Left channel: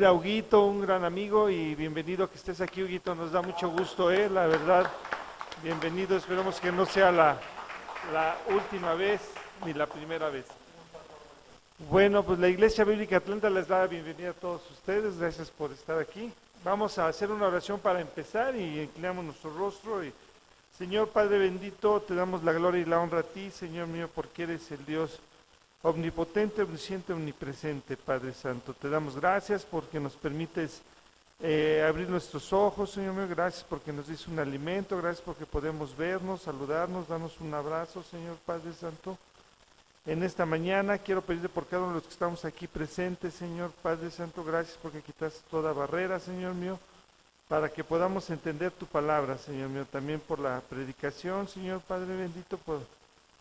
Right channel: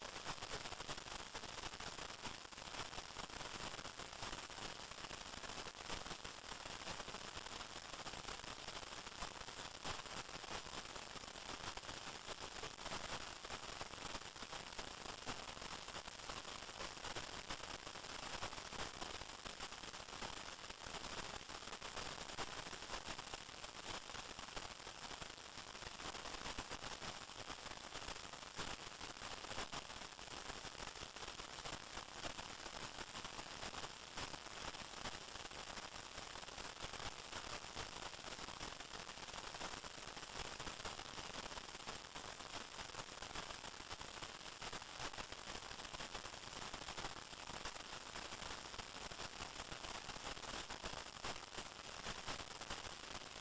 recibir a Huguito, un gran amigo, y bienvenido que estés aquí, Huguito. Nos da mucho gusto, la verdad. Bienvenido, esperemos que no sea la última vez ni la primera vez. Bueno, pues la Iglesia Bíblica Atlanta les da la bienvenida a todos ustedes. Gracias por estar aquí. Vamos a hacer una oración para empezar y inclinamos nuestro rostro. Y, Señor Padre bendito, te damos la gloria y la honra a ti, Señor mío, porque eres el Dios omnipotente, omnisciente, omnipresente, Padre Santo. Te damos gracias porque nos permites abrir nuestros ojos, Señor mío. Gracias porque nos dice un alimento. Gracias porque podemos vernos, saludarnos, darnos un abrazo, Señor Padre Santo. En esta mañana quiero pedirte por cada uno de los que estamos aquí presentes, Señor Padre Santo. Gracias porque quitas toda barrera, Señor mío, para que podamos entender tu palabra, Señor mío. También por la predicación, Señor Padre bendito, por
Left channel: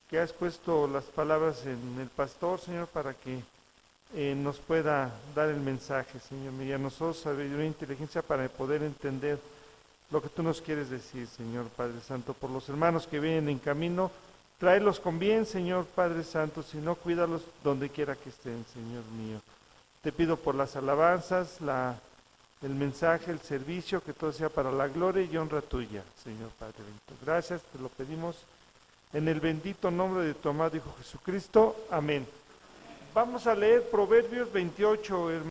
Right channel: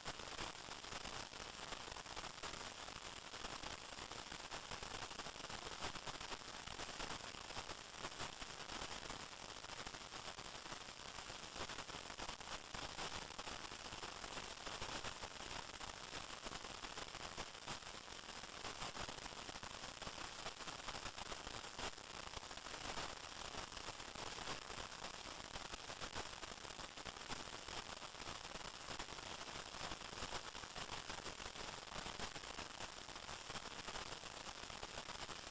que has puesto las palabras en el pastor, Señor, para que nos pueda dar el mensaje, Señor, y a nosotros sabiduría e inteligencia para poder entender lo que tú nos quieres decir, Señor Padre Santo. Por los hermanos que vienen en camino, tráelos con bien, Señor Padre Santo, si no, cuídalos donde quiera que estén, Señor mío. Te pido por las alabanzas, el mensaje, el servicio, que todo sea para la gloria y honra tuya, Señor Padre bendito. Gracias, te lo pedimos en el bendito nombre de tu amado Hijo Jesucristo. Amén. Vamos a leer Proverbios 28, hermano.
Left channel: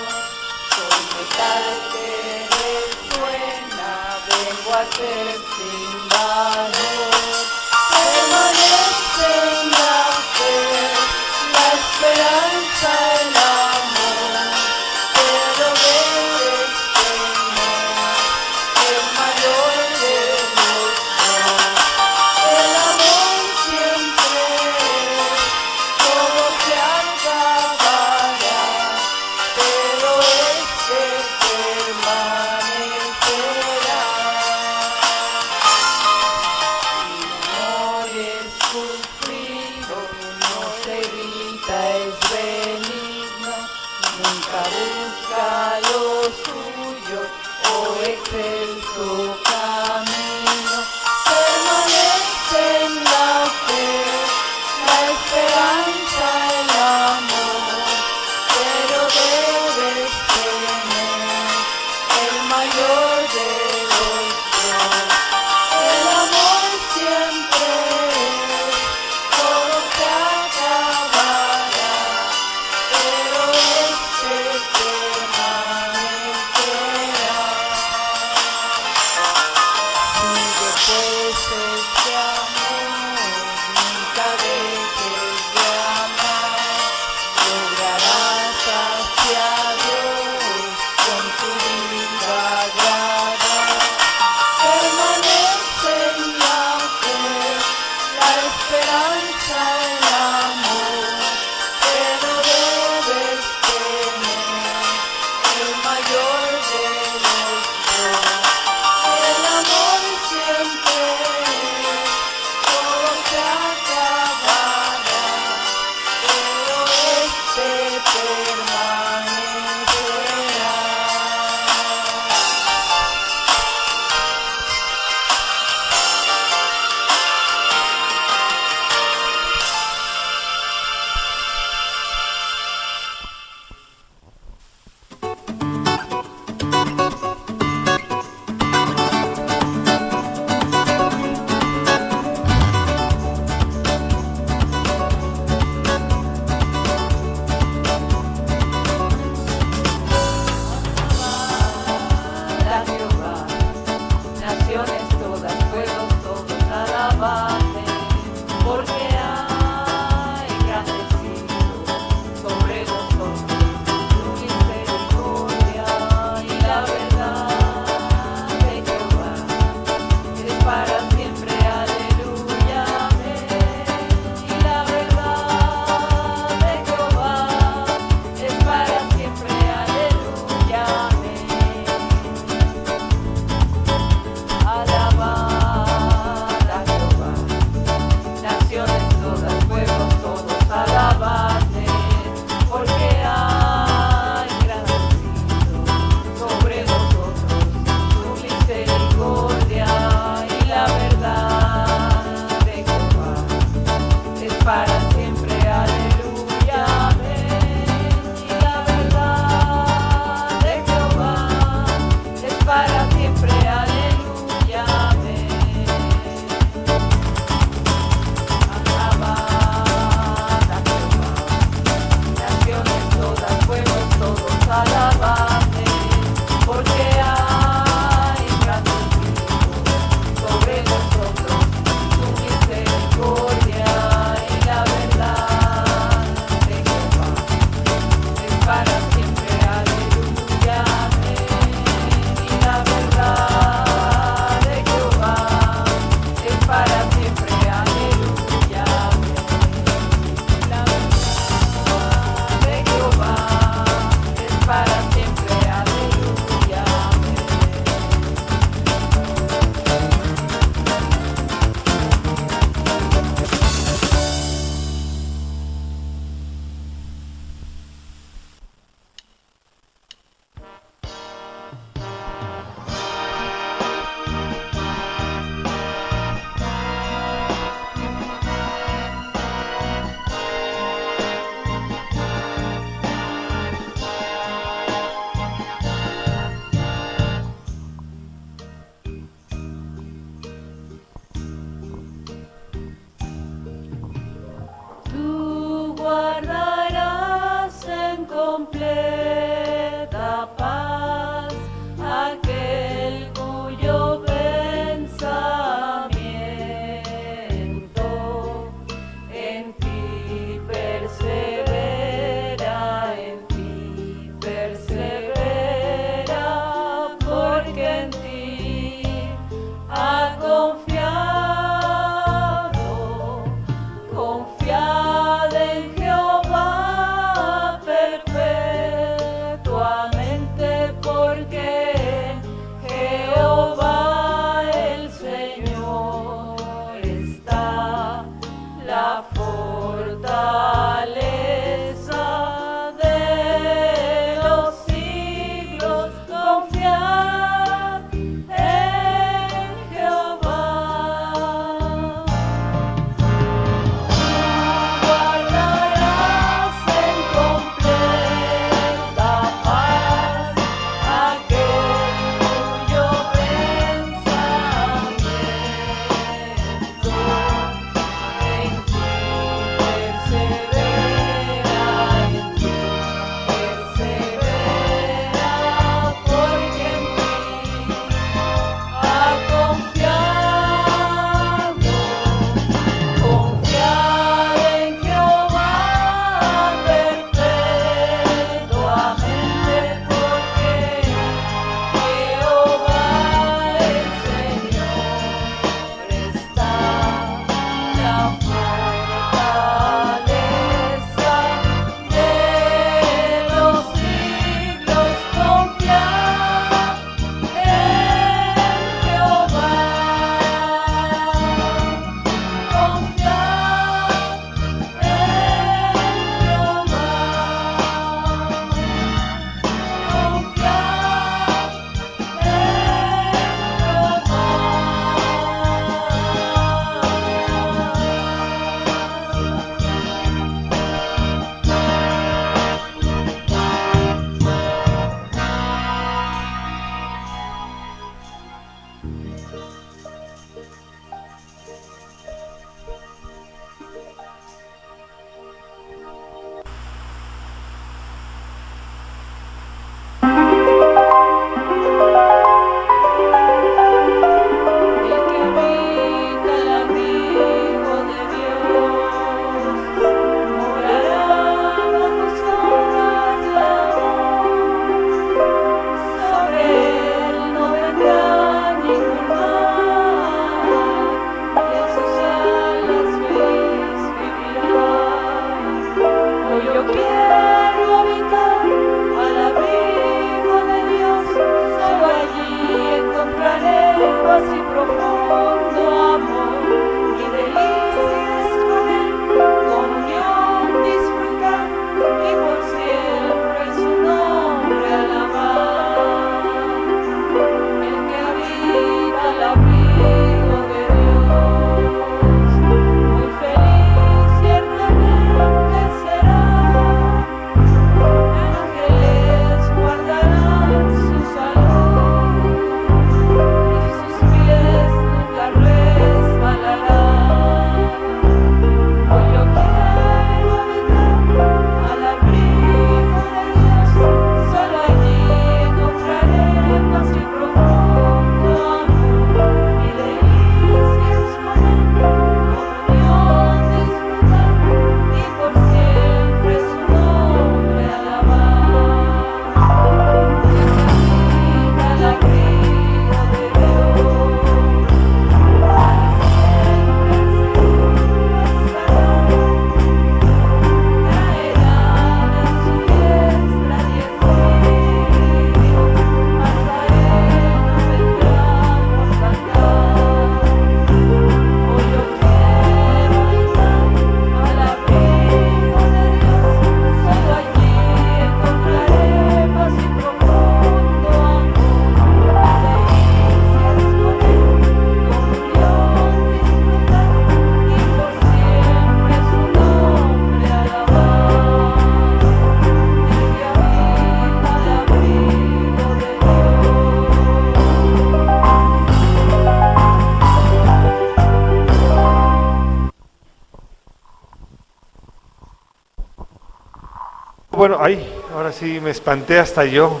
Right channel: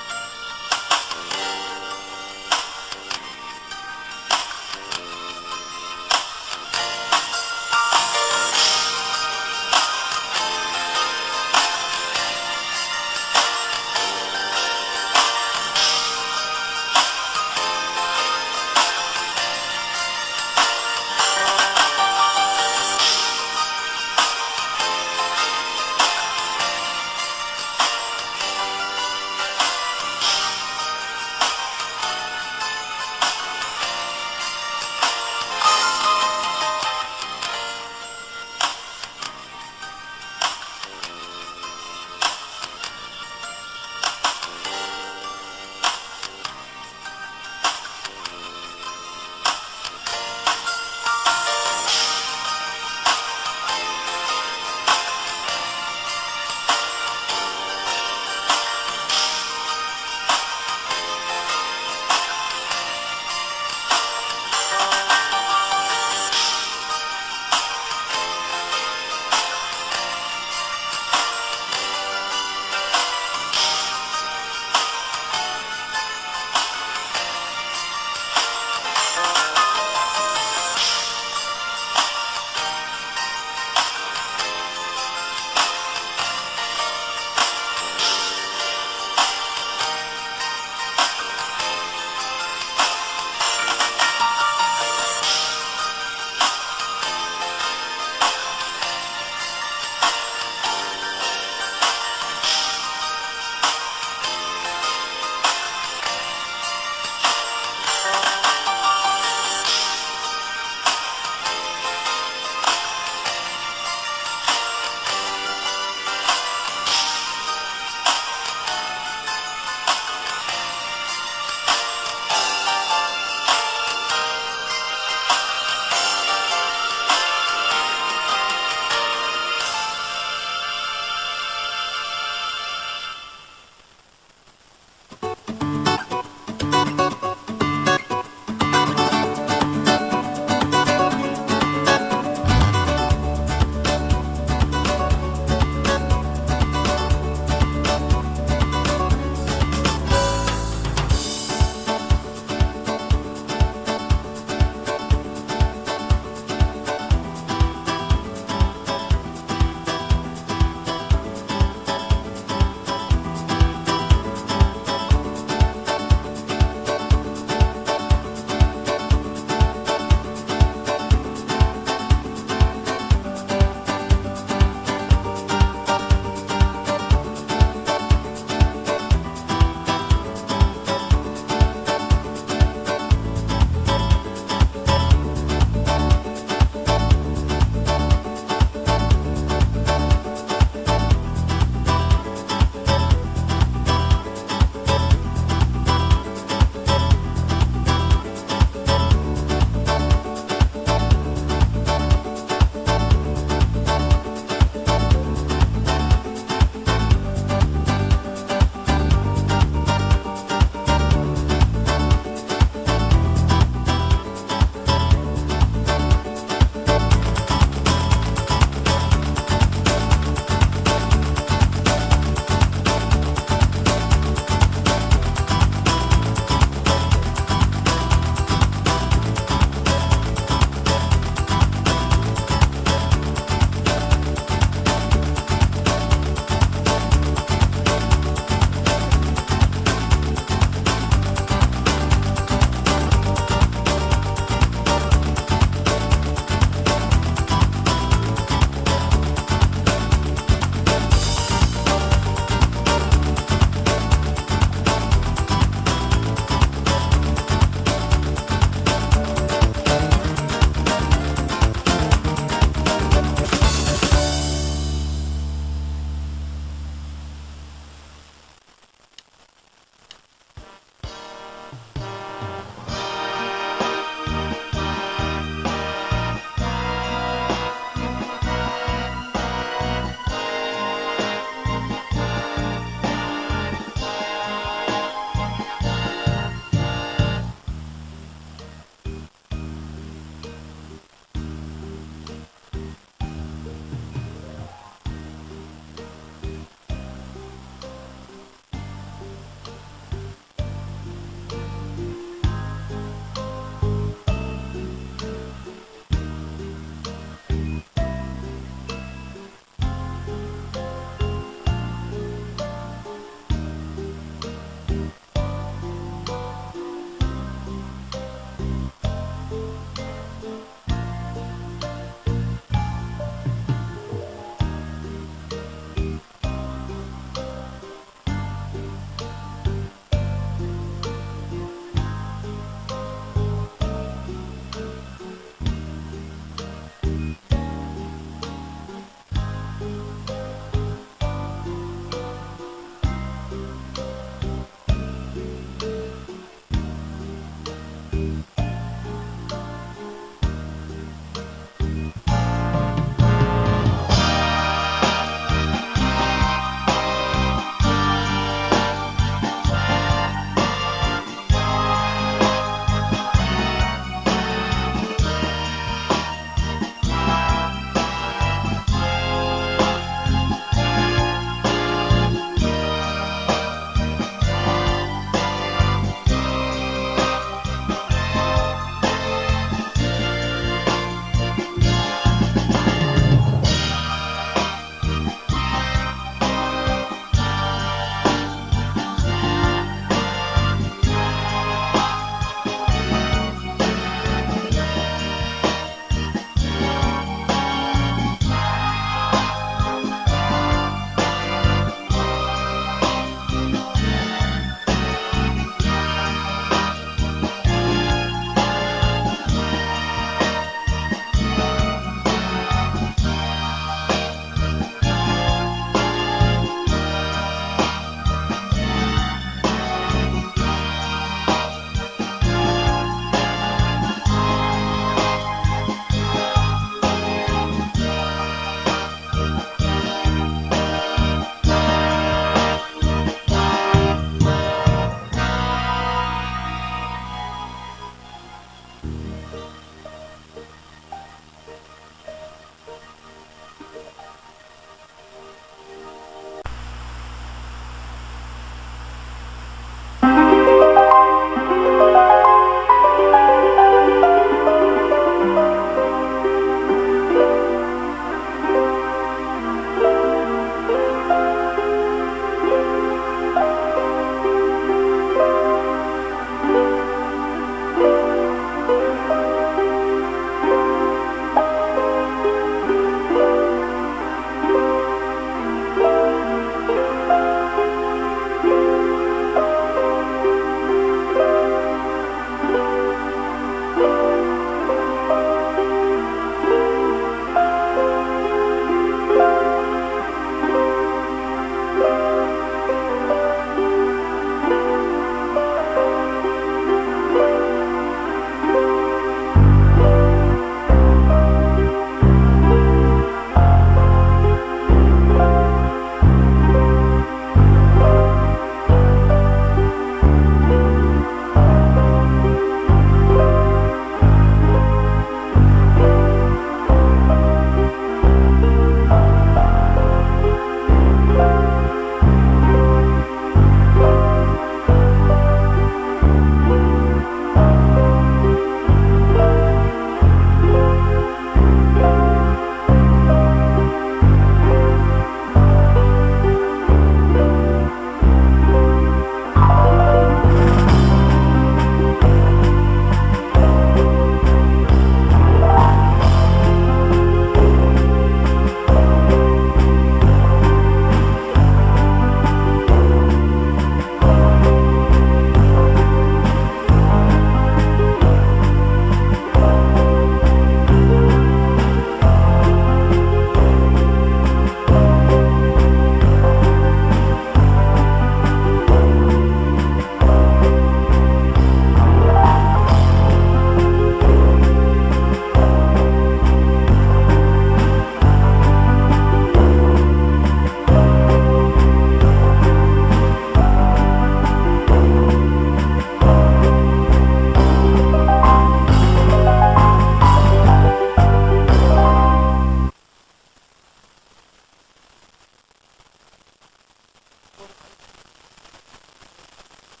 Bueno, ay, ahora sí me espanté hasta yo.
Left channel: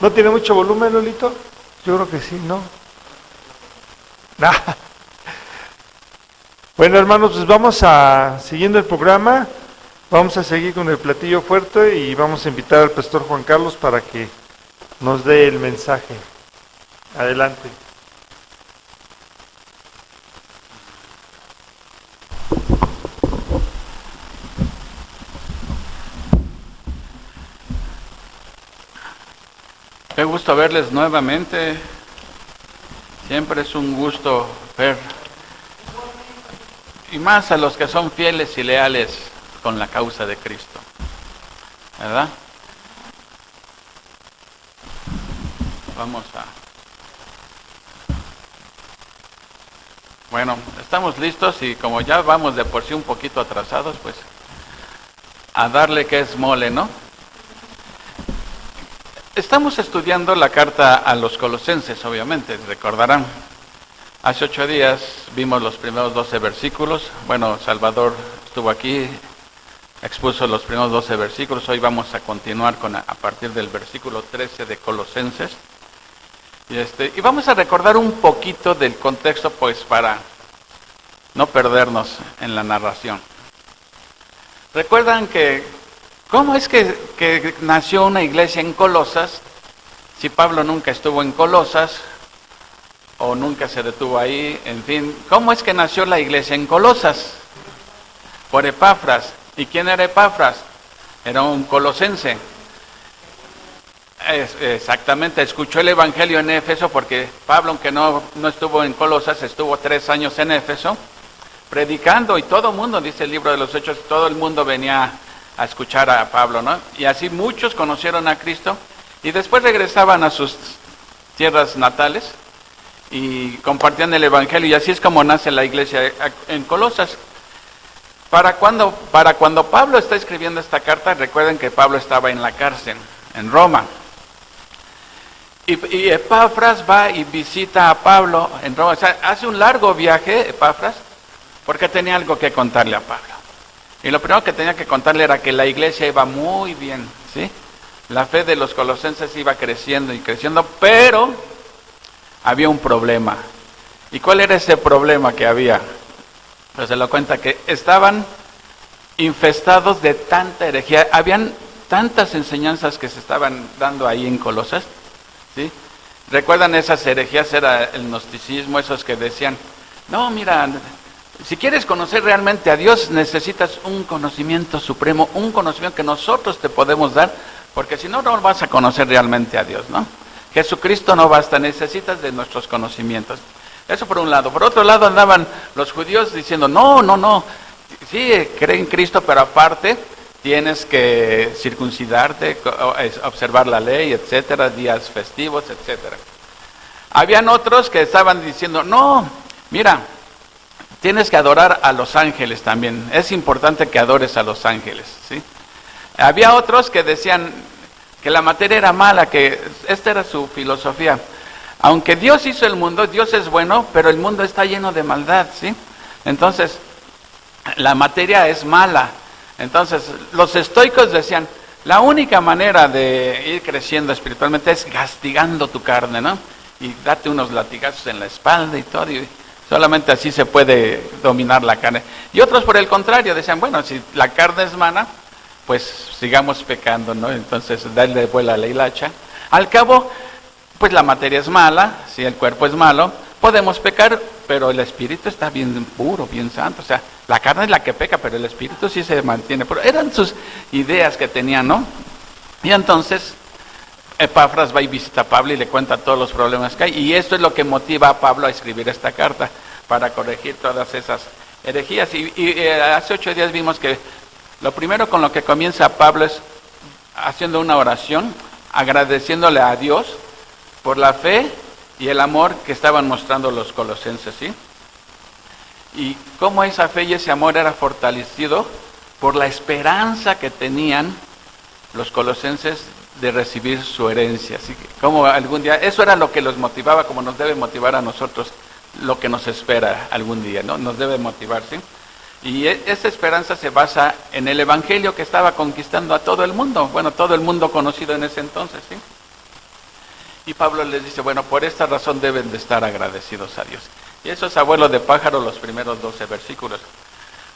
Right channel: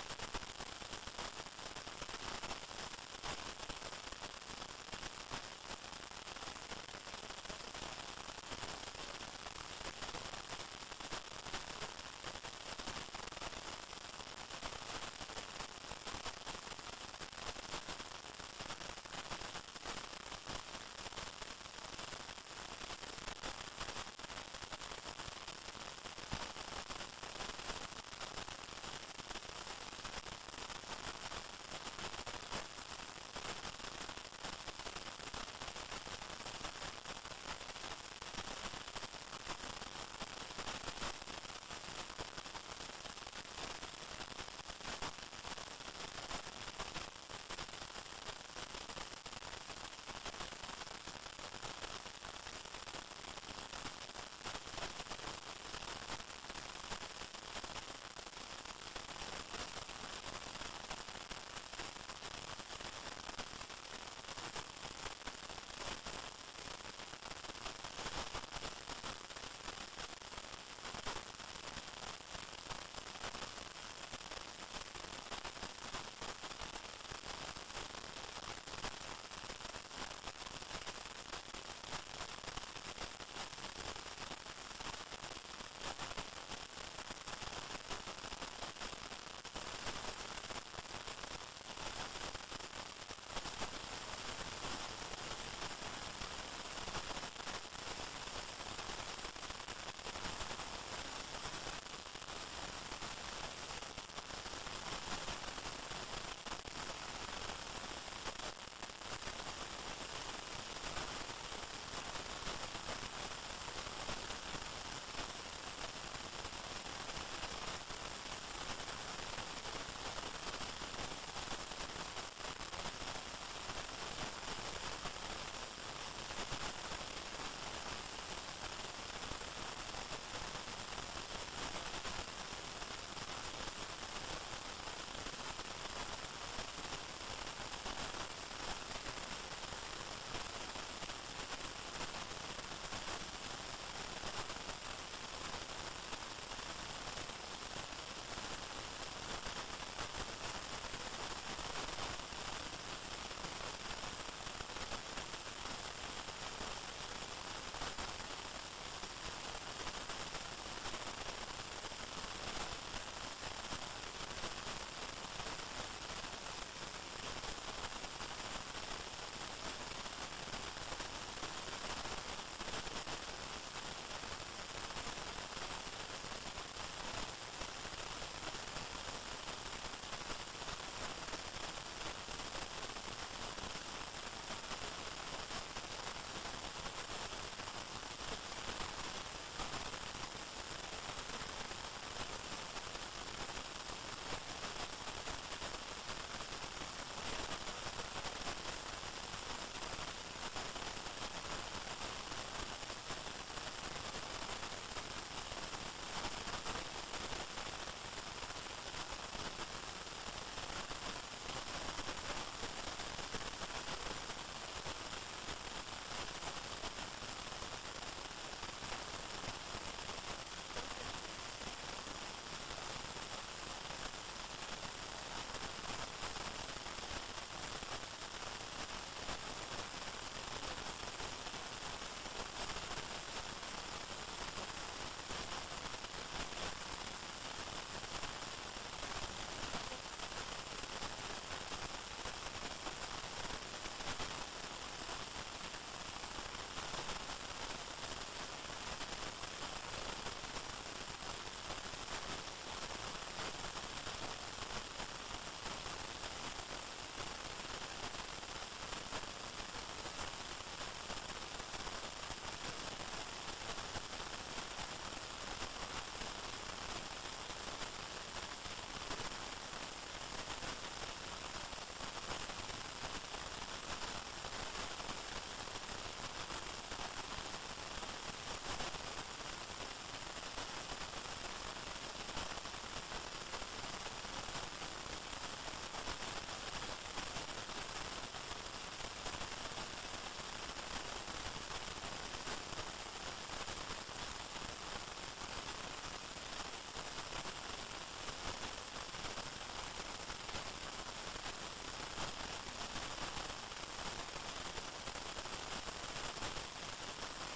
¿No tiene mucho volumen, Lolito? Yo creo que sí, ¿no? Nah. Bueno, hermanos, pues vamos a, siguiendo el programa, vamos a seguir con el platillo fuerte y vamos a invitar al pastor Juan Carlos para que nos dé el mensaje. Adelante. Qué gusto verles nuevamente. Siempre es un gusto ver, y más a los que son fieles y leales con la causa de Cristo, ¿verdad? Vamos a... Bueno, estamos listos y como ya vamos de por sí un poquito atrasados, pues a darle que es mole, ¿no? Estamos estudiando la carta a los Colosenses, obviamente, recordarán. Hace 8 días vimos los primeros 12 versículos. Bueno, Salvador estuvo aquí, expuso los primeros 12 versículos. Hoy vamos a continuar a partir del versículo 13 de Colosenses. Y vamos a recordar un poquito del contexto, pues, para no perdernos en la narración. Recuerdan que ¿cómo es que nació una iglesia en Colosas si Pablo nunca estuvo en Colosas o nunca se detuvo ahí? En fin, ¿cómo es que nació la iglesia en Colosas? Por Epafras. ¿Y quién era Epafras? Era un colosense. Exactamente, escuchó el evangelio en Éfeso porque Pablo, aunque no estuvo en Colosas, estuvo 3 años en Éfeso predicando, y todo el mundo, dice el libro de los Hechos, todo el mundo venía a escuchar a Pablo, ¿no? Y así muchos conocieron a Cristo y después regresaban a sus tierras natales y compartían el evangelio, y así es como nace la iglesia en Colosas. Para cuando Pablo está escribiendo esta carta, recuerden que Pablo estaba en la cárcel en Roma. Y Epafras va y visita a Pablo en Roma. O sea, hace un largo viaje, Epafras, porque tenía algo que contarle a Pablo. Y lo primero que tenía que contarle era que la iglesia iba muy bien, ¿sí? La fe de los colosenses iba creciendo y creciendo, pero había un problema. ¿Y cuál era ese problema que había? Pues se lo cuenta que estaban infestados de tanta herejía. Habían tantas enseñanzas que se estaban dando ahí en Colosas, ¿sí? ¿Recuerdan esas herejías? Era el gnosticismo, esos que decían, no, mira, si quieres conocer realmente a Dios, necesitas un conocimiento supremo, un conocimiento que nosotros te podemos dar, porque si no, no vas a conocer realmente a Dios, ¿no? Jesucristo no basta, necesitas de nuestros conocimientos. Eso por un lado. Por otro lado andaban los judíos diciendo, no, sí, cree en Cristo, pero aparte tienes que circuncidarte, observar la ley, etcétera, días festivos, etcétera. Habían otros que estaban diciendo, no, mira, tienes que adorar a los ángeles también. Es importante que adores a los ángeles, ¿sí? Había otros que decían que la materia era mala, que esta era su filosofía. Aunque Dios hizo el mundo, Dios es bueno, pero el mundo está lleno de maldad, ¿sí? Entonces, la materia es mala. Entonces, los estoicos decían, la única manera de ir creciendo espiritualmente es castigando tu carne, ¿no? Y date unos latigazos en la espalda y todo, y solamente así se puede dominar la carne. Y otros, por el contrario, decían, bueno, si la carne es mala, pues sigamos pecando, ¿no? Entonces, darle vuela a la hilacha. Al cabo, pues la materia es mala, si el cuerpo es malo, podemos pecar, pero el espíritu está bien puro, bien santo. O sea, la carne es la que peca, pero el espíritu sí se mantiene puro. Eran sus ideas que tenían, ¿no? Y entonces, Epafras va y visita a Pablo y le cuenta todos los problemas que hay. Y esto es lo que motiva a Pablo a escribir esta carta, para corregir todas esas herejías. Y hace 8 días vimos que lo primero con lo que comienza Pablo es haciendo una oración, agradeciéndole a Dios por la fe y el amor que estaban mostrando los colosenses, ¿sí? Y cómo esa fe y ese amor era fortalecido por la esperanza que tenían los colosenses de recibir su herencia. Así que como algún día, eso era lo que los motivaba, como nos debe motivar a nosotros lo que nos espera algún día, ¿no? Nos debe motivar, ¿sí? Y esa esperanza se basa en el evangelio que estaba conquistando a todo el mundo, bueno, todo el mundo conocido en ese entonces, ¿sí? Y Pablo les dice, bueno, por esta razón deben de estar agradecidos a Dios. Y eso es abuelo de pájaro, los primeros 12 versículos.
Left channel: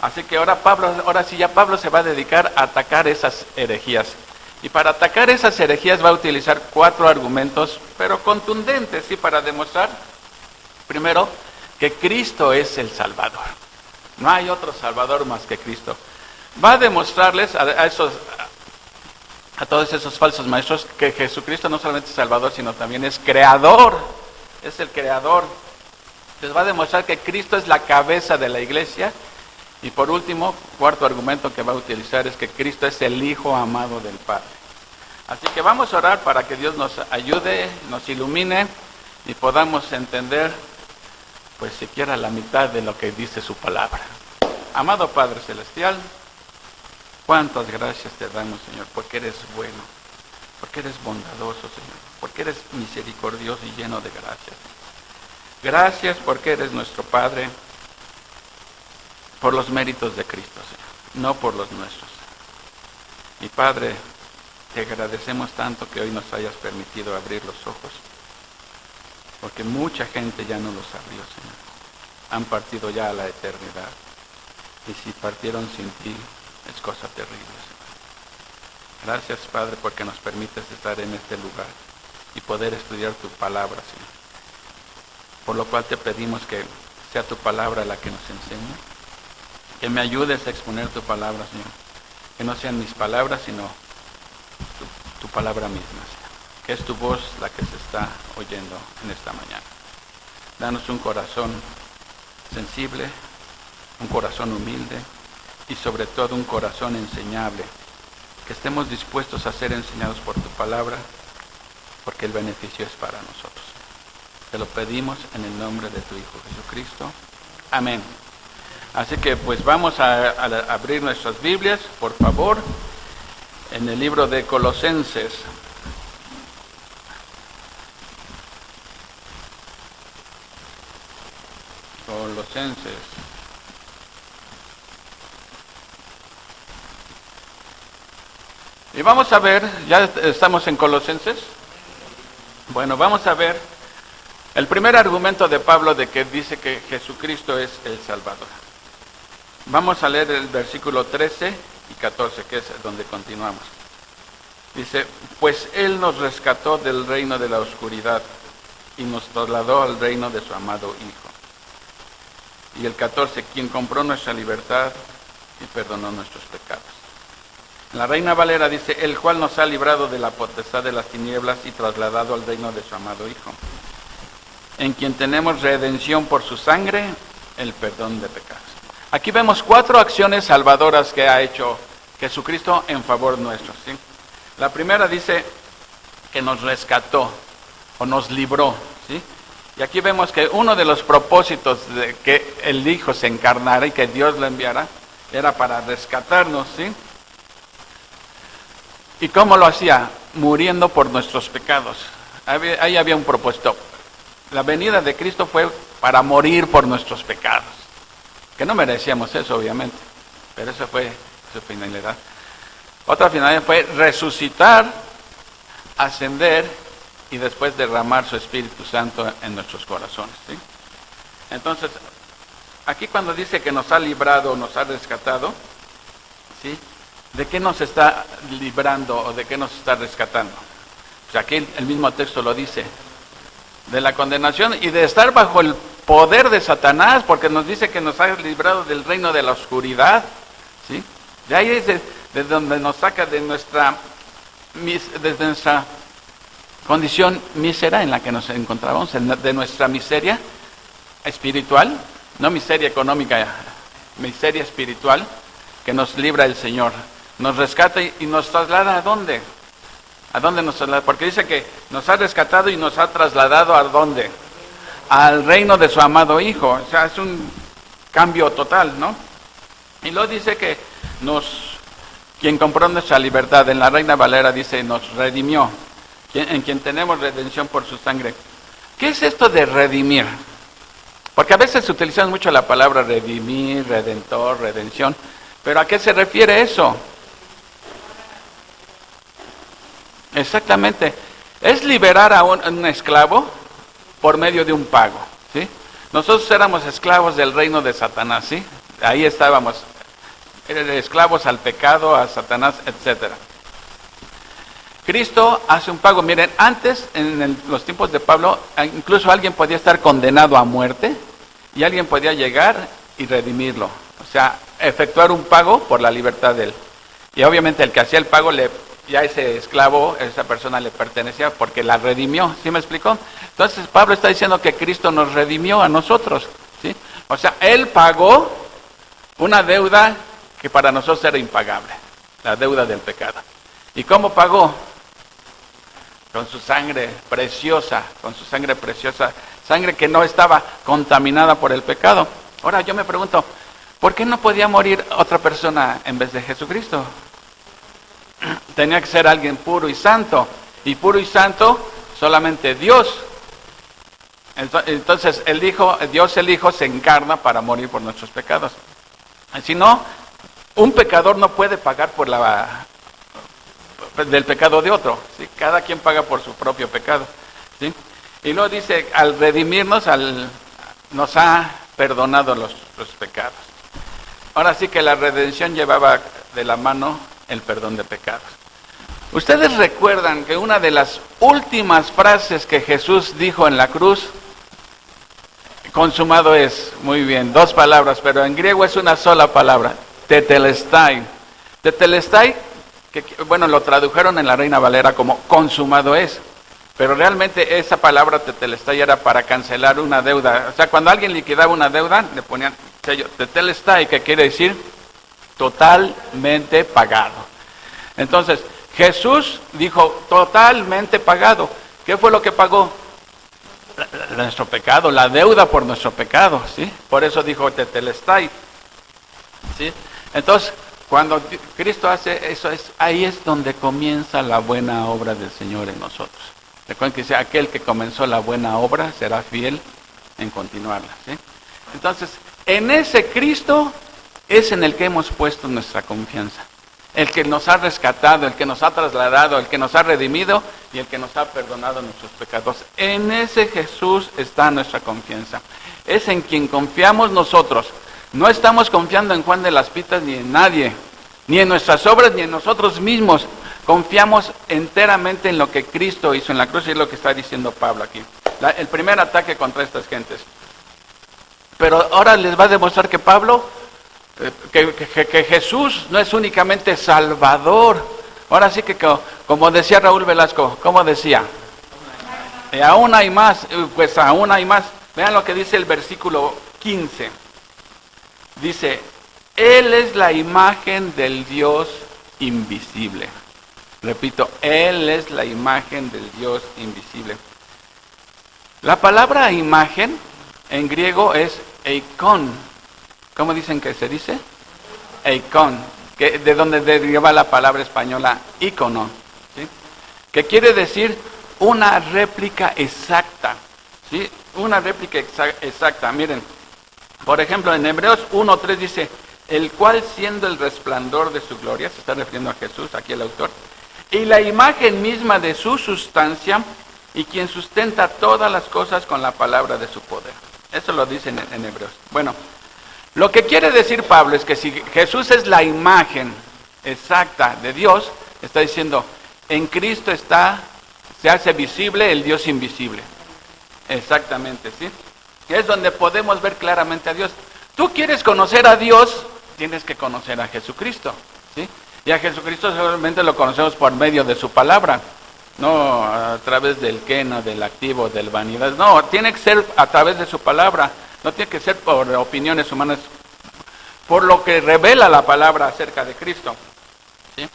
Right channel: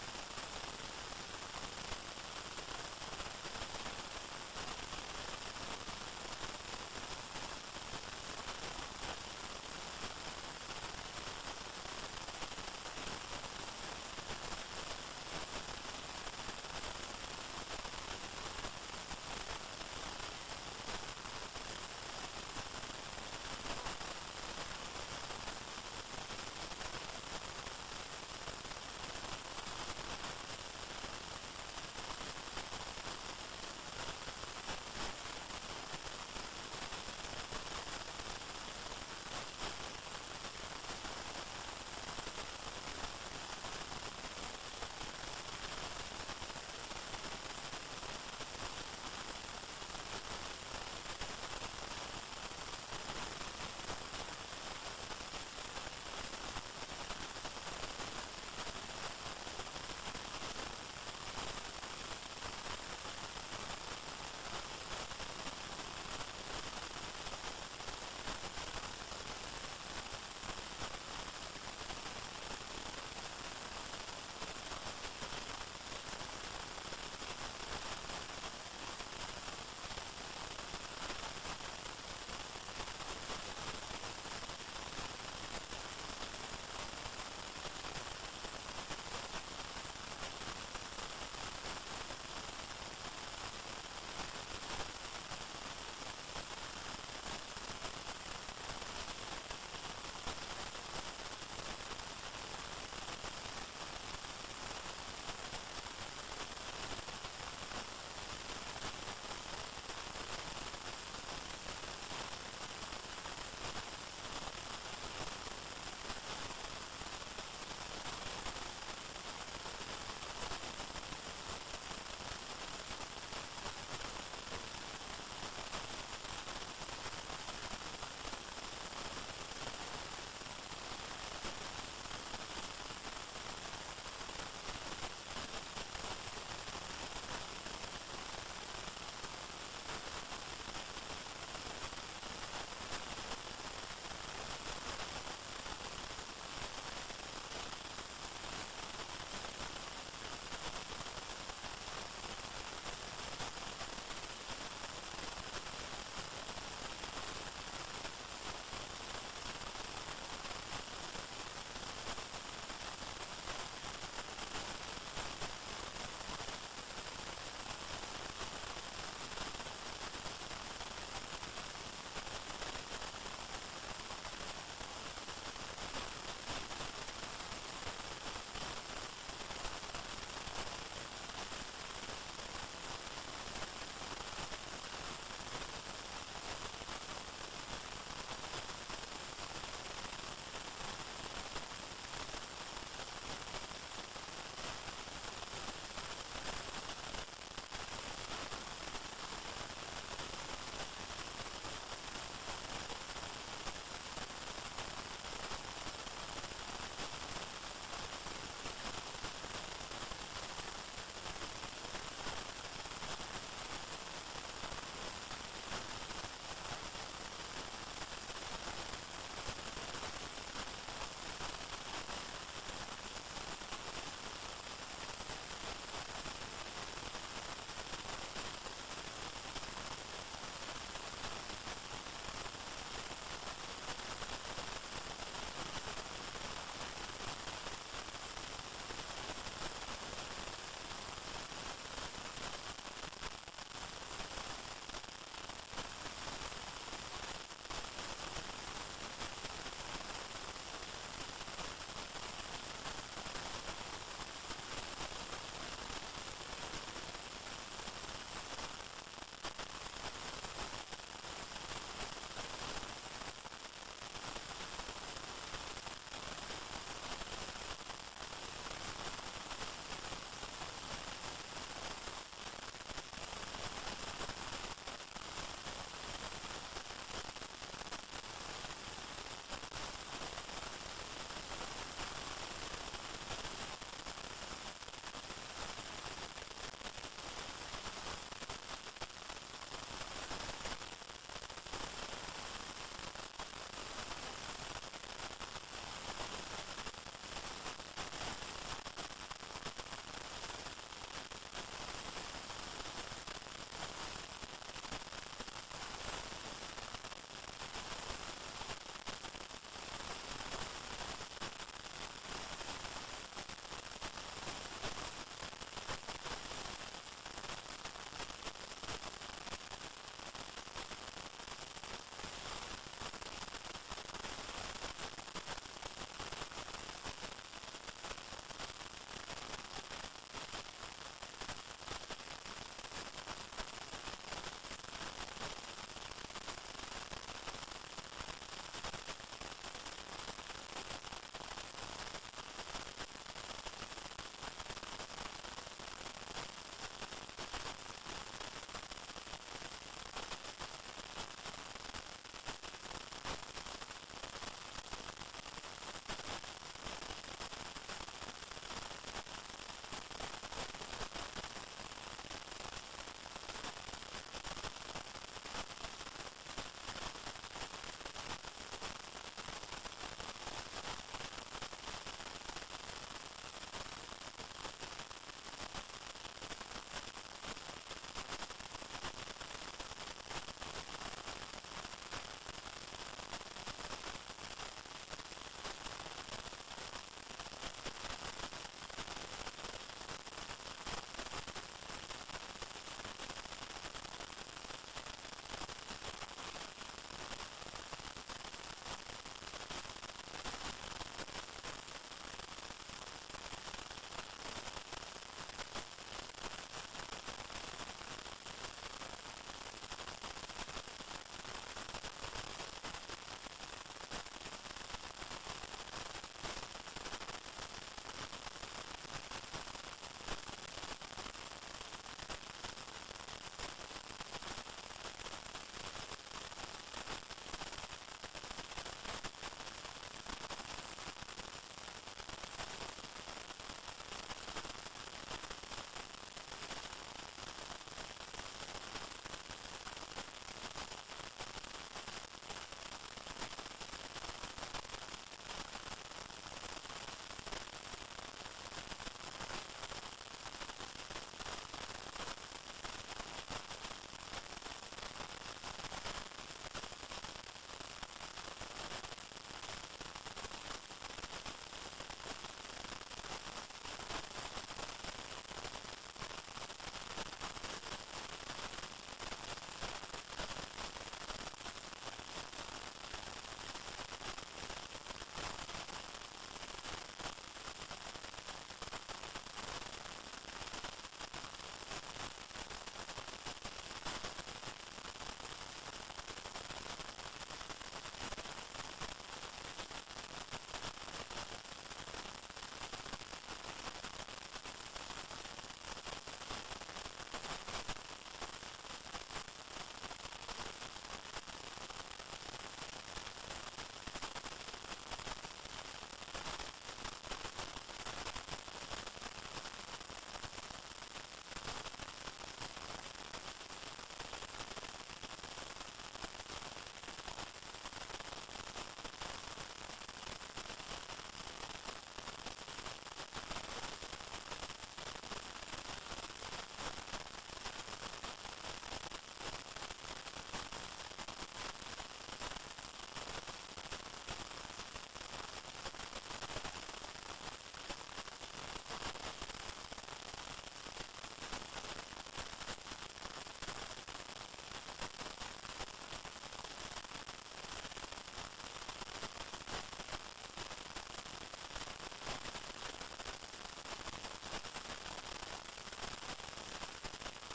Así que ahora sí ya Pablo se va a dedicar a atacar esas herejías. Y para atacar esas herejías va a utilizar 4 argumentos, pero contundentes, ¿sí? Para demostrar, primero, que Cristo es el Salvador. No hay otro Salvador más que Cristo. Va a demostrarles a todos esos falsos maestros que Jesucristo no solamente es Salvador, sino también es Creador. Es el Creador. Les va a demostrar que Cristo es la cabeza de la iglesia. Y por último, 4 argumento que va a utilizar es que Cristo es el Hijo amado del Padre. Así que vamos a orar para que Dios nos ayude, nos ilumine y podamos entender, pues siquiera la mitad de lo que dice su palabra. Amado Padre Celestial, cuántas gracias te damos, Señor, porque eres bueno, porque eres bondadoso, Señor, porque eres misericordioso y lleno de gracias. Gracias porque eres nuestro Padre, por los méritos de Cristo, Señor, no por los nuestros. Y Padre, te agradecemos tanto que hoy nos hayas permitido abrir los ojos, porque mucha gente ya no los abrió, Señor. Han partido ya a la eternidad. Y si partieron sin ti, es cosa terrible, Señor. Gracias, Padre, porque nos permites estar en este lugar y poder estudiar tu palabra, Señor. Por lo cual te pedimos que sea tu palabra la que nos enseñe, que me ayudes a exponer tu palabra, Señor. Que no sean mis palabras, sino tu palabra misma, Señor. Que es tu voz la que se está oyendo en esta mañana. Danos un corazón sensible, un corazón humilde y sobre todo un corazón enseñable. Que estemos dispuestos a ser enseñados por tu palabra, porque el beneficio es para nosotros. Te lo pedimos en el nombre de tu Hijo Jesucristo. Amén. Así que pues vamos a abrir nuestras Biblias, por favor, en el libro de Colosenses. Colosenses. Y vamos a ver, ya estamos en Colosenses. Bueno, vamos a ver el primer argumento de Pablo de que dice que Jesucristo es el Salvador. Vamos a leer el versículo 13 y 14, que es donde continuamos. Dice, pues Él nos rescató del reino de la oscuridad y nos trasladó al reino de su amado Hijo. Y el 14, quien compró nuestra libertad y perdonó nuestros pecados. En la Reina Valera dice, el cual nos ha librado de la potestad de las tinieblas y trasladado al reino de su amado Hijo, en quien tenemos redención por su sangre, el perdón de pecados. Aquí vemos 4 acciones salvadoras que ha hecho Jesucristo en favor nuestro, ¿sí? La primera dice que nos rescató o nos libró, ¿sí? Y aquí vemos que uno de los propósitos de que el Hijo se encarnara y que Dios lo enviara era para rescatarnos, ¿sí? ¿Y cómo lo hacía? Muriendo por nuestros pecados. Ahí había un propósito. La venida de Cristo fue para morir por nuestros pecados. Que no merecíamos eso, obviamente. Pero esa fue su finalidad. Otra finalidad fue resucitar, ascender y después derramar su Espíritu Santo en nuestros corazones, ¿sí? Entonces, aquí cuando dice que nos ha librado, nos ha rescatado, ¿sí? ¿De qué nos está librando o de qué nos está rescatando? O sea, aquí el mismo texto lo dice, de la condenación y de estar bajo el poder de Satanás, porque nos dice que nos ha librado del reino de la oscuridad, ¿sí? De ahí es de donde nos saca de nuestra condición mísera en la que nos encontrábamos, de nuestra miseria espiritual, no miseria económica, miseria espiritual, que nos libra el Señor. Nos rescata y nos traslada ¿a dónde? ¿A dónde nos traslada? Porque dice que nos ha rescatado y nos ha trasladado ¿a dónde? Al reino de su amado Hijo. O sea, es un cambio total, ¿no? Y luego dice que quien compró nuestra libertad, en la Reina Valera dice, nos redimió, en quien tenemos redención por su sangre. ¿Qué es esto de redimir? Porque a veces se utiliza mucho la palabra redimir, redentor, redención, pero ¿a qué se refiere eso? Exactamente, es liberar a un esclavo por medio de un pago, ¿sí? Nosotros éramos esclavos del reino de Satanás, ¿sí? Ahí estábamos, esclavos al pecado, a Satanás, etcétera. Cristo hace un pago. Miren, antes, en los tiempos de Pablo, incluso alguien podía estar condenado a muerte y alguien podía llegar y redimirlo. O sea, efectuar un pago por la libertad de él. Y obviamente el que hacía el pago, ya ese esclavo, esa persona le pertenecía porque la redimió. ¿Sí me explicó? Entonces Pablo está diciendo que Cristo nos redimió a nosotros, ¿sí? O sea, Él pagó una deuda que para nosotros era impagable, la deuda del pecado. ¿Y cómo pagó? Con su sangre preciosa, sangre que no estaba contaminada por el pecado. Ahora yo me pregunto, ¿por qué no podía morir otra persona en vez de Jesucristo? Tenía que ser alguien puro y santo Dios solamente Dios. Entonces Dios el Hijo se encarna para morir por nuestros pecados. Si no, un pecador no puede pagar por del pecado de otro, ¿sí? Cada quien paga por su propio pecado, ¿sí? Y luego dice, al redimirnos, nos ha perdonado los pecados. Ahora sí que la redención llevaba de la mano el perdón de pecados. Ustedes recuerdan que una de las últimas frases que Jesús dijo en la cruz, consumado es, muy bien, 2 palabras, pero en griego es una sola palabra, tetelestai. Tetelestai, que bueno, lo tradujeron en la Reina Valera como consumado es, pero realmente esa palabra tetelestai era para cancelar una deuda. O sea, cuando alguien liquidaba una deuda, le ponían sello tetelestai, que quiere decir totalmente pagado. Entonces, Jesús dijo totalmente pagado. ¿Qué fue lo que pagó? Nuestro pecado, la deuda por nuestro pecado, ¿sí? Por eso dijo tetelestai, ¿sí? Entonces, cuando Cristo hace eso, ahí es donde comienza la buena obra del Señor en nosotros. Recuerden que dice, aquel que comenzó la buena obra será fiel en continuarla, ¿sí? Entonces, en ese Cristo es en el que hemos puesto nuestra confianza. El que nos ha rescatado, el que nos ha trasladado, el que nos ha redimido y el que nos ha perdonado nuestros pecados. En ese Jesús está nuestra confianza. Es en quien confiamos nosotros. No estamos confiando en Juan de las Pitas ni en nadie, ni en nuestras obras, ni en nosotros mismos. Confiamos enteramente en lo que Cristo hizo en la cruz y es lo que está diciendo Pablo aquí. El primer ataque contra estas gentes. Pero ahora les va a demostrar que Pablo, que Jesús no es únicamente Salvador. Ahora sí que como decía Raúl Velasco, ¿cómo decía? Aún hay más, pues aún hay más. Vean lo que dice el versículo 15. Dice, Él es la imagen del Dios invisible. Repito, Él es la imagen del Dios invisible. La palabra imagen en griego es eikon. ¿Cómo dicen que se dice? Eikon, de donde deriva la palabra española ícono, ¿sí? Que quiere decir una réplica exacta, ¿sí? Una réplica exacta. Miren, por ejemplo, en Hebreos 1:3 dice, el cual siendo el resplandor de su gloria, se está refiriendo a Jesús, aquí el autor, y la imagen misma de su sustancia, y quien sustenta todas las cosas con la palabra de su poder. Eso lo dicen en Hebreos. Bueno, lo que quiere decir Pablo es que si Jesús es la imagen exacta de Dios, está diciendo, en Cristo se hace visible el Dios invisible. Exactamente, ¿sí? Es donde podemos ver claramente a Dios. Tú quieres conocer a Dios, tienes que conocer a Jesucristo, ¿sí? Y a Jesucristo solamente lo conocemos por medio de su palabra, no a través del quena, del activo, del vanidad. No, tiene que ser a través de su palabra, no tiene que ser por opiniones humanas, por lo que revela la palabra acerca de Cristo, ¿sí?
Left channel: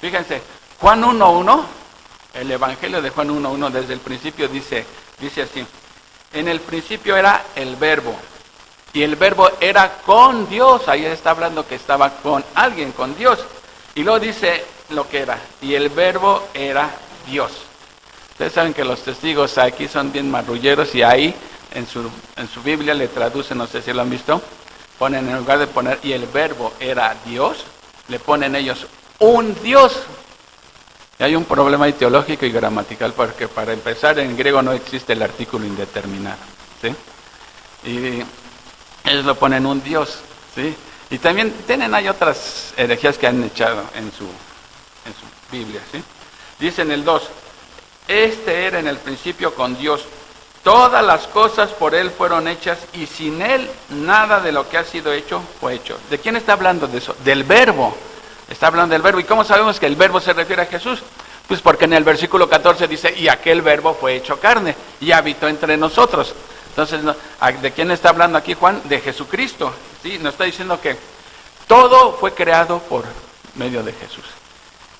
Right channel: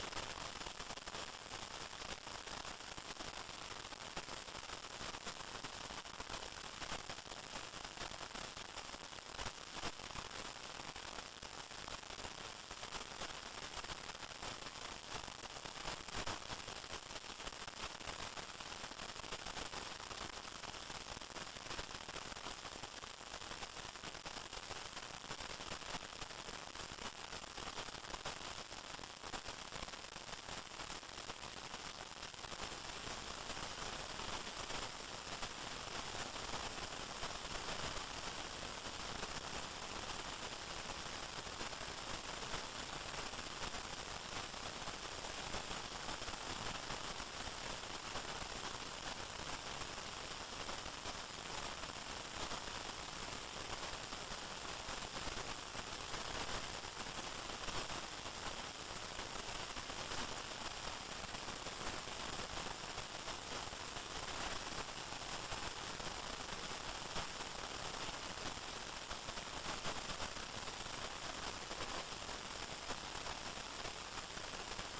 Fíjense, Juan 1:1, el Evangelio de Juan 1:1 desde el principio dice así, en el principio era el verbo, y el verbo era con Dios, ahí está hablando que estaba con alguien, con Dios, y luego dice lo que era, y el verbo era Dios. Ustedes saben que los testigos aquí son bien marrulleros y ahí en su Biblia le traducen, no sé si lo han visto, ponen en lugar de poner y el verbo era Dios, le ponen ellos un Dios. Y hay un problema teológico y gramatical porque para empezar en griego no existe el artículo indeterminado, ¿sí? Y ellos lo ponen un Dios, ¿sí? Y también hay otras herejías que han echado en su Biblia, ¿sí? Dice en el 2, este era en el principio con Dios, todas las cosas por Él fueron hechas y sin Él nada de lo que ha sido hecho fue hecho. ¿De quién está hablando de eso? Del verbo. Está hablando del verbo. ¿Y cómo sabemos que el verbo se refiere a Jesús? Pues porque en el versículo 14 dice, y aquel verbo fue hecho carne y habitó entre nosotros. Entonces, ¿de quién está hablando aquí Juan? De Jesucristo, ¿sí? Nos está diciendo que todo fue creado por medio de Jesús.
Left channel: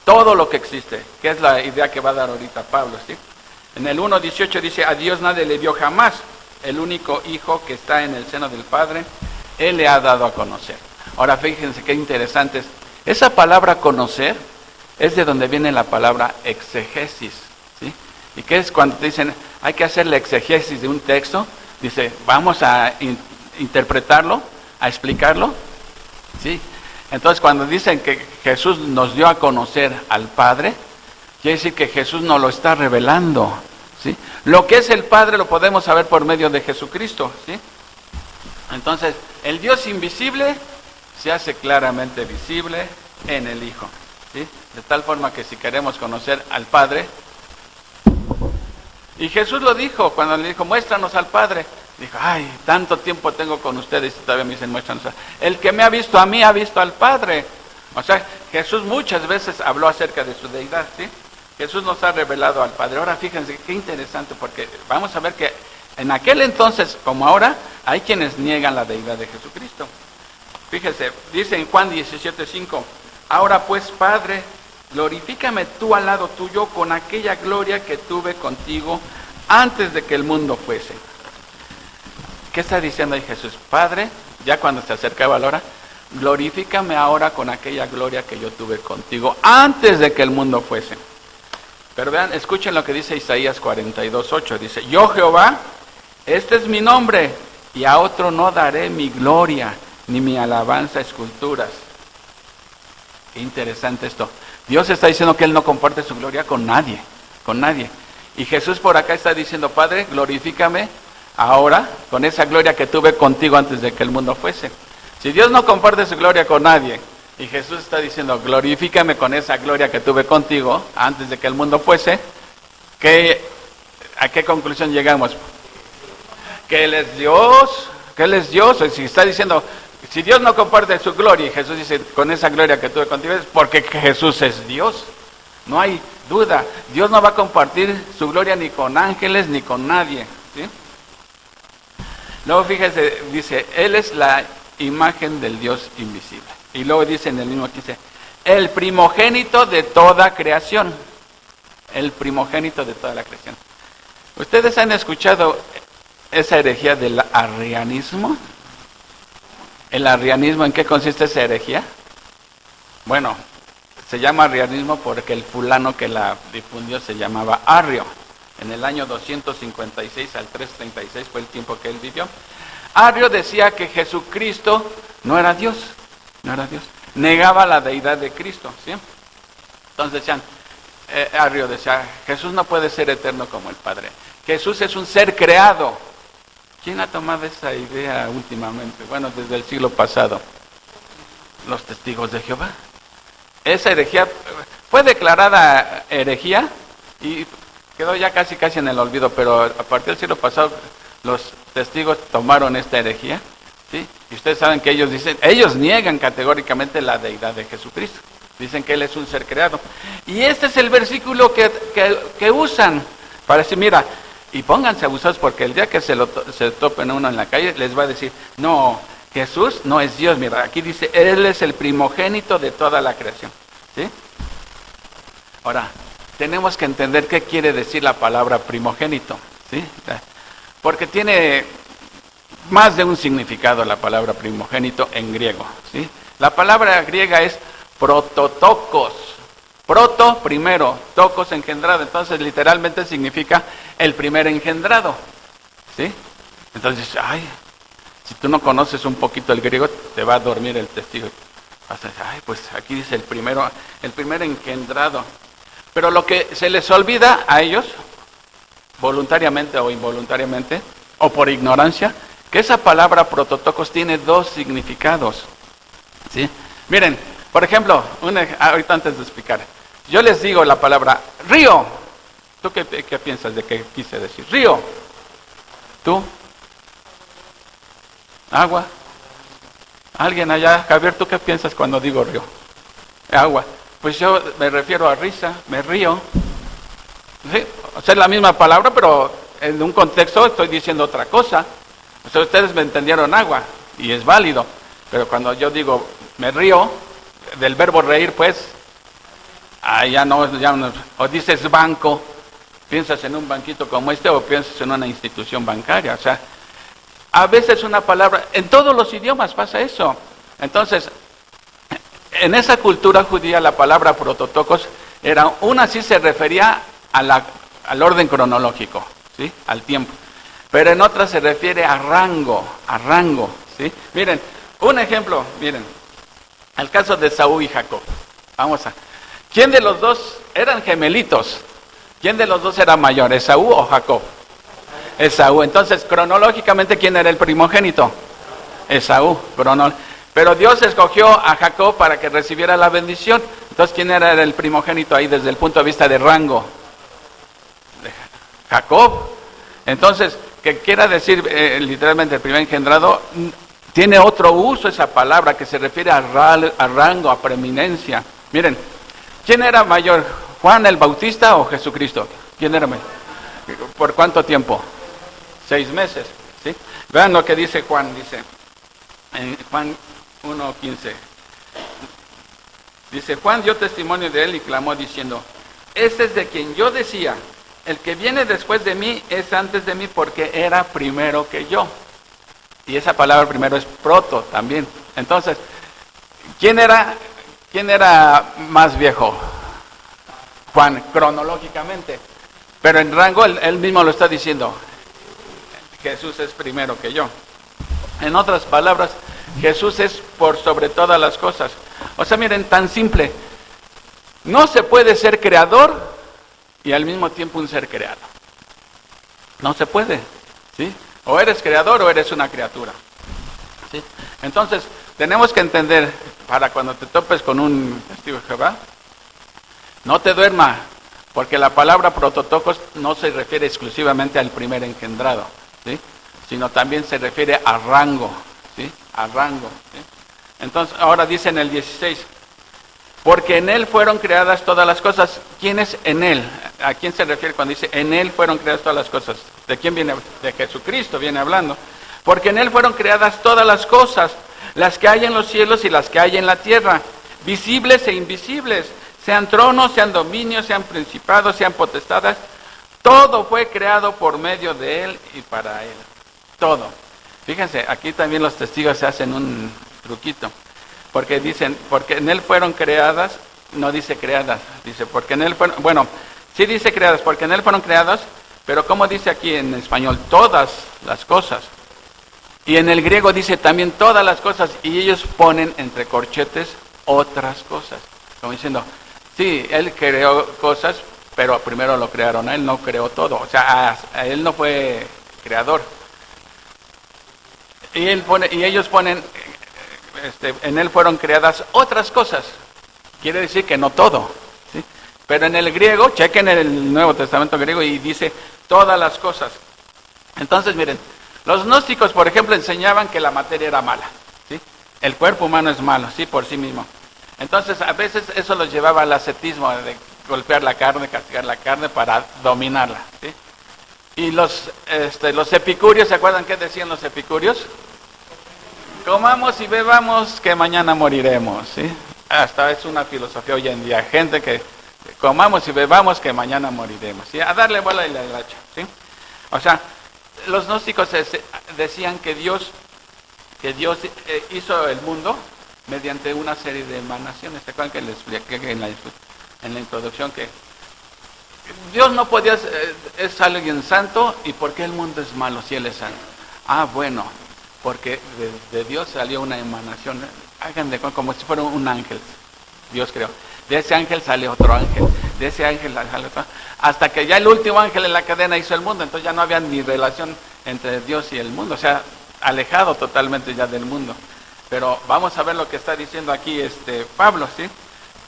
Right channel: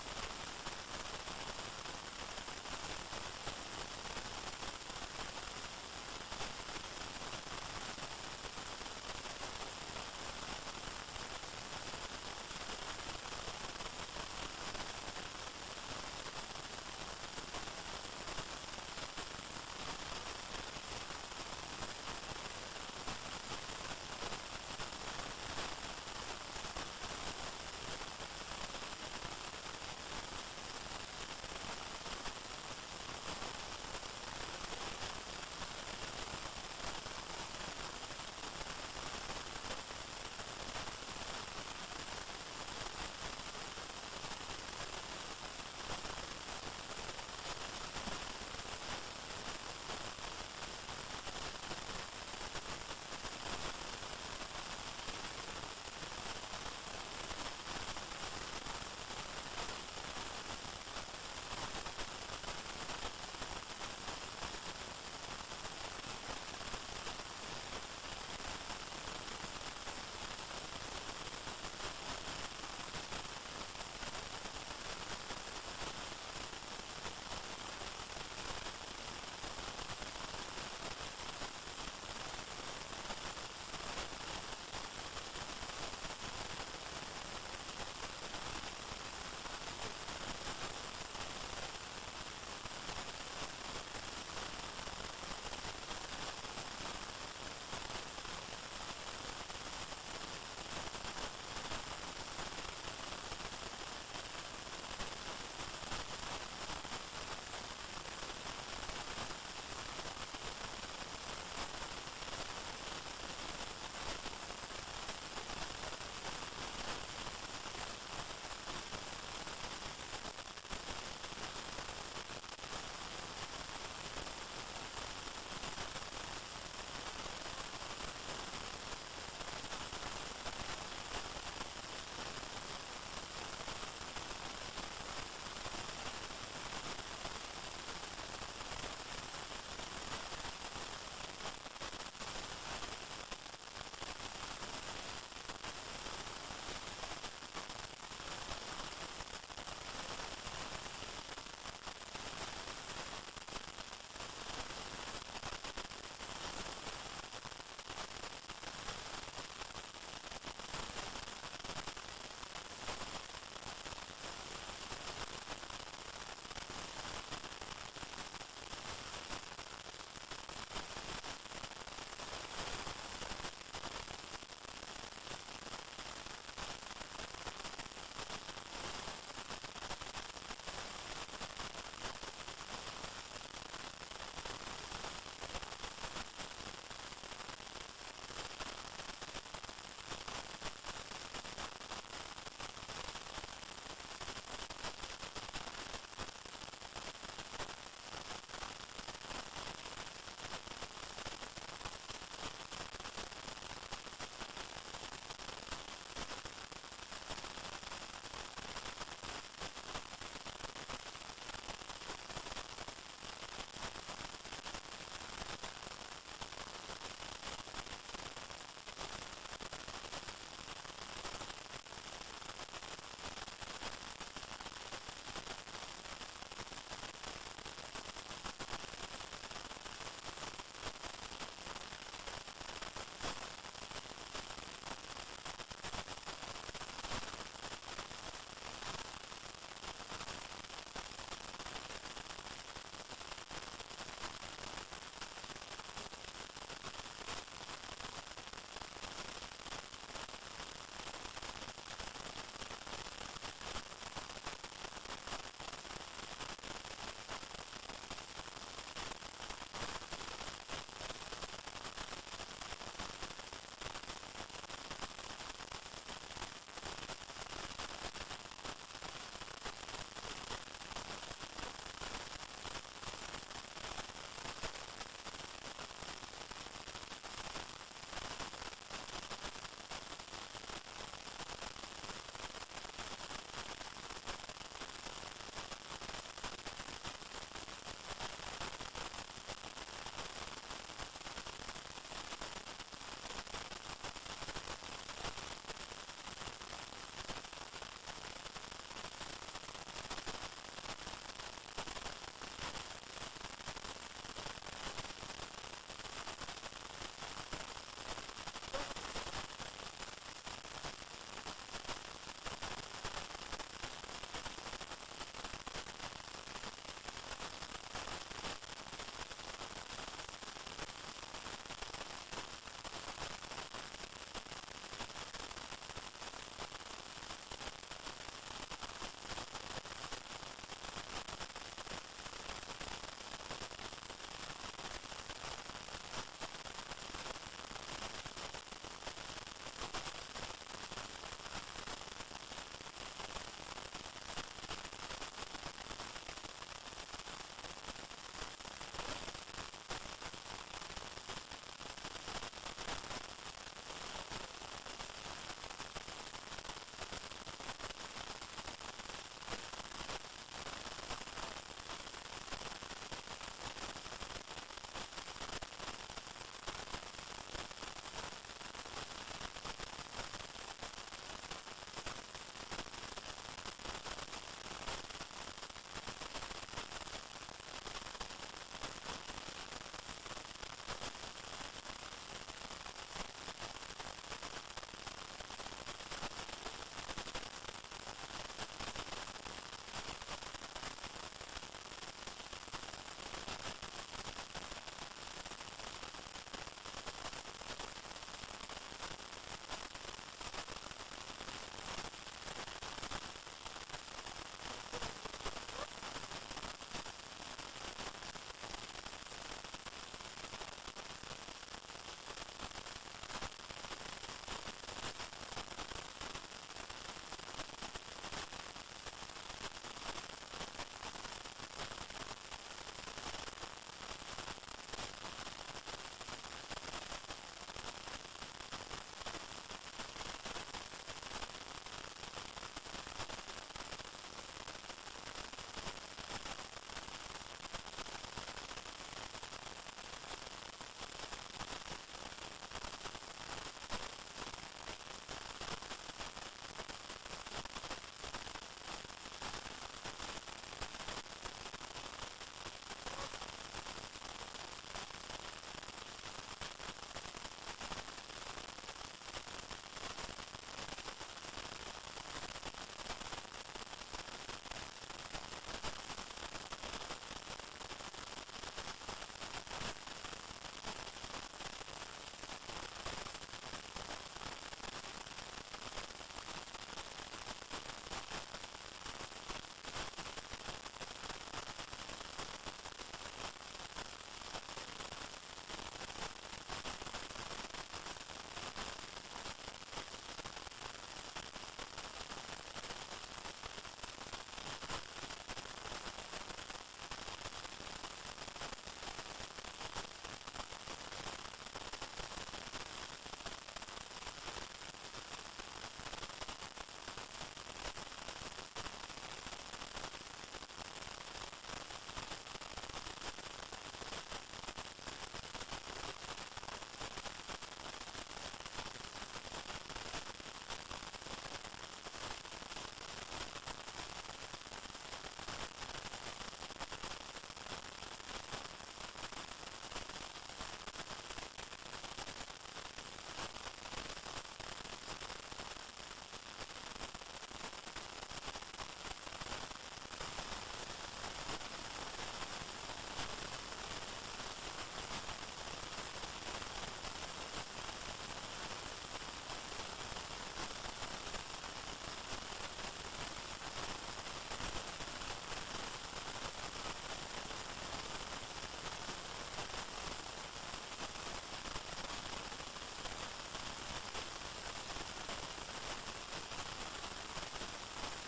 Todo lo que existe, que es la idea que va a dar ahorita Pablo, ¿sí? En el 1:18 dice, a Dios nadie le dio jamás, el único Hijo que está en el seno del Padre, Él le ha dado a conocer. Ahora fíjense qué interesante es. Esa palabra conocer es de donde viene la palabra exegesis, ¿sí? ¿Y qué es cuando te dicen, hay que hacer la exegesis de un texto? Dice, vamos a interpretarlo, a explicarlo, ¿sí? Entonces cuando dicen que Jesús nos dio a conocer al Padre, quiere decir que Jesús nos lo está revelando, ¿sí? Lo que es el Padre lo podemos saber por medio de Jesucristo, ¿sí? Entonces, el Dios invisible se hace claramente visible en el Hijo, ¿sí? De tal forma que si queremos conocer al Padre, y Jesús lo dijo, cuando le dijo, muéstranos al Padre, dijo, ay, tanto tiempo tengo con ustedes y todavía me dicen, muéstranos. El que me ha visto a mí, ha visto al Padre. O sea, Jesús muchas veces habló acerca de su deidad, ¿sí? Jesús nos ha revelado al Padre. Ahora fíjense, qué interesante, porque vamos a ver que en aquel entonces, como ahora, hay quienes niegan la deidad de Jesucristo. Fíjense, dice en Juan 17:5, ahora pues, Padre, glorifícame tú al lado tuyo con aquella gloria que tuve contigo antes de que el mundo fuese. ¿Qué está diciendo ahí Jesús? Padre, ya cuando se acercaba la hora, glorifícame ahora con aquella gloria que yo tuve contigo antes de que el mundo fuese. Pero vean, escuchen lo que dice Isaías 42:8, dice, yo Jehová, este es mi nombre, y a otro no daré mi gloria, ni mi alabanza a esculturas. Qué interesante esto. Dios está diciendo que Él no comparte su gloria con nadie, con nadie. Y Jesús por acá está diciendo, Padre, glorifícame ahora con esa gloria que tuve contigo antes de que el mundo fuese. Si Dios no comparte su gloria con nadie, y Jesús está diciendo, glorifícame con esa gloria que tuve contigo antes de que el mundo fuese, ¿a qué conclusión llegamos? Que Él es Dios, que Él es Dios. Si está diciendo, si Dios no comparte su gloria, y Jesús dice, con esa gloria que tuve contigo, es porque Jesús es Dios. No hay duda, Dios no va a compartir su gloria ni con ángeles ni con nadie, ¿sí? Luego fíjese, dice, Él es la imagen del Dios invisible. Y luego dice en el mismo que dice, el primogénito de toda creación. El primogénito de toda la creación. ¿Ustedes han escuchado esa herejía del arrianismo? ¿El arrianismo en qué consiste esa herejía? Bueno, se llama arrianismo porque el fulano que la difundió se llamaba Arrio. En el año 256 al 336 fue el tiempo que él vivió. Arrio decía que Jesucristo no era Dios, no era Dios. Negaba la deidad de Cristo, ¿sí? Entonces decían, Arrio decía, Jesús no puede ser eterno como el Padre. Jesús es un ser creado. ¿Quién ha tomado esa idea últimamente? Bueno, desde el siglo pasado. Los testigos de Jehová. Esa herejía fue declarada herejía y quedó ya casi en el olvido, pero a partir del siglo pasado los testigos tomaron esta herejía, ¿sí? Y ustedes saben que ellos niegan categóricamente la deidad de Jesucristo. Dicen que Él es un ser creado. Y este es el versículo que usan para decir, mira, y pónganse abusados porque el día que se topen a uno en la calle les va a decir, no, Jesús no es Dios. Mira, aquí dice, Él es el primogénito de toda la creación, ¿sí? Ahora, tenemos que entender qué quiere decir la palabra primogénito, ¿sí? Porque tiene más de un significado la palabra primogénito en griego, ¿sí? La palabra griega es prototokos. Proto, primero, tokos, engendrado. Entonces, literalmente significa el primer engendrado, ¿sí? Entonces, si tú no conoces un poquito el griego, te va a dormir el testigo. Vas a decir, pues aquí dice el primer engendrado. Pero lo que se les olvida a ellos, voluntariamente o involuntariamente, o por ignorancia, que esa palabra prototokos tiene dos significados, ¿sí? Miren, por ejemplo, ahorita antes de explicar, yo les digo la palabra río. ¿Tú qué piensas de qué quise decir? Río. ¿Tú? Agua. ¿Alguien allá? Javier, ¿tú qué piensas cuando digo río? Agua. Pues yo me refiero a risa, me río. ¿Sí? O sea, es la misma palabra, pero en un contexto estoy diciendo otra cosa. O sea, ustedes me entendieron agua, y es válido. Pero cuando yo digo me río, del verbo reír, pues, ya no, o dices banco, piensas en un banquito como este, o piensas en una institución bancaria. O sea, a veces una palabra, en todos los idiomas pasa eso. Entonces, en esa cultura judía la palabra prototokos sí se refería al orden cronológico, ¿sí? Al tiempo. Pero en otras se refiere a rango, ¿sí? Miren, un ejemplo, miren, el caso de Esaú y Jacob. ¿Quién de los dos eran gemelitos? ¿Quién de los dos era mayor, Esaú o Jacob? Esaú. Entonces, cronológicamente, ¿quién era el primogénito? Esaú. Pero Dios escogió a Jacob para que recibiera la bendición. Entonces, ¿quién era el primogénito ahí desde el punto de vista de rango? Jacob. Entonces, ¿qué quiera decir literalmente el primer engendrado? Tiene otro uso esa palabra que se refiere a rango, a preeminencia. Miren, ¿quién era mayor, Juan el Bautista o Jesucristo? ¿Quién era mayor? ¿Por cuánto tiempo? 6 meses, ¿sí? Vean lo que dice Juan, dice en Juan 1:15. Dice, Juan dio testimonio de él y clamó diciendo, este es de quien yo decía, el que viene después de mí es antes de mí porque era primero que yo. Y esa palabra primero es proto también. Entonces, ¿quién era más viejo? Juan, cronológicamente. Pero en rango, él mismo lo está diciendo. Jesús es primero que yo. En otras palabras, Jesús es por sobre todas las cosas. O sea, miren, tan simple. No se puede ser creador y al mismo tiempo un ser creado. No se puede, ¿sí? O eres creador o eres una criatura, ¿sí? Entonces, tenemos que entender, para cuando te topes con un testigo de Jehová, no te duerma, porque la palabra prototocos no se refiere exclusivamente al primer engendrado, ¿sí? Sino también se refiere a rango, ¿sí? A rango, ¿sí? Entonces, ahora dice en el 16, porque en Él fueron creadas todas las cosas. ¿Quién es en Él? ¿A quién se refiere cuando dice en Él fueron creadas todas las cosas? ¿De quién viene? De Jesucristo viene hablando. Porque en Él fueron creadas todas las cosas, las que hay en los cielos y las que hay en la tierra, visibles e invisibles, sean tronos, sean dominios, sean principados, sean potestades. Todo fue creado por medio de Él y para Él. Todo. Fíjense, aquí también los testigos se hacen un truquito. Porque dicen, porque en Él fueron creadas, no dice creadas, dice, porque en Él fueron, bueno, sí dice creadas, porque en Él fueron creadas, pero como dice aquí en español, todas las cosas. Y en el griego dice también todas las cosas, y ellos ponen entre corchetes otras cosas. Como diciendo, sí, Él creó cosas, pero primero lo crearon a Él, no creó todo. O sea, a Él no fue creador. Y ellos ponen, en Él fueron creadas otras cosas. Quiere decir que no todo, ¿sí? Pero en el griego, chequen el Nuevo Testamento griego y dice todas las cosas. Entonces, miren, los gnósticos, por ejemplo, enseñaban que la materia era mala, ¿sí? El cuerpo humano es malo, sí, por sí mismo. Entonces, a veces eso los llevaba al ascetismo, de golpear la carne, castigar la carne para dominarla, ¿sí? Y los epicúreos, ¿se acuerdan qué decían los epicúreos? Comamos y bebamos que mañana moriremos, ¿sí? Hasta es una filosofía hoy en día, gente que comamos y bebamos que mañana moriremos, ¿sí? A darle bola y la hacha, ¿sí? O sea, los gnósticos decían que Dios hizo el mundo mediante una serie de emanaciones. ¿Se acuerdan que les expliqué en la introducción que Dios no podía, es alguien santo, y ¿por qué el mundo es malo si Él es santo? Ah, bueno, porque de Dios salió una emanación, hagan de cuenta como si fuera un ángel, Dios creó. De ese ángel sale otro ángel, de ese ángel sale otro, hasta que ya el último ángel en la cadena hizo el mundo, entonces ya no había ni relación entre Dios y el mundo, o sea, alejado totalmente ya del mundo. Pero vamos a ver lo que está diciendo aquí Pablo, ¿sí?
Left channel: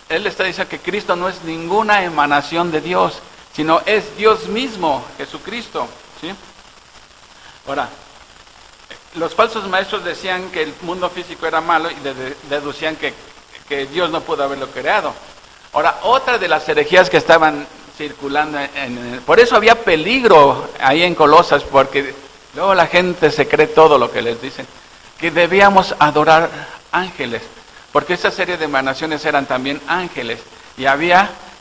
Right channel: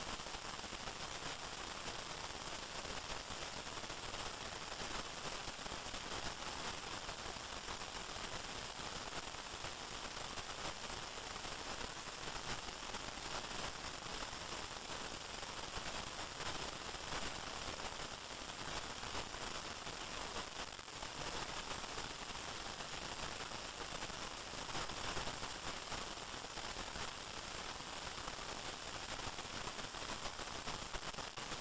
Él está diciendo que Cristo no es ninguna emanación de Dios, sino es Dios mismo, Jesucristo, ¿sí? Ahora, los falsos maestros decían que el mundo físico era malo y deducían que Dios no pudo haberlo creado. Ahora, otra de las herejías que estaban circulando, por eso había peligro ahí en Colosas, porque luego la gente se cree todo lo que les dicen, que debíamos adorar ángeles, porque esa serie de emanaciones eran también ángeles, y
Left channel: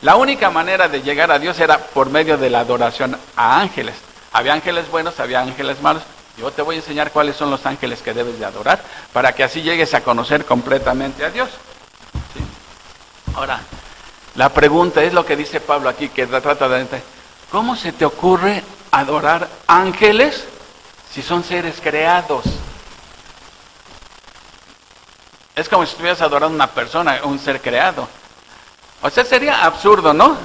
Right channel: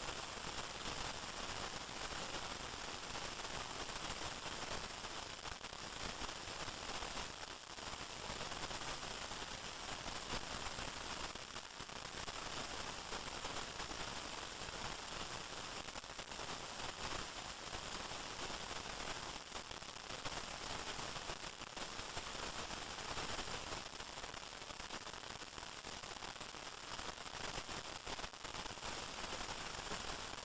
la única manera de llegar a Dios era por medio de la adoración a ángeles. Había ángeles buenos, había ángeles malos. Yo te voy a enseñar cuáles son los ángeles que debes de adorar, para que así llegues a conocer completamente a Dios, ¿sí? Ahora, la pregunta es lo que dice Pablo aquí, que trata de entender. ¿Cómo se te ocurre adorar ángeles si son seres creados? Es como si estuvieras adorando a una persona, un ser creado. O sea, sería absurdo, ¿no?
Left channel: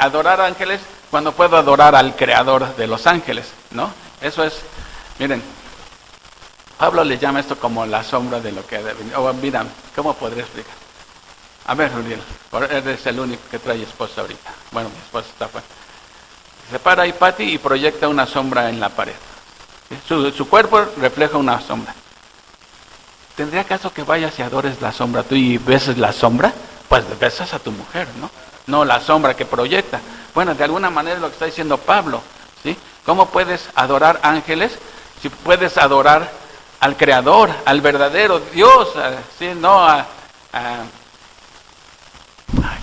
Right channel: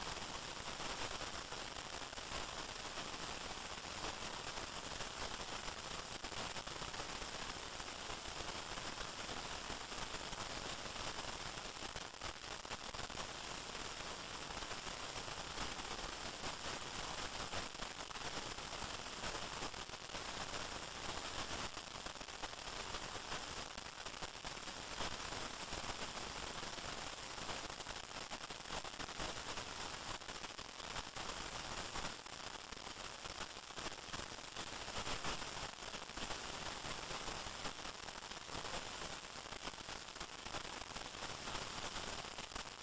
Adorar ángeles cuando puedo adorar al creador de los ángeles, ¿no? Eso es, miren, Pablo le llama esto como la sombra de lo que ha de venir. Mira, ¿cómo podría explicar? A ver, Uriel, eres el único que trae esposa ahorita. Bueno, mi esposa está fuera. Se para ahí Pati y proyecta una sombra en la pared. ¿Sí? Su cuerpo refleja una sombra. ¿Tendría caso que vayas y adores la sombra tú y beses la sombra? Pues besas a tu mujer, ¿no? No la sombra que proyecta. Bueno, de alguna manera es lo que está diciendo Pablo, ¿sí? ¿Cómo puedes adorar ángeles si puedes adorar al Creador, al verdadero Dios? ¿Sí? No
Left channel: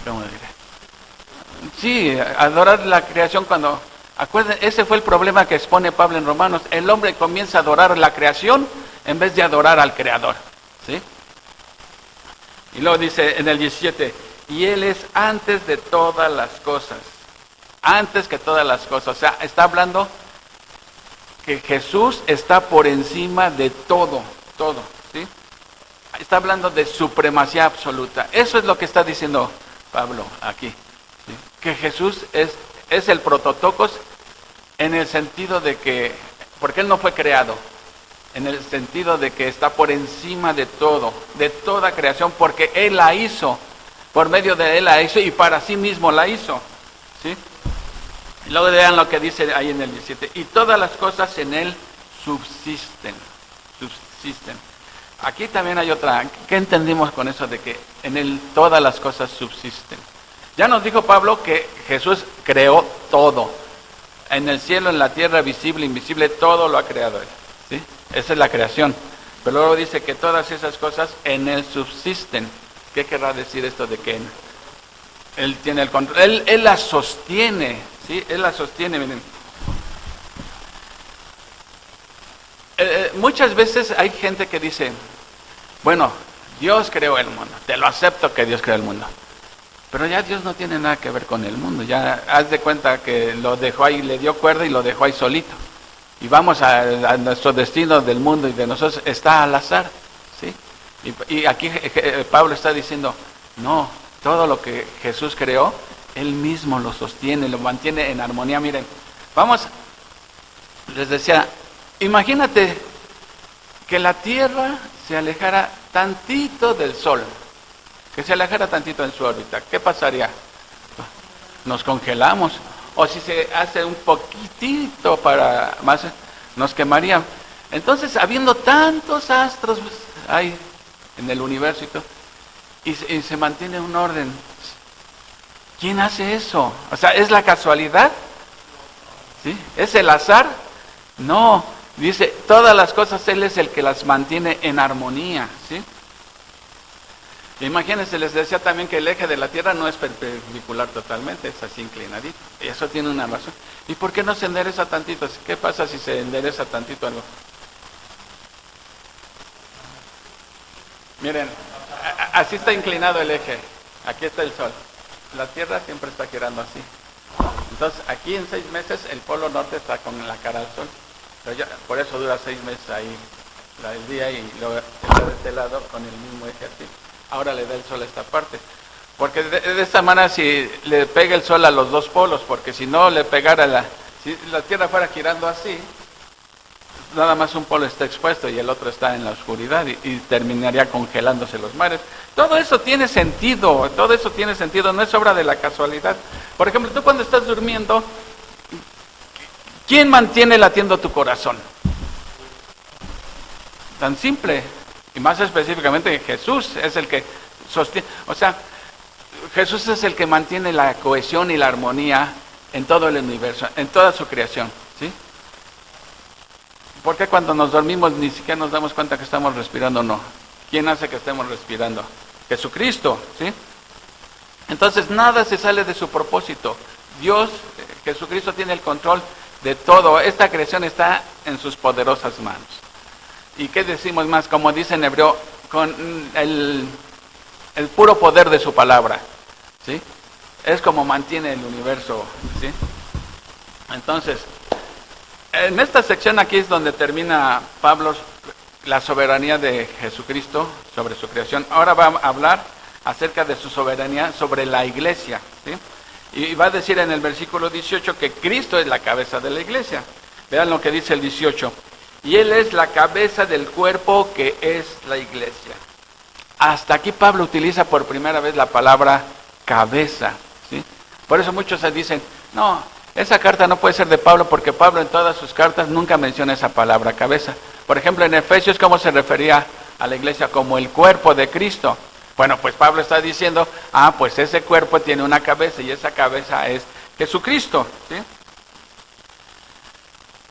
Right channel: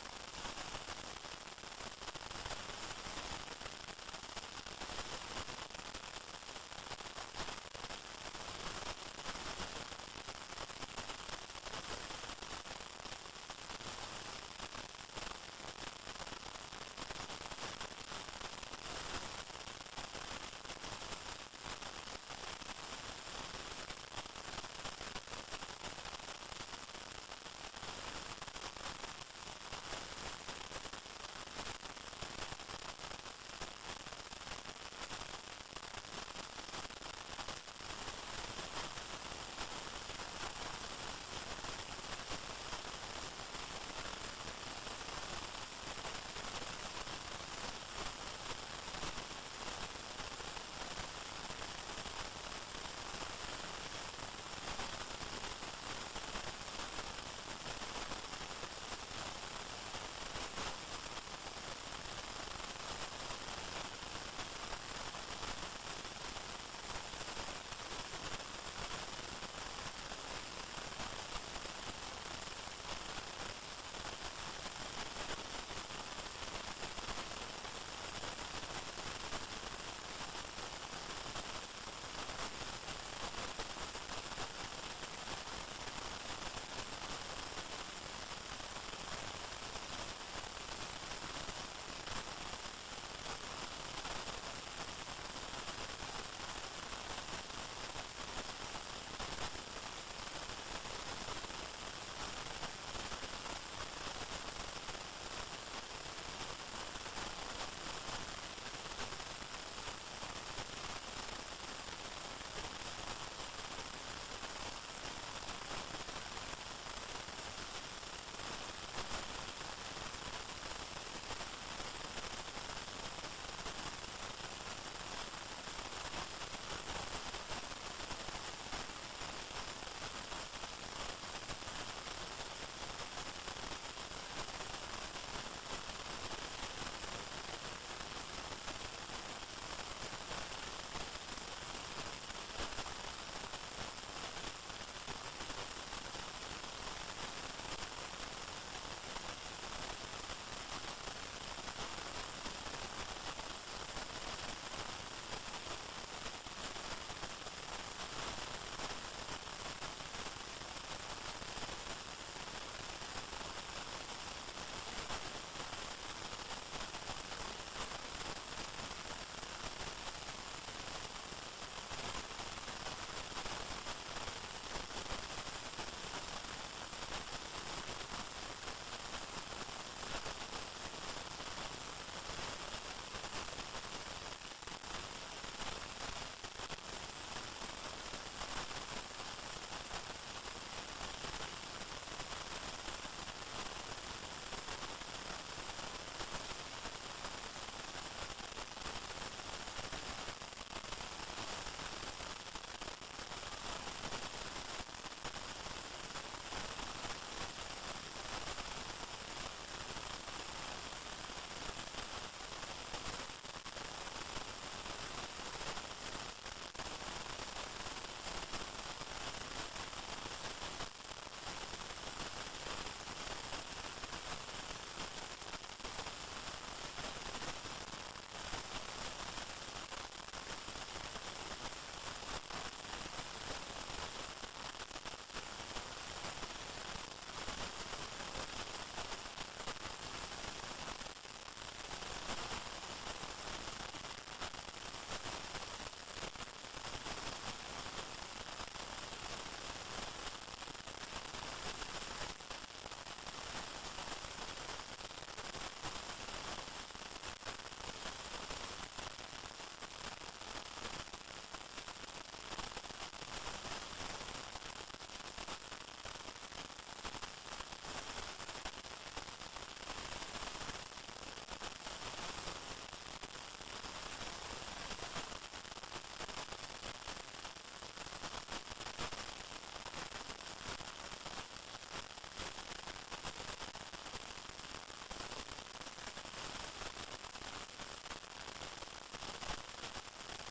¿cómo diré? Sí, adorar la creación cuando... Acuérdense, ese fue el problema que expone Pablo en Romanos. El hombre comienza a adorar la creación en vez de adorar al Creador, ¿sí? Y luego dice en el 17, y Él es antes de todas las cosas, antes que todas las cosas. O sea, está hablando que Jesús está por encima de todo, todo, ¿sí? Está hablando de supremacía absoluta. Eso es lo que está diciendo Pablo aquí, ¿sí? Que Jesús es el prototocos en el sentido de que, porque Él no fue creado, en el sentido de que está por encima de todo, de toda creación, porque Él la hizo, por medio de Él la hizo y para sí mismo la hizo, ¿sí? Y luego vean lo que dice ahí en el 17, y todas las cosas en Él subsisten. Aquí también hay otra, ¿qué entendimos con eso de que en Él todas las cosas subsisten? Ya nos dijo Pablo que Jesús creó todo, en el cielo, en la tierra, visible, invisible, todo lo ha creado Él, ¿sí? Esa es la creación. Pero luego dice que todas esas cosas en Él subsisten. ¿Qué querrá decir esto de que Él tiene el control? Él la sostiene, ¿sí? Él la sostiene, miren. Muchas veces hay gente que dice, bueno, Dios creó el mundo, te lo acepto que Dios creó el mundo. Pero ya Dios no tiene nada que ver con el mundo, ya haz de cuenta que lo dejó ahí, le dio cuerda y lo dejó ahí solito. Y vamos a nuestro destino del mundo y de nosotros está al azar, ¿sí? Y aquí Pablo está diciendo, no, todo lo que Jesús creó, Él mismo lo sostiene, lo mantiene en armonía. Miren, vamos, les decía, imagínate que la tierra se alejara tantito del sol, que se alejara tantito en su órbita, ¿qué pasaría? Nos congelamos, o si se hace un poquitito para más, nos quemaría. Entonces, habiendo tantos astros hay en el universo y se mantiene un orden, ¿quién hace eso? O sea, ¿es la casualidad? ¿Sí? ¿Es el azar? No, dice, todas las cosas Él es el que las mantiene en armonía, ¿sí? Imagínense, les decía también que el eje de la Tierra no es perpendicular totalmente, es así inclinadito. Y eso tiene una razón. ¿Y por qué no se endereza tantito? ¿Qué pasa si se endereza tantito algo? Miren, así está inclinado el eje. Aquí está el Sol. La Tierra siempre está girando así. Entonces, aquí en 6 meses el polo norte está con la cara al Sol. Pero ya, por eso dura 6 meses ahí el día y luego está de este lado con el mismo eje así. Ahora le da el sol a esta parte. Porque de esta manera si le pega el sol a los dos polos, porque si no le pegara si la Tierra fuera girando así, nada más un polo está expuesto y el otro está en la oscuridad y terminaría congelándose los mares. Todo eso tiene sentido, no es obra de la casualidad. Por ejemplo, tú cuando estás durmiendo, ¿quién mantiene latiendo tu corazón? Tan simple. Y más específicamente Jesús es el que sostiene, o sea, Jesús es el que mantiene la cohesión y la armonía en todo el universo, en toda su creación, ¿sí? Porque cuando nos dormimos ni siquiera nos damos cuenta que estamos respirando o no. ¿Quién hace que estemos respirando? Jesucristo, ¿sí? Entonces nada se sale de su propósito. Dios, Jesucristo tiene el control de todo. Esta creación está en sus poderosas manos. ¿Y qué decimos más? Como dice en hebreo, con el puro poder de su palabra, ¿sí? Es como mantiene el universo, ¿sí? Entonces, en esta sección aquí es donde termina Pablo la soberanía de Jesucristo sobre su creación. Ahora va a hablar acerca de su soberanía sobre la iglesia, ¿sí? Y va a decir en el versículo 18 que Cristo es la cabeza de la iglesia. Vean lo que dice el 18. Y Él es la cabeza del cuerpo que es la iglesia. Hasta aquí Pablo utiliza por primera vez la palabra cabeza, ¿sí? Por eso muchos se dicen, no, esa carta no puede ser de Pablo porque Pablo en todas sus cartas nunca menciona esa palabra cabeza. Por ejemplo, en Efesios, ¿cómo se refería a la iglesia? Como el cuerpo de Cristo. Bueno, pues Pablo está diciendo, pues ese cuerpo tiene una cabeza y esa cabeza es Jesucristo, ¿sí?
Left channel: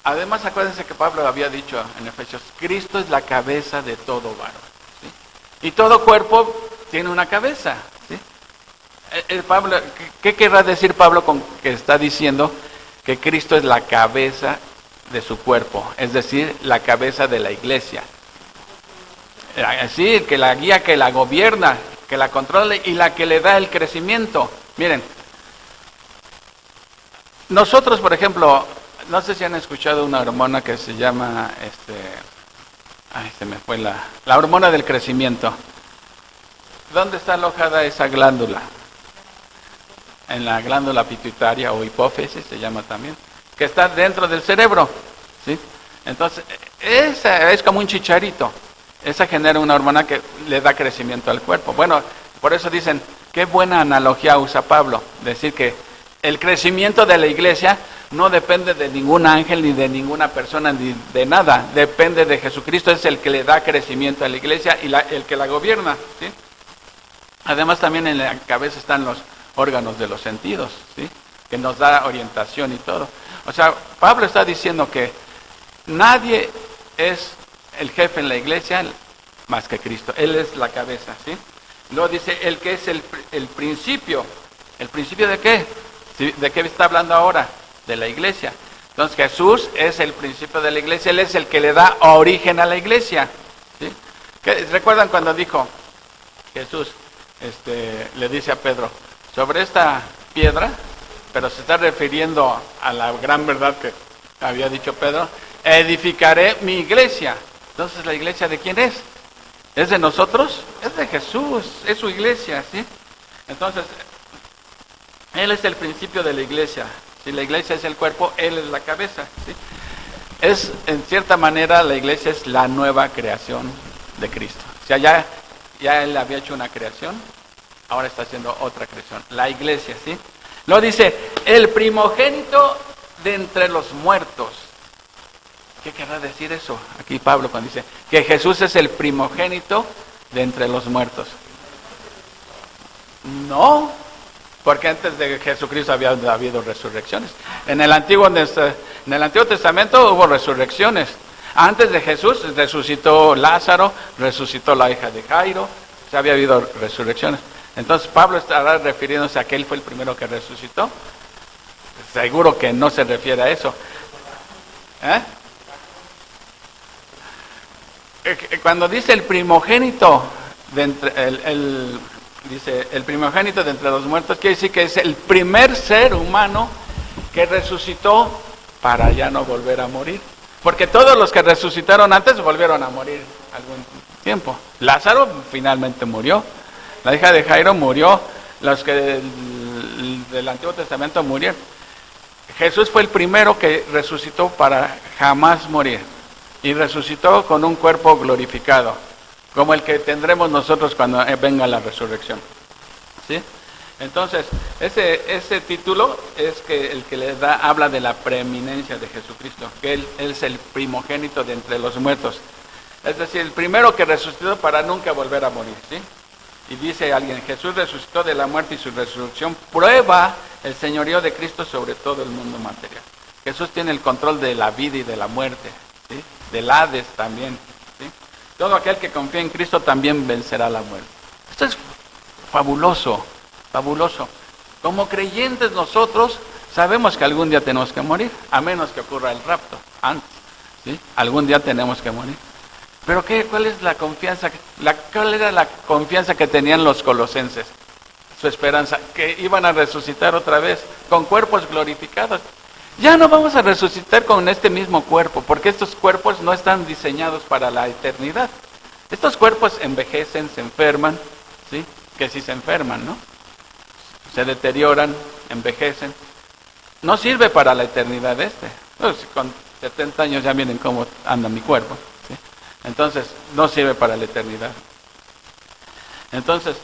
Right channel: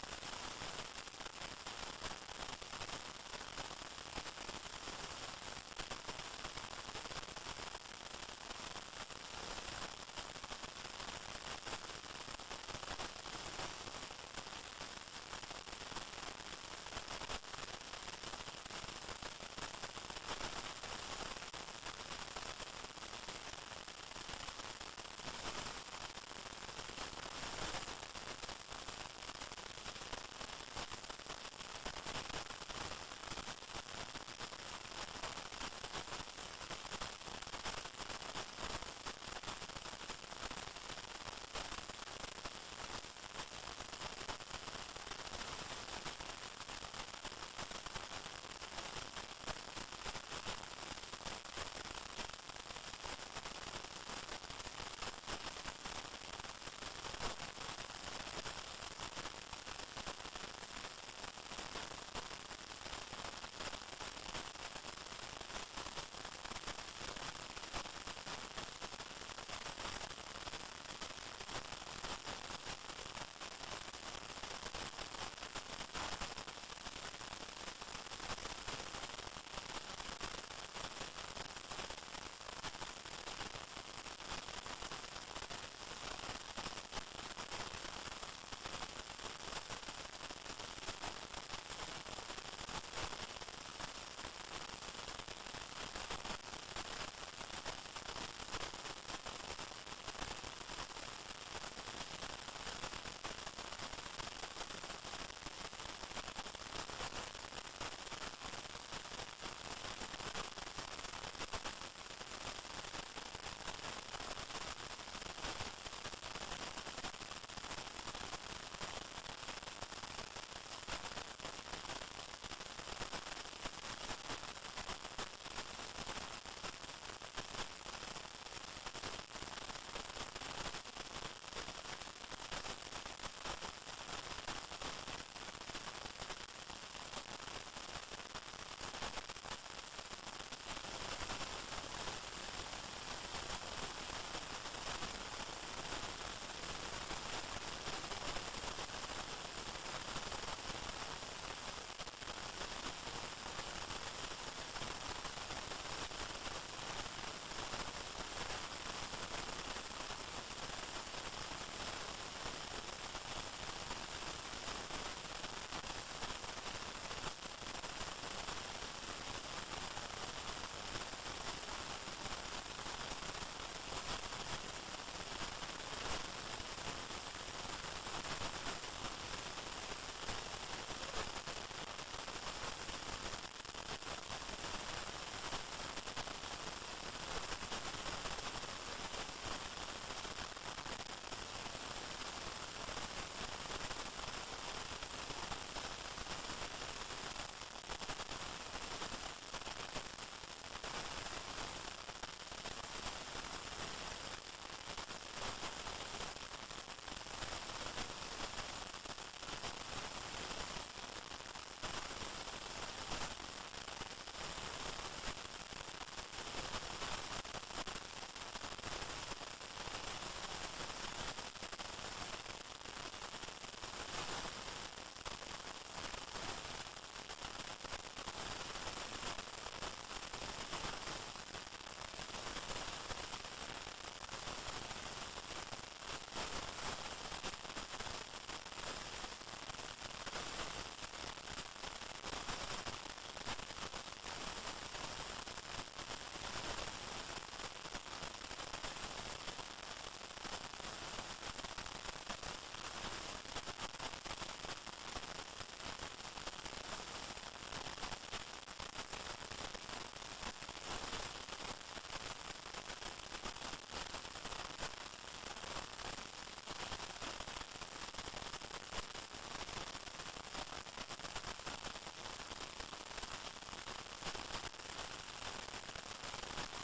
Además, acuérdense que Pablo había dicho en Efesios, Cristo es la cabeza de todo varón, ¿sí? Y todo cuerpo tiene una cabeza, ¿sí? ¿Qué querrá decir Pablo con que está diciendo que Cristo es la cabeza de su cuerpo? Es decir, la cabeza de la iglesia. Sí, que la guía, que la gobierna, que la controla y la que le da el crecimiento. Miren, nosotros, por ejemplo, no sé si han escuchado una hormona que se llama, se me fue la hormona del crecimiento. ¿Dónde está alojada esa glándula? En la glándula pituitaria o hipófisis se llama también, que está dentro del cerebro, ¿sí? Entonces, esa es como un chicharito. Esa genera una hormona que le da crecimiento al cuerpo. Bueno, por eso dicen, qué buena analogía usa Pablo, decir que el crecimiento de la iglesia no depende de ningún ángel, ni de ninguna persona, ni de nada. Depende de Jesucristo, es el que le da crecimiento a la iglesia y el que la gobierna, ¿sí? Además, también en la cabeza están los órganos de los sentidos, ¿sí? Que nos da orientación y todo. O sea, Pablo está diciendo que nadie es el jefe en la iglesia más que Cristo. Él es la cabeza, ¿sí? Luego dice, el que es el principio. ¿El principio de qué? ¿De qué está hablando ahora? De la iglesia. Entonces Jesús es el principio de la iglesia, Él es el que le da origen a la iglesia, ¿sí? ¿Recuerdan cuando dijo Jesús, le dice a Pedro, sobre esta piedra, pero se está refiriendo a la gran verdad que había dicho Pedro, edificaré mi iglesia? Entonces, ¿la iglesia de quién es? ¿Es de nosotros? Es de Jesús, es su iglesia, ¿sí? Entonces, Él es el principio de la iglesia. Si la iglesia es el cuerpo, Él es la cabeza, ¿sí? Es, en cierta manera, la iglesia es la nueva creación de Cristo. O sea, ya Él había hecho una creación, ahora está haciendo otra creación, la iglesia, ¿sí? Luego dice, el primogénito de entre los muertos. ¿Qué querrá decir eso? Aquí Pablo cuando dice que Jesús es el primogénito de entre los muertos. No, porque antes de Jesucristo había habido resurrecciones. En el Antiguo Testamento hubo resurrecciones. Antes de Jesús resucitó Lázaro, resucitó la hija de Jairo, o sea, había habido resurrecciones. Entonces Pablo estará refiriéndose a que él fue el primero que resucitó. Seguro que no se refiere a eso. Cuando dice el primogénito de dice el primogénito de entre los muertos, quiere decir que es el primer ser humano que resucitó para ya no volver a morir. Porque todos los que resucitaron antes volvieron a morir algún tiempo. Lázaro finalmente murió, la hija de Jairo murió, los que del Antiguo Testamento murieron. Jesús fue el primero que resucitó para jamás morir. Y resucitó con un cuerpo glorificado, como el que tendremos nosotros cuando venga la resurrección, ¿sí? Entonces, ese título es que el que habla de la preeminencia de Jesucristo, que Él es el primogénito de entre los muertos. Es decir, el primero que resucitó para nunca volver a morir, ¿sí? Y dice alguien, Jesús resucitó de la muerte y su resurrección prueba el señorío de Cristo sobre todo el mundo material. Jesús tiene el control de la vida y de la muerte, ¿sí? Del Hades también, ¿sí? Todo aquel que confía en Cristo también vencerá la muerte. Esto es fabuloso, fabuloso. Como creyentes nosotros sabemos que algún día tenemos que morir, a menos que ocurra el rapto antes, ¿sí? Algún día tenemos que morir. Pero ¿cuál es la confianza? ¿Cuál era la confianza que tenían los colosenses? Su esperanza, que iban a resucitar otra vez con cuerpos glorificados. Ya no vamos a resucitar con este mismo cuerpo, porque estos cuerpos no están diseñados para la eternidad. Estos cuerpos envejecen, se enferman, ¿sí? Que si se enferman, ¿no? Se deterioran, envejecen. No sirve para la eternidad Pues, con 70 años ya miren cómo anda mi cuerpo, ¿sí? Entonces, no sirve para la eternidad. Entonces,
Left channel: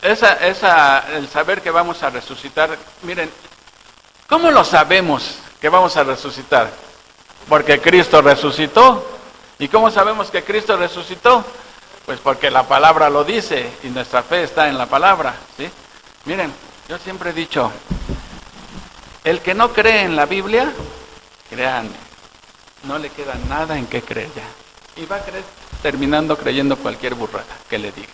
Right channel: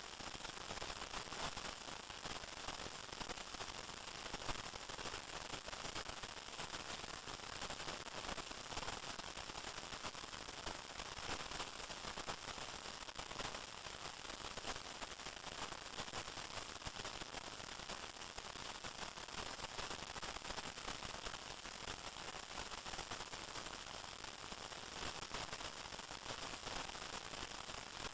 el saber que vamos a resucitar, miren, ¿cómo lo sabemos que vamos a resucitar? Porque Cristo resucitó. ¿Y cómo sabemos que Cristo resucitó? Pues porque la palabra lo dice y nuestra fe está en la palabra, ¿sí? Miren, yo siempre he dicho, el que no cree en la Biblia, créanme, no le queda nada en qué creer ya. Y va a creer terminando creyendo cualquier burrada que le diga.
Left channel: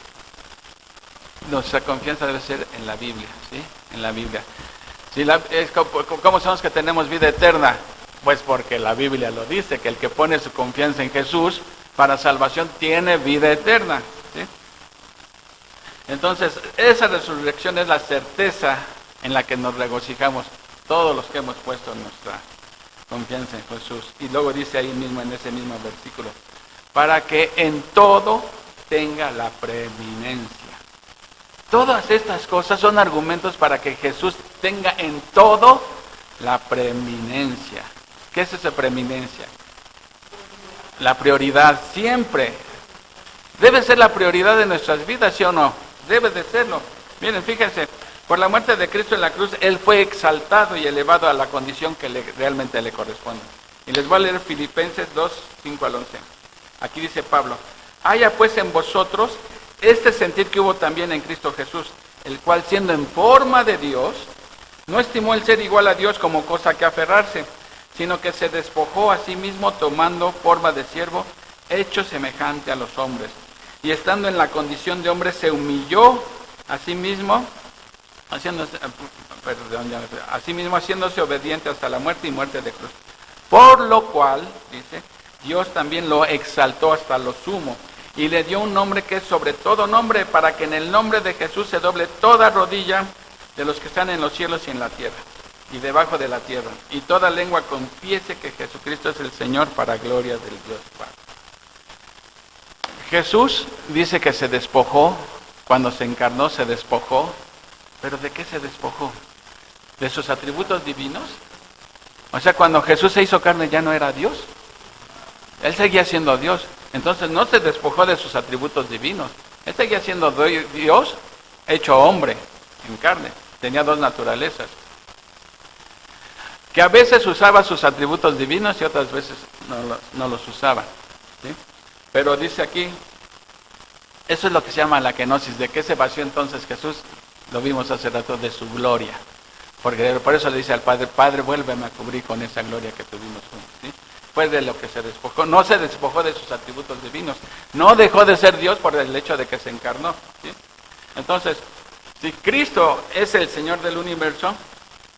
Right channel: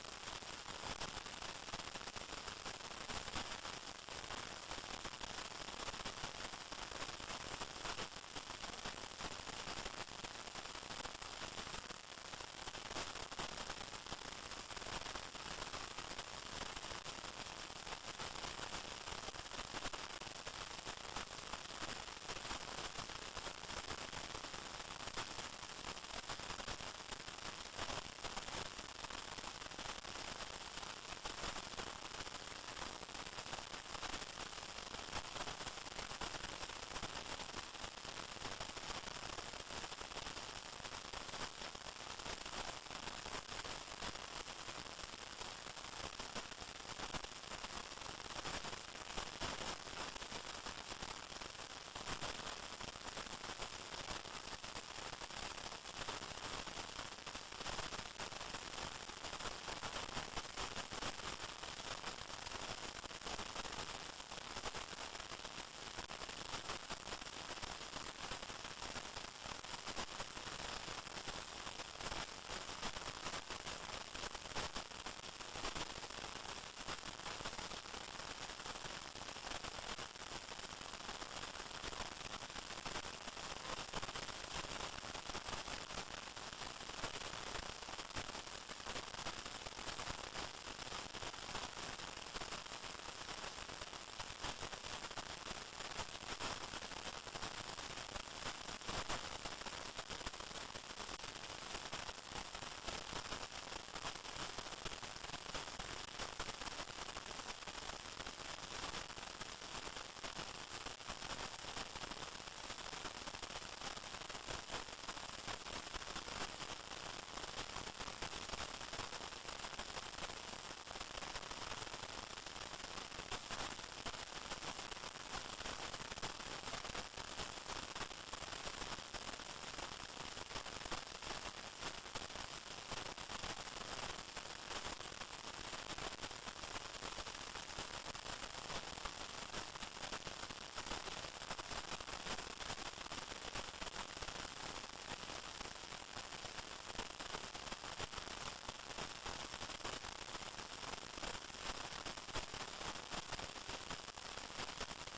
Nuestra confianza debe ser en la Biblia, ¿sí? En la Biblia. ¿Cómo sabemos que tenemos vida eterna? Pues porque la Biblia lo dice, que el que pone su confianza en Jesús para salvación tiene vida eterna, ¿sí? Entonces, esa resurrección es la certeza en la que nos regocijamos todos los que hemos puesto confianza en Jesús. Y luego dice ahí mismo, en ese mismo versículo, para que en todo tenga la preeminencia. Todas estas cosas son argumentos para que Jesús tenga en todo la preeminencia. ¿Qué es esa preeminencia? La prioridad, siempre. Debe ser la prioridad de nuestras vidas, ¿sí o no? Debe de serlo. Miren, fíjense, por la muerte de Cristo en la cruz, Él fue exaltado y elevado a la condición que realmente le corresponde. Y les voy a leer Filipenses 2, 5 al 11. Aquí dice Pablo, haya pues en vosotros este sentir que hubo también en Cristo Jesús, el cual siendo en forma de Dios, no estimó el ser igual a Dios como cosa que aferrarse, sino que se despojó a sí mismo tomando forma de siervo, hecho semejante a los hombres. Y estando en la condición de hombre, se humilló a sí mismo, haciéndose obediente hasta la muerte y muerte de cruz. Por lo cual, dice, Dios también lo exaltó hasta lo sumo y le dio un nombre que es sobre todo nombre, para que en el nombre de Jesús se doble toda rodilla de los que están en los cielos y en la tierra y debajo de la tierra, y toda lengua confiese que Jesucristo es el Señor, para gloria del Dios Padre. Jesús dice que se despojó, cuando se encarnó se despojó, pero ¿de qué se despojó? ¿De sus atributos divinos? O sea, cuando Jesús se hizo carne ya no era Dios, Él seguía siendo Dios, entonces no se despojó de sus atributos divinos, Él seguía siendo Dios hecho hombre en carne, tenía dos naturalezas, que a veces usaba sus atributos divinos y otras veces no los usaba, ¿sí? Pero dice aquí, eso es lo que se llama la kenosis. ¿De qué se vació entonces Jesús? Lo vimos hace rato, de su gloria. Porque por eso le dice al Padre, Padre, vuélveme a cubrir con esa gloria que tuvimos juntos, ¿sí? Fue de lo que se despojó. No se despojó de sus atributos divinos. No dejó de ser Dios por el hecho de que se encarnó, ¿sí? Entonces, si Cristo es el Señor del universo,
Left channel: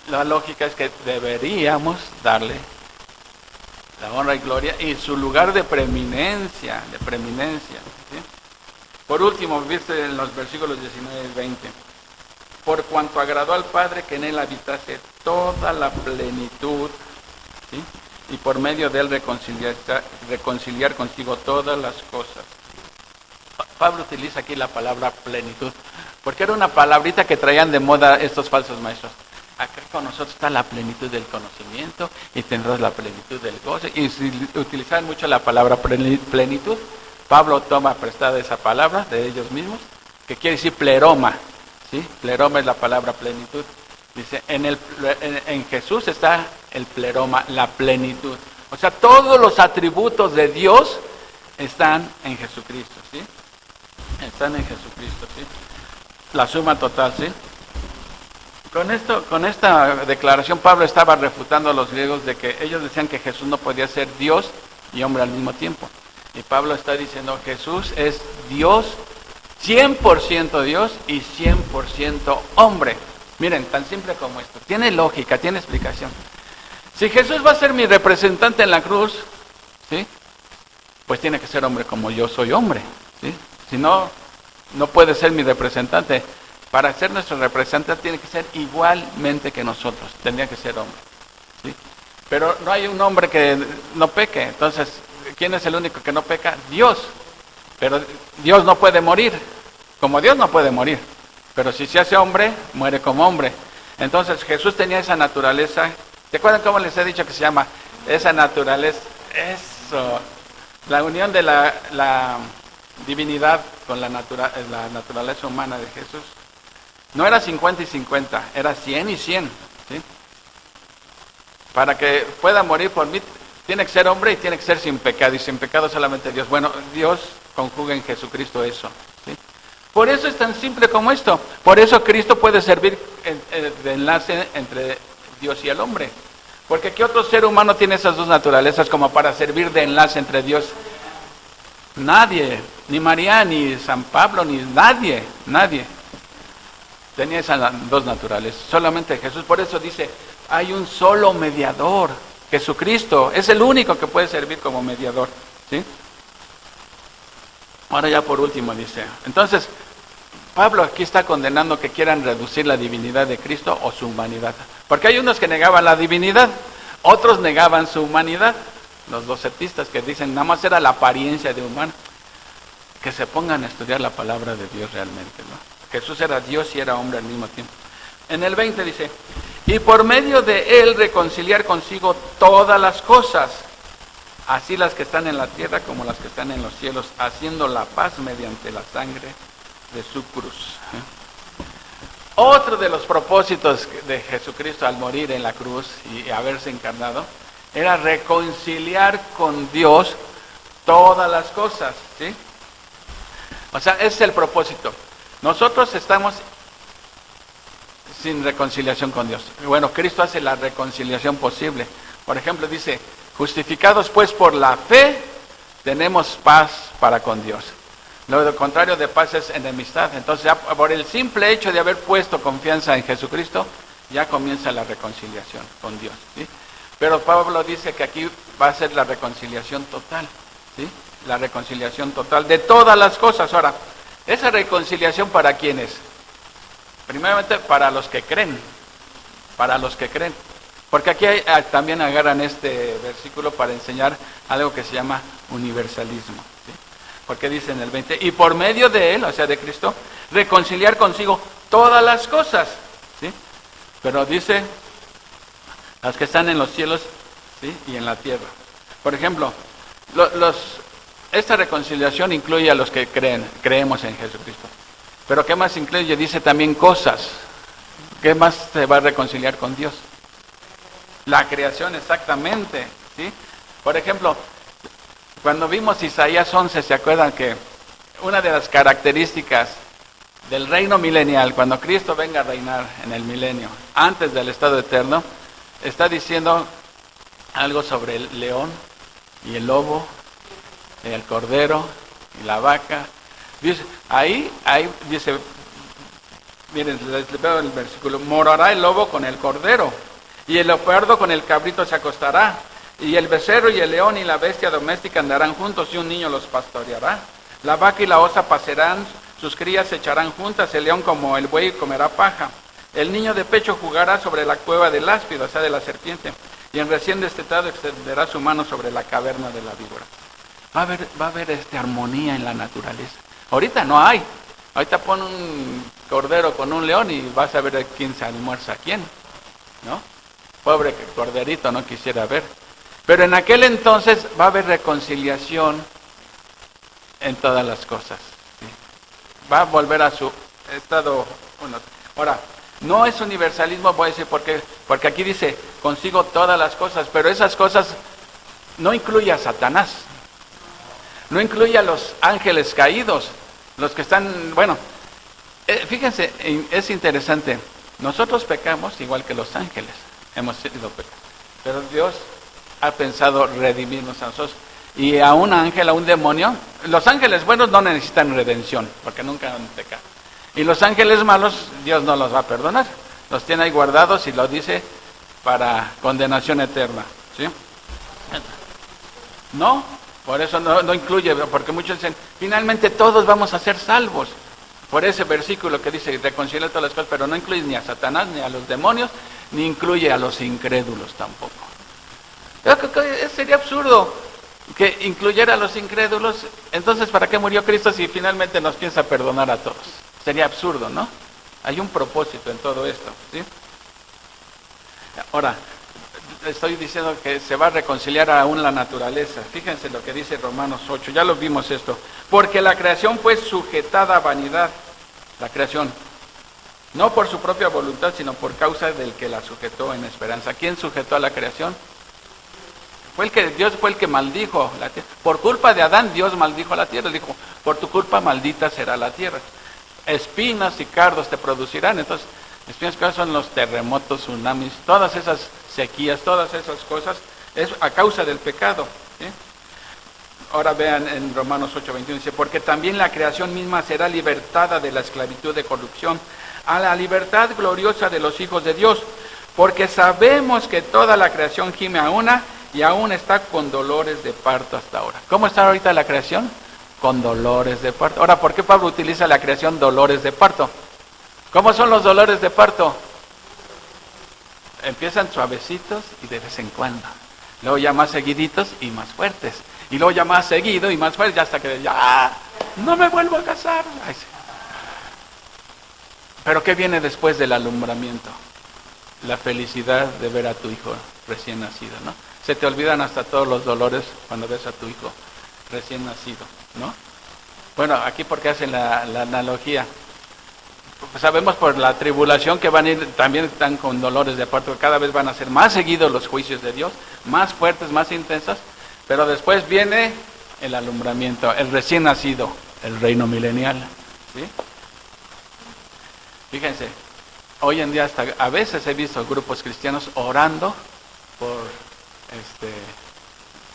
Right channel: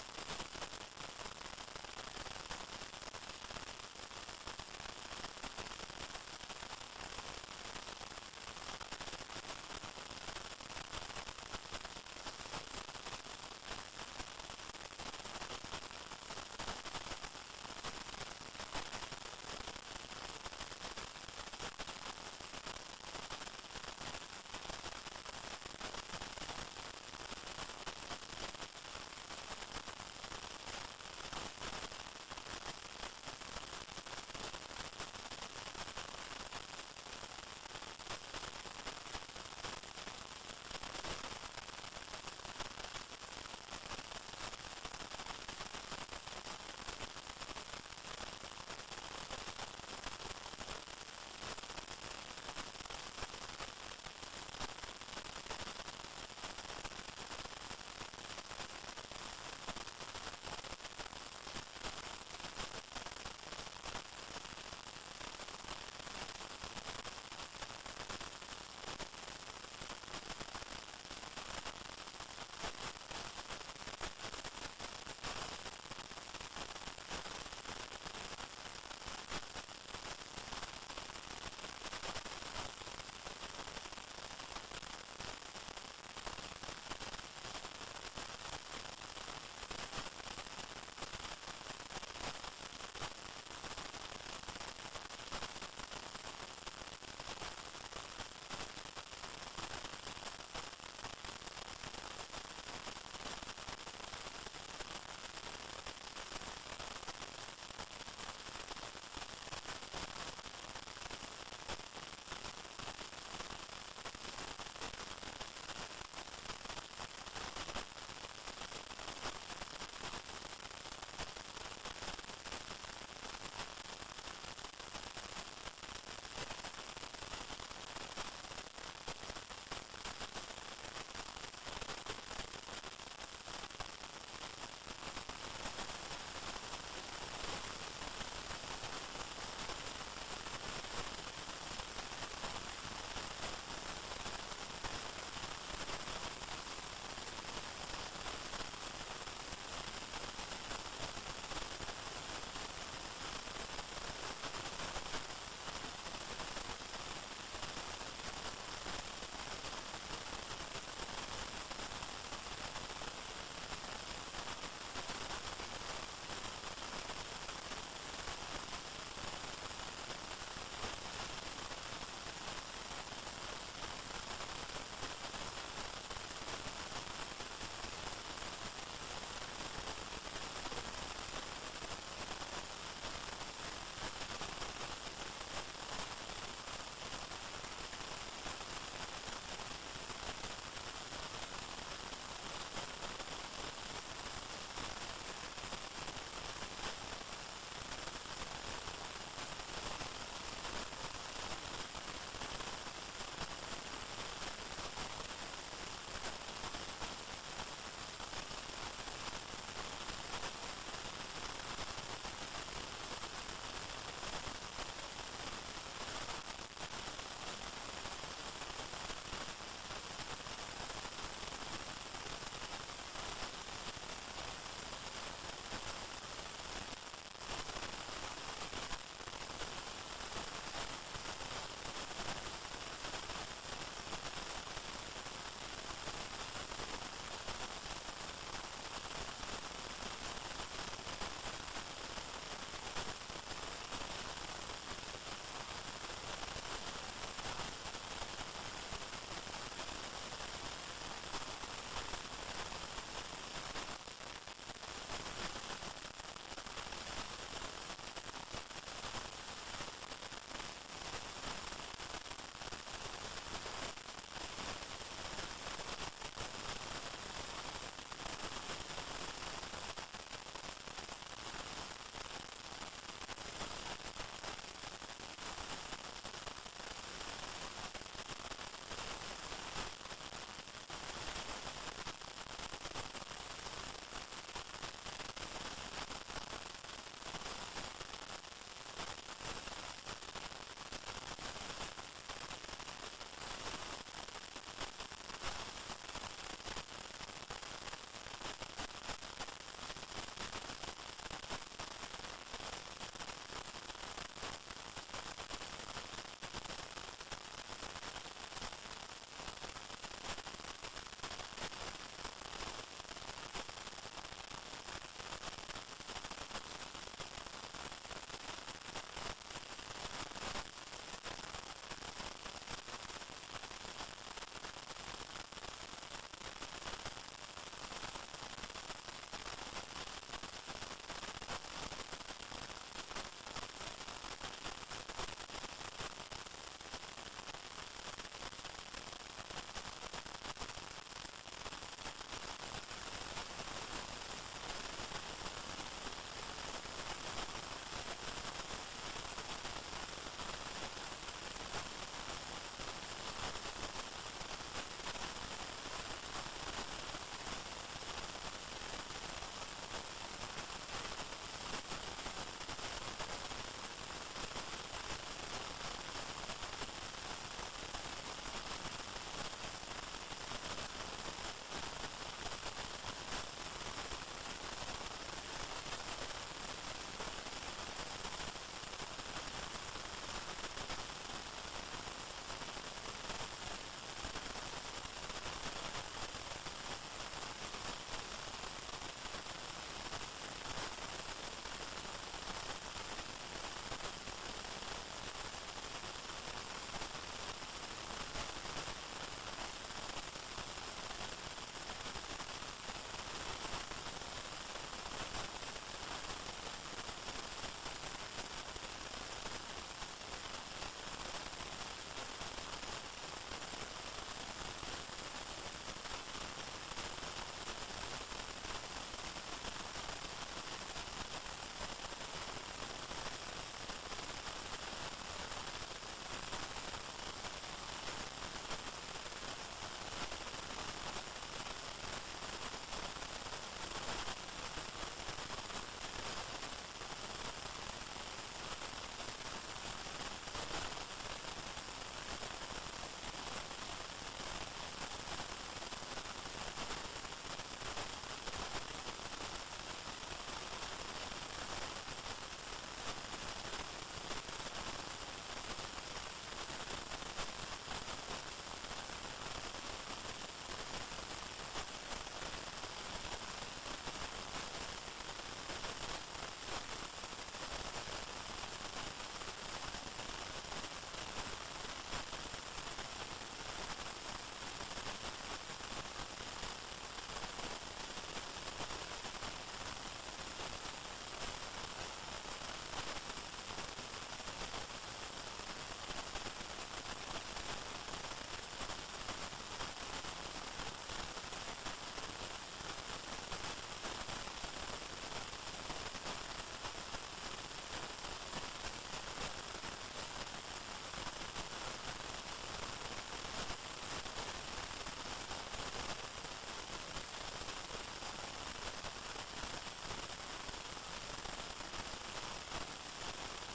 la lógica es que deberíamos darle la honra y gloria y su lugar de preeminencia, ¿sí? Por último, viste en los versículos 19 y 20. Por cuanto agradó al Padre que en él habitase toda la plenitud, ¿sí? Y por medio de él reconciliar consigo todas las cosas. Pablo utiliza aquí la palabra plenitud, porque era una palabrita que traían de moda estos falsos maestros. Acá con nosotros está la plenitud del conocimiento y tendrás la plenitud del gozo. Y si utilizaban mucho la palabra plenitud, Pablo toma prestada esa palabra de ellos mismos, que quiere decir pleroma, ¿sí? Pleroma es la palabra plenitud. Dice, en Jesús está el pleroma, la plenitud. O sea, todos los atributos de Dios están en Jesucristo, ¿sí? Están en Jesucristo, ¿sí? La suma total, ¿sí? Con esta declaración Pablo estaba refutando a los griegos de que ellos decían que Jesús no podía ser Dios y hombre al mismo tiempo. Y Pablo está diciendo, Jesús es Dios, 100% Dios y 100% hombre. Miren, tan simple como esto. Tiene lógica, tiene explicación. Si Jesús va a ser mi representante en la cruz, ¿sí? Pues tiene que ser hombre como yo soy hombre, ¿sí? Si no, no puede ser mi representante. Para ser nuestro representante tiene que ser igualmente que nosotros, tendría que ser hombre, ¿sí? Pero no hay un hombre que no peque, entonces, ¿quién es el único que no peca? Dios. Pero Dios no puede morir, como Dios no puede morir, pero si se hace hombre, muere como hombre. Entonces Jesús tenía esa naturaleza. ¿Se acuerdan cómo les he dicho que se llama? Esa naturaleza, eso, la unión de la divinidad con la naturaleza humana de Jesús. No era 50 y 50, era 100 y 100, ¿sí? Para que pueda morir por mí, tiene que ser hombre y tiene que ser sin pecado, y sin pecado solamente Dios. Bueno, Dios conjuga en Jesucristo eso, ¿sí? Por eso es tan simple como esto. Por eso Cristo puede servir de enlace entre Dios y el hombre. Porque ¿qué otro ser humano tiene esas dos naturalezas como para servir de enlace entre Dios? Nadie, ni María, ni San Pablo, ni nadie. Tenía esas dos naturalezas, solamente Jesús. Por eso dice, hay un solo mediador, Jesucristo. Es el único que puede servir como mediador, ¿sí? Ahora ya por último dice, entonces, Pablo aquí está condenando que quieran reducir la divinidad de Cristo o su humanidad. Porque hay unos que negaban la divinidad. Otros negaban su humanidad, los docetistas que dicen nada más era la apariencia de humano. Que se pongan a estudiar la palabra de Dios realmente, ¿no? Jesús era Dios y era hombre al mismo tiempo. En el 20 dice, y por medio de él reconciliar consigo todas las cosas, así las que están en la tierra como las que están en los cielos, haciendo la paz mediante la sangre de su cruz. Otro de los propósitos de Jesucristo al morir en la cruz y haberse encarnado, era reconciliar con Dios todas las cosas, ¿sí? O sea, ese es el propósito. Nosotros estamos sin reconciliación con Dios. Bueno, Cristo hace la reconciliación posible. Por ejemplo, dice, justificados pues por la fe, tenemos paz para con Dios. Lo contrario de paz es enemistad. Entonces, ya por el simple hecho de haber puesto confianza en Jesucristo, ya comienza la reconciliación con Dios, ¿sí? Pero Pablo dice que aquí va a ser la reconciliación total, ¿sí? La reconciliación total de todas las cosas. Ahora, ¿esa reconciliación para quién es? Primeramente para los que creen, porque aquí también agarran este versículo para enseñar algo que se llama universalismo, ¿sí? Porque dice en el 20, y por medio de él, o sea de Cristo, reconciliar consigo todas las cosas, ¿sí? Pero dice, las que están en los cielos, ¿sí? Y en la tierra. Por ejemplo, esta reconciliación incluye a los que creemos en Jesucristo. Pero ¿qué más incluye? Dice también cosas. ¿Qué más se va a reconciliar con Dios? La creación, exactamente, ¿sí? Por ejemplo, cuando vimos Isaías 11, ¿se acuerdan que una de las características del reino milenial, cuando Cristo venga a reinar en el milenio, antes del estado eterno, está diciendo algo sobre el león y el lobo, el cordero y la vaca? Dice, ahí dice, miren, les veo el versículo, morará el lobo con el cordero, y el leopardo con el cabrito se acostará, y el becerro y el león y la bestia doméstica andarán juntos, y un niño los pastoreará. La vaca y la osa pasarán, sus crías se echarán juntas, el león como el buey comerá paja. El niño de pecho jugará sobre la cueva del áspido, o sea, de la serpiente, y en recién destetado extenderá su mano sobre la caverna de la víbora. Va a haber armonía en la naturaleza. Ahorita no hay. Ahorita pon un cordero con un león y vas a ver quién se almuerza a quién, ¿no? Pobre corderito, no quisiera ver. Pero en aquel entonces va a haber reconciliación en todas las cosas, ¿sí? Va a volver a su estado uno. Ahora, no es universalismo, voy a decir por qué. Porque aquí dice, consigo todas las cosas, pero esas cosas no incluye a Satanás. No incluye a los ángeles caídos, los que están, bueno, fíjense, es interesante, nosotros pecamos igual que los ángeles, hemos sido pecados, pero Dios ha pensado redimirnos a nosotros, y a un ángel, a un demonio, los ángeles buenos no necesitan redención, porque nunca han pecado, y los ángeles malos, Dios no los va a perdonar, los tiene ahí guardados y lo dice para condenación eterna, ¿sí? No. Por eso no incluye, porque muchos dicen, finalmente todos vamos a ser salvos. Por ese versículo que dice, reconciliar todas las cosas, pero no incluye ni a Satanás, ni a los demonios, ni incluye a los incrédulos tampoco. Sería absurdo que incluyera a los incrédulos. Entonces, ¿para qué murió Cristo si finalmente nos piensa perdonar a todos? Sería absurdo, ¿no? Hay un propósito en todo esto, ¿sí? Ahora, estoy diciendo que se va a reconciliar aún la naturaleza. Fíjense lo que dice Romanos 8, ya lo vimos esto. Porque la creación fue sujetada a vanidad, la creación, no por su propia voluntad, sino por causa del que la sujetó en esperanza. ¿Quién sujetó a la creación? Dios fue el que maldijo la tierra. Por culpa de Adán, Dios maldijo la tierra. Dijo, por tu culpa maldita será la tierra. Espinas y cardos te producirán. Entonces, espinas y cardos son los terremotos, tsunamis, todas esas sequías, todas esas cosas, es a causa del pecado, ¿sí? Ahora vean en Romanos 8:21, dice, porque también la creación misma será libertada de la esclavitud de corrupción a la libertad gloriosa de los hijos de Dios, porque sabemos que toda la creación gime a una y aún está con dolores de parto hasta ahora. ¿Cómo está ahorita la creación? Con dolores de parto. Ahora, ¿por qué Pablo utiliza la creación dolores de parto? ¿Cómo son los dolores de parto? empiezan suavecitos y de vez en cuando. Luego ya más seguiditos y más fuertes. Y luego ya más seguido y más fuerte, ya hasta que ya no me vuelvo a casar. Ay, sí. Pero ¿qué viene después del alumbramiento? La felicidad de ver a tu hijo recién nacido, ¿no? Se te olvidan hasta todos los dolores cuando ves a tu hijo recién nacido, ¿no? Bueno, aquí porque hacen la analogía. Pues sabemos por la tribulación que van a ir, también están con dolores de parto, cada vez van a ser más seguidos los juicios de Dios, más fuertes, más intensos, pero después viene el alumbramiento, el recién nacido, el reino milenial, ¿sí? Fíjense, hoy en día hasta a veces he visto grupos cristianos orando por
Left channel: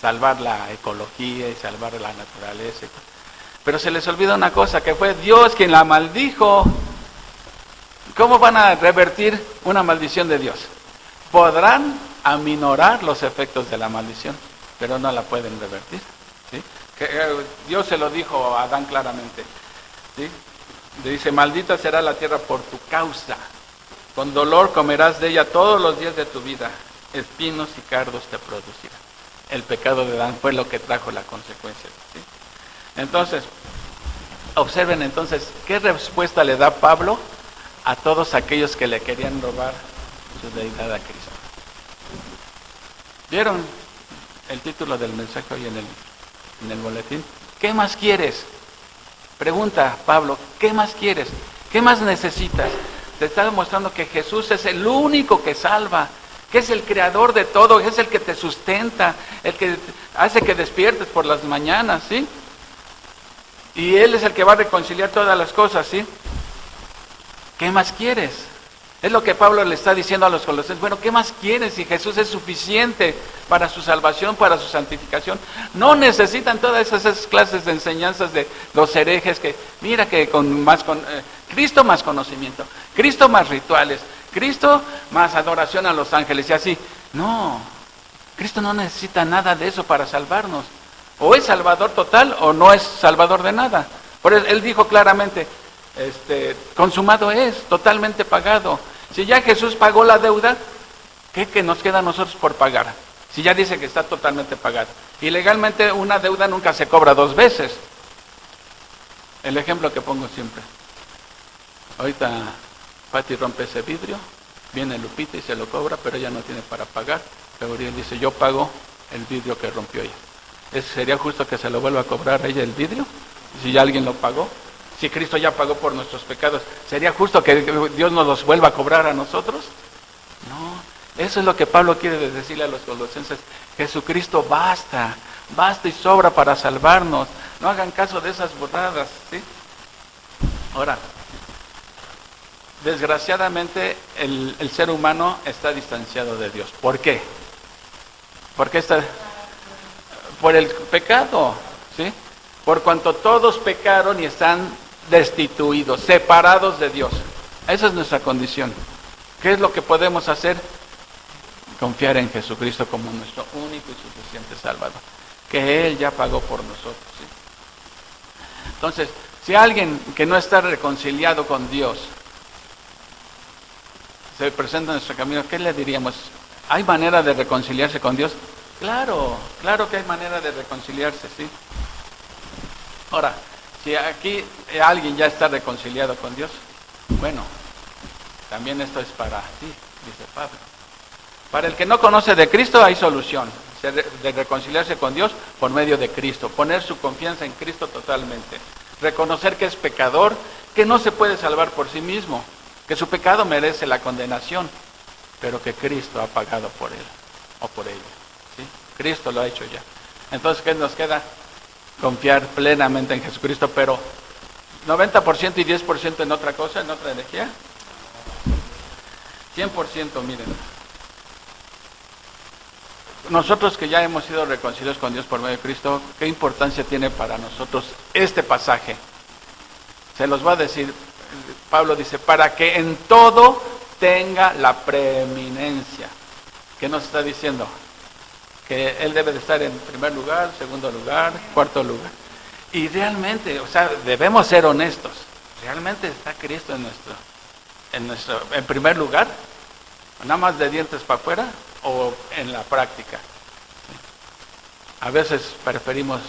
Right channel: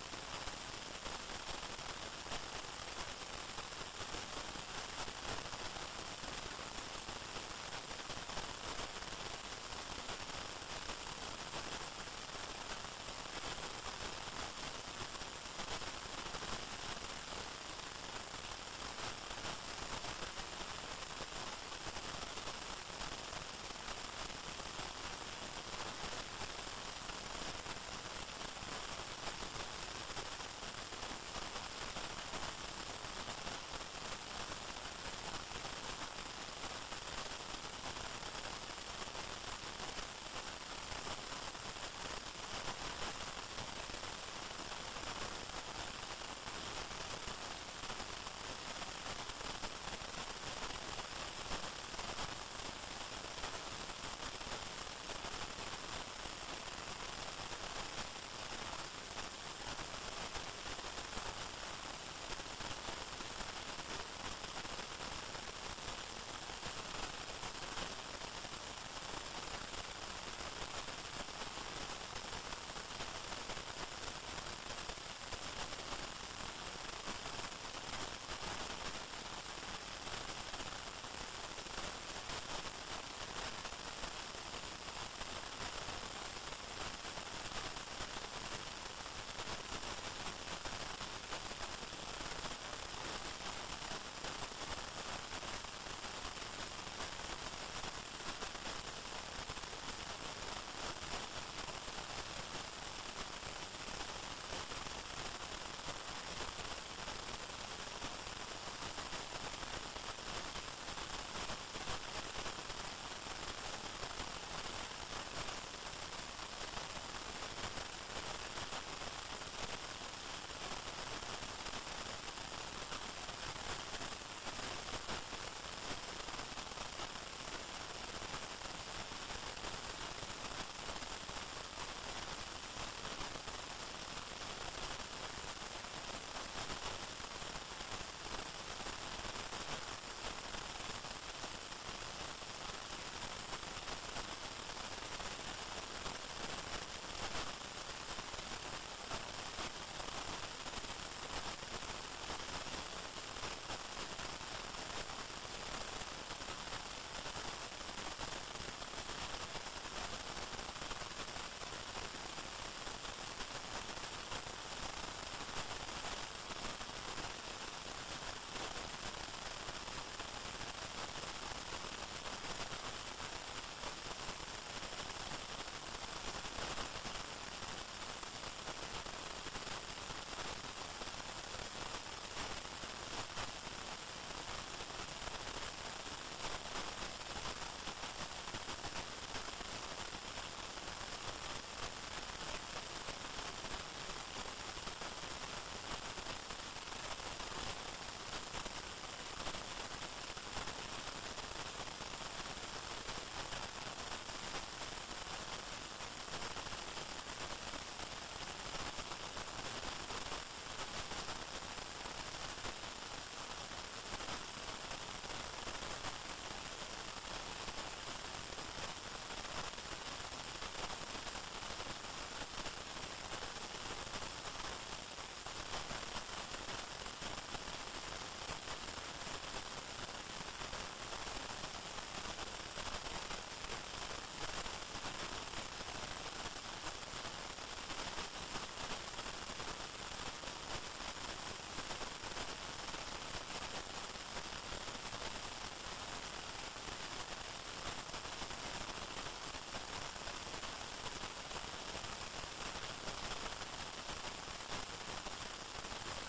salvar la ecología y salvar la naturaleza, pero se les olvida una cosa, que fue Dios quien la maldijo. ¿Cómo van a revertir una maldición de Dios? Podrán aminorar los efectos de la maldición, pero no la pueden revertir, ¿sí? Dios se lo dijo a Adán claramente, ¿sí? Le dice, maldita será la tierra por tu causa, con dolor comerás de ella todos los días de tu vida, espinos y cardos te producirán. El pecado de Adán fue lo que trajo la consecuencia, ¿sí? Entonces, observen entonces, ¿qué respuesta le da Pablo a todos aquellos que le querían robar su deidad a Cristo? ¿Vieron el título del mensaje hoy en el boletín? ¿Qué más quieres? Pregunta Pablo, ¿qué más quieres? ¿Qué más necesitas? Te está demostrando que Jesús es el único que salva, que es el creador de todo, es el que te sustenta, el que hace que despiertes por las mañanas, ¿sí? Y Él es el que va a reconciliar todas las cosas, ¿sí? ¿Qué más quieres? Es lo que Pablo le está diciendo a los colosenses. Bueno, ¿qué más quieres si Jesús es suficiente para su salvación, para su santificación? No necesitan todas esas clases de enseñanzas de los herejes que, mira que Cristo más conocimiento, Cristo más rituales, Cristo más adoración a los ángeles y así. No, Cristo no necesita nada de eso para salvarnos. O es salvador total o no es salvador de nada. Por eso Él dijo claramente, consumado es, totalmente pagado. Si ya Jesús pagó la deuda, ¿qué nos queda a nosotros por pagar? Si ya dice que está totalmente pagado. Y legalmente una deuda nunca se cobra dos veces. El ejemplo que pongo siempre. Ahorita Pati rompe ese vidrio, viene Lupita y se lo cobra, pero ella no tiene para pagar. Gabriel dice, yo pago el vidrio que rompió ella. ¿Sería justo que se lo vuelva a cobrar a ella el vidrio? Si ya alguien lo pagó. Si Cristo ya pagó por nuestros pecados, ¿sería justo que Dios nos los vuelva a cobrar a nosotros? No, eso es lo que Pablo quiere decirle a los colosenses. Jesucristo basta y sobra para salvarnos. No hagan caso de esas burradas, ¿sí? Ahora, desgraciadamente el ser humano está distanciado de Dios. ¿Por qué? ¿Por qué está? Por el pecado, ¿sí? Por cuanto todos pecaron y están destituidos, separados de Dios. Esa es nuestra condición. ¿Qué es lo que podemos hacer? Confiar en Jesucristo como nuestro único y suficiente Salvador. Que Él ya pagó por nosotros, ¿sí? Entonces, si alguien que no está reconciliado con Dios se presenta en nuestro camino, ¿qué le diríamos? ¿Hay manera de reconciliarse con Dios? Claro que hay manera de reconciliarse, ¿sí? Ahora, si aquí alguien ya está reconciliado con Dios, bueno, también esto es para ti, dice Pablo. Para el que no conoce de Cristo hay solución, de reconciliarse con Dios por medio de Cristo, poner su confianza en Cristo totalmente, reconocer que es pecador, que no se puede salvar por sí mismo, que su pecado merece la condenación, pero que Cristo ha pagado por él o por ella, ¿sí? Cristo lo ha hecho ya. Entonces, ¿qué nos queda? Confiar plenamente en Jesucristo, pero 90% y 10% en otra cosa, en otra energía. 100%, miren. Nosotros que ya hemos sido reconciliados con Dios por medio de Cristo, ¿qué importancia tiene para nosotros este pasaje? Se los va a decir, Pablo dice, para que en todo tenga la preeminencia. ¿Qué nos está diciendo? Que Él debe de estar en primer lugar, segundo lugar, cuarto lugar. Y realmente, o sea, debemos ser honestos. ¿Realmente está Cristo en primer lugar? nada más de dientes para afuera o en la práctica. ¿Sí? A veces preferimos,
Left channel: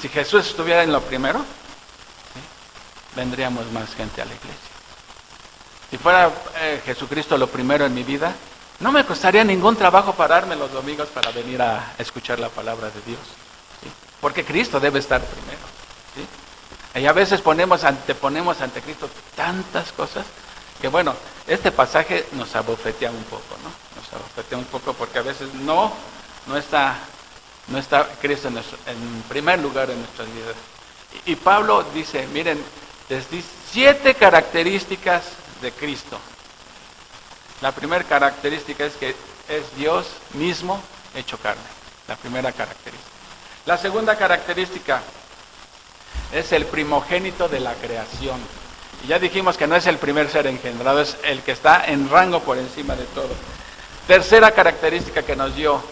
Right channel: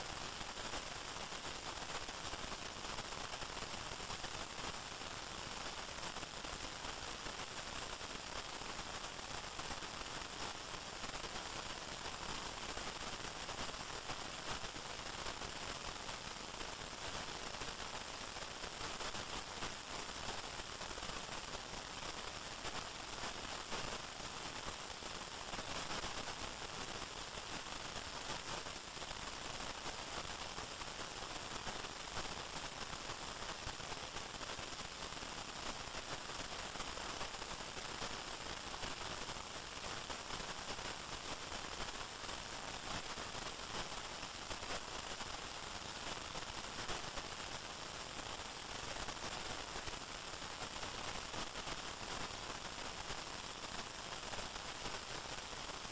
si Jesús estuviera en lo primero, ¿sí?, vendríamos más gente a la iglesia. Si fuera Jesucristo lo primero en mi vida, no me costaría ningún trabajo pararme los domingos para venir a escuchar la palabra de Dios, ¿sí? Porque Cristo debe estar primero, ¿sí? Y a veces anteponemos ante Cristo tantas cosas que, bueno, este pasaje nos abofetea un poco, ¿no? Nos abofetea un poco porque a veces no está Cristo en primer lugar en nuestras vidas. Y Pablo dice, miren, les di 7 características de Cristo. La primera característica es que es Dios mismo hecho carne. La primera característica. La segunda característica es el primogénito de la creación. Y ya dijimos que no es el primer ser engendrado, es el que está en rango por encima de todo. Tercera característica que nos dio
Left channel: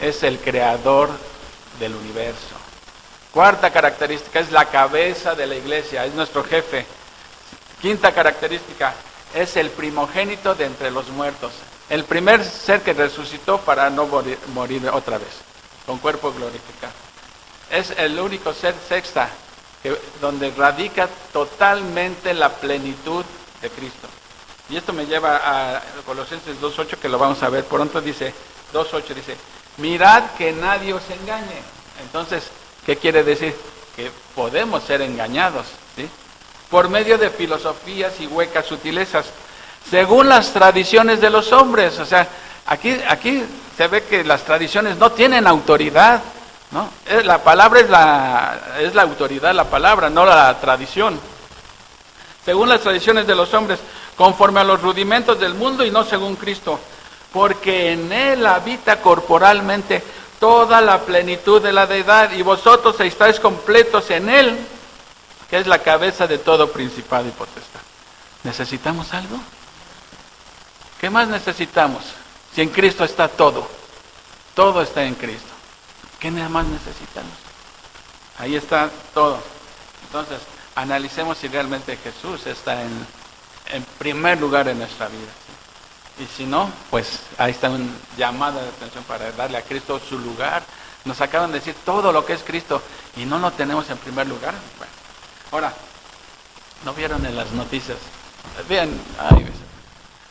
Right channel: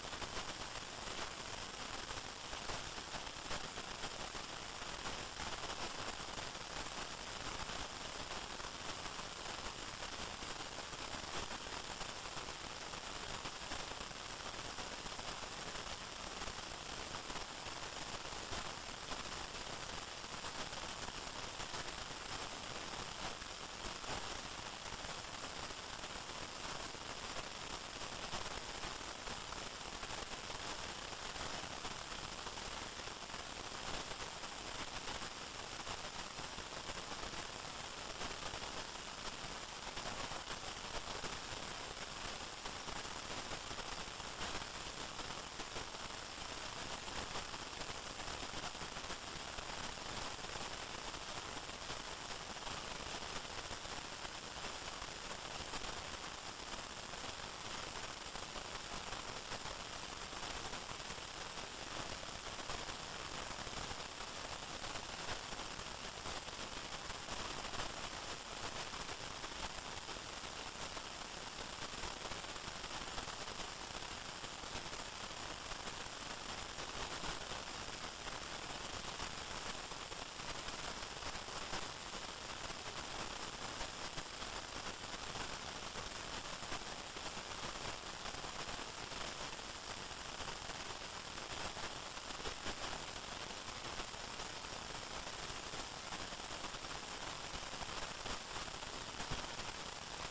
es el creador del universo. Cuarta característica es la cabeza de la iglesia, es nuestro jefe. Quinta característica es el primogénito de entre los muertos. El primer ser que resucitó para no morir otra vez, con cuerpo glorificado. Es el único ser, sexta, donde radica totalmente la plenitud de Cristo. Y esto me lleva a Colosenses 2.8, que lo vamos a ver pronto. Dice 2.8, dice, mirad que nadie os engañe. Entonces, ¿qué quiere decir? Que podemos ser engañados, ¿sí?, por medio de filosofías y huecas sutilezas, según las tradiciones de los hombres. O sea, aquí se ve que las tradiciones no tienen autoridad, ¿no? La palabra es la autoridad, la palabra, no la tradición. Según las tradiciones de los hombres, conforme a los rudimentos del mundo y no según Cristo, porque en Él habita corporalmente toda la plenitud de la deidad, y vosotros estáis completos en Él, que es la cabeza de todo principado y potestad. ¿Necesitamos algo? ¿Qué más necesitamos? Si en Cristo está todo está en Cristo. ¿Qué nada más necesitamos? Ahí está todo. Entonces, analicemos si realmente Jesús está en primer lugar en nuestra vida. Y si no, pues ahí está una llamada de atención para darle a Cristo su lugar. Nos acaban de decir todo lo que es Cristo y no lo tenemos en primer lugar. Bueno, ahora, ¿no vieron en las noticias? Bien,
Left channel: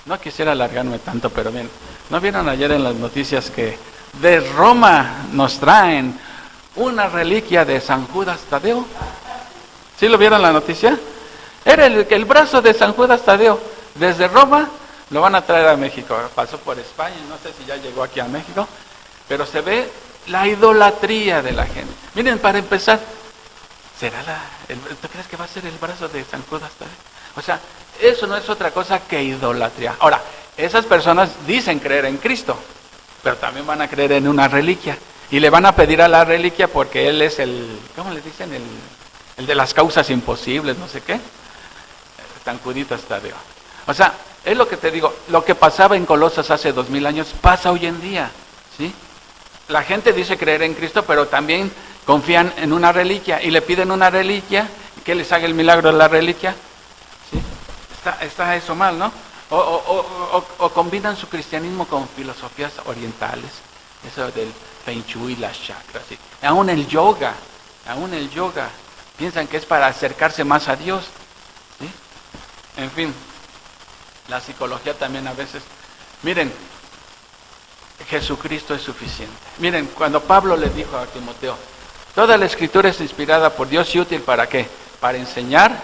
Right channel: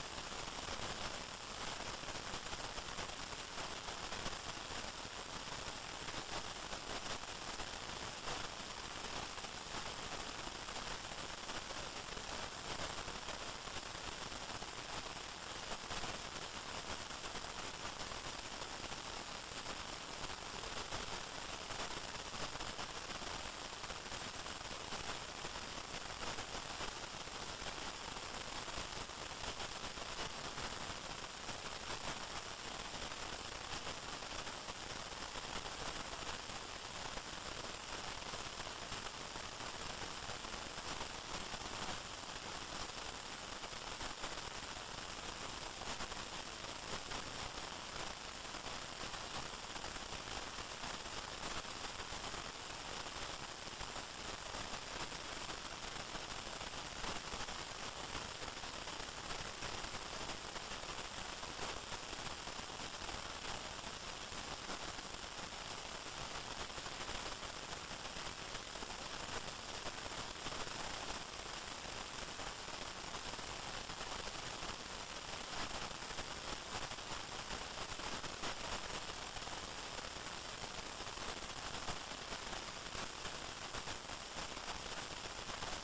no quisiera alargarme tanto, pero bien, ¿no vieron ayer en las noticias que de Roma nos traen una reliquia de San Judas Tadeo? ¿Sí lo vieron la noticia? Era el brazo de San Judas Tadeo. Desde Roma lo van a traer a México. Pasó por España, no sé si ya llegó aquí a México, pero se ve la idolatría de la gente. Miren, para empezar, ¿tú crees que va a ser el brazo de San Judas Tadeo? O sea, eso no es otra cosa que idolatría. Ahora, esas personas dicen creer en Cristo, pero también van a creer en una reliquia. Y le van a pedir a la reliquia porque Él es ¿cómo le dicen? El de las causas imposibles, no sé qué. San Judas Tadeo. O sea, es lo que te digo, lo que pasaba en Colosas hace 2000 años, pasa hoy en día, ¿sí? La gente dice creer en Cristo, pero también confían en una reliquia y le piden una reliquia y que les haga el milagro de la reliquia. ¿Sí? Está eso mal, ¿no? O combinan su cristianismo con filosofías orientales, eso del Feng Shui, las chakras, ¿sí? Aún el yoga, piensan que es para acercarse más a Dios, ¿sí? En fin, la psicología también a veces. Miren, Jesucristo es suficiente. Miren, cuando Pablo le dijo a Timoteo, toda la escritura es inspirada por Dios y útil ¿para qué? Para enseñar,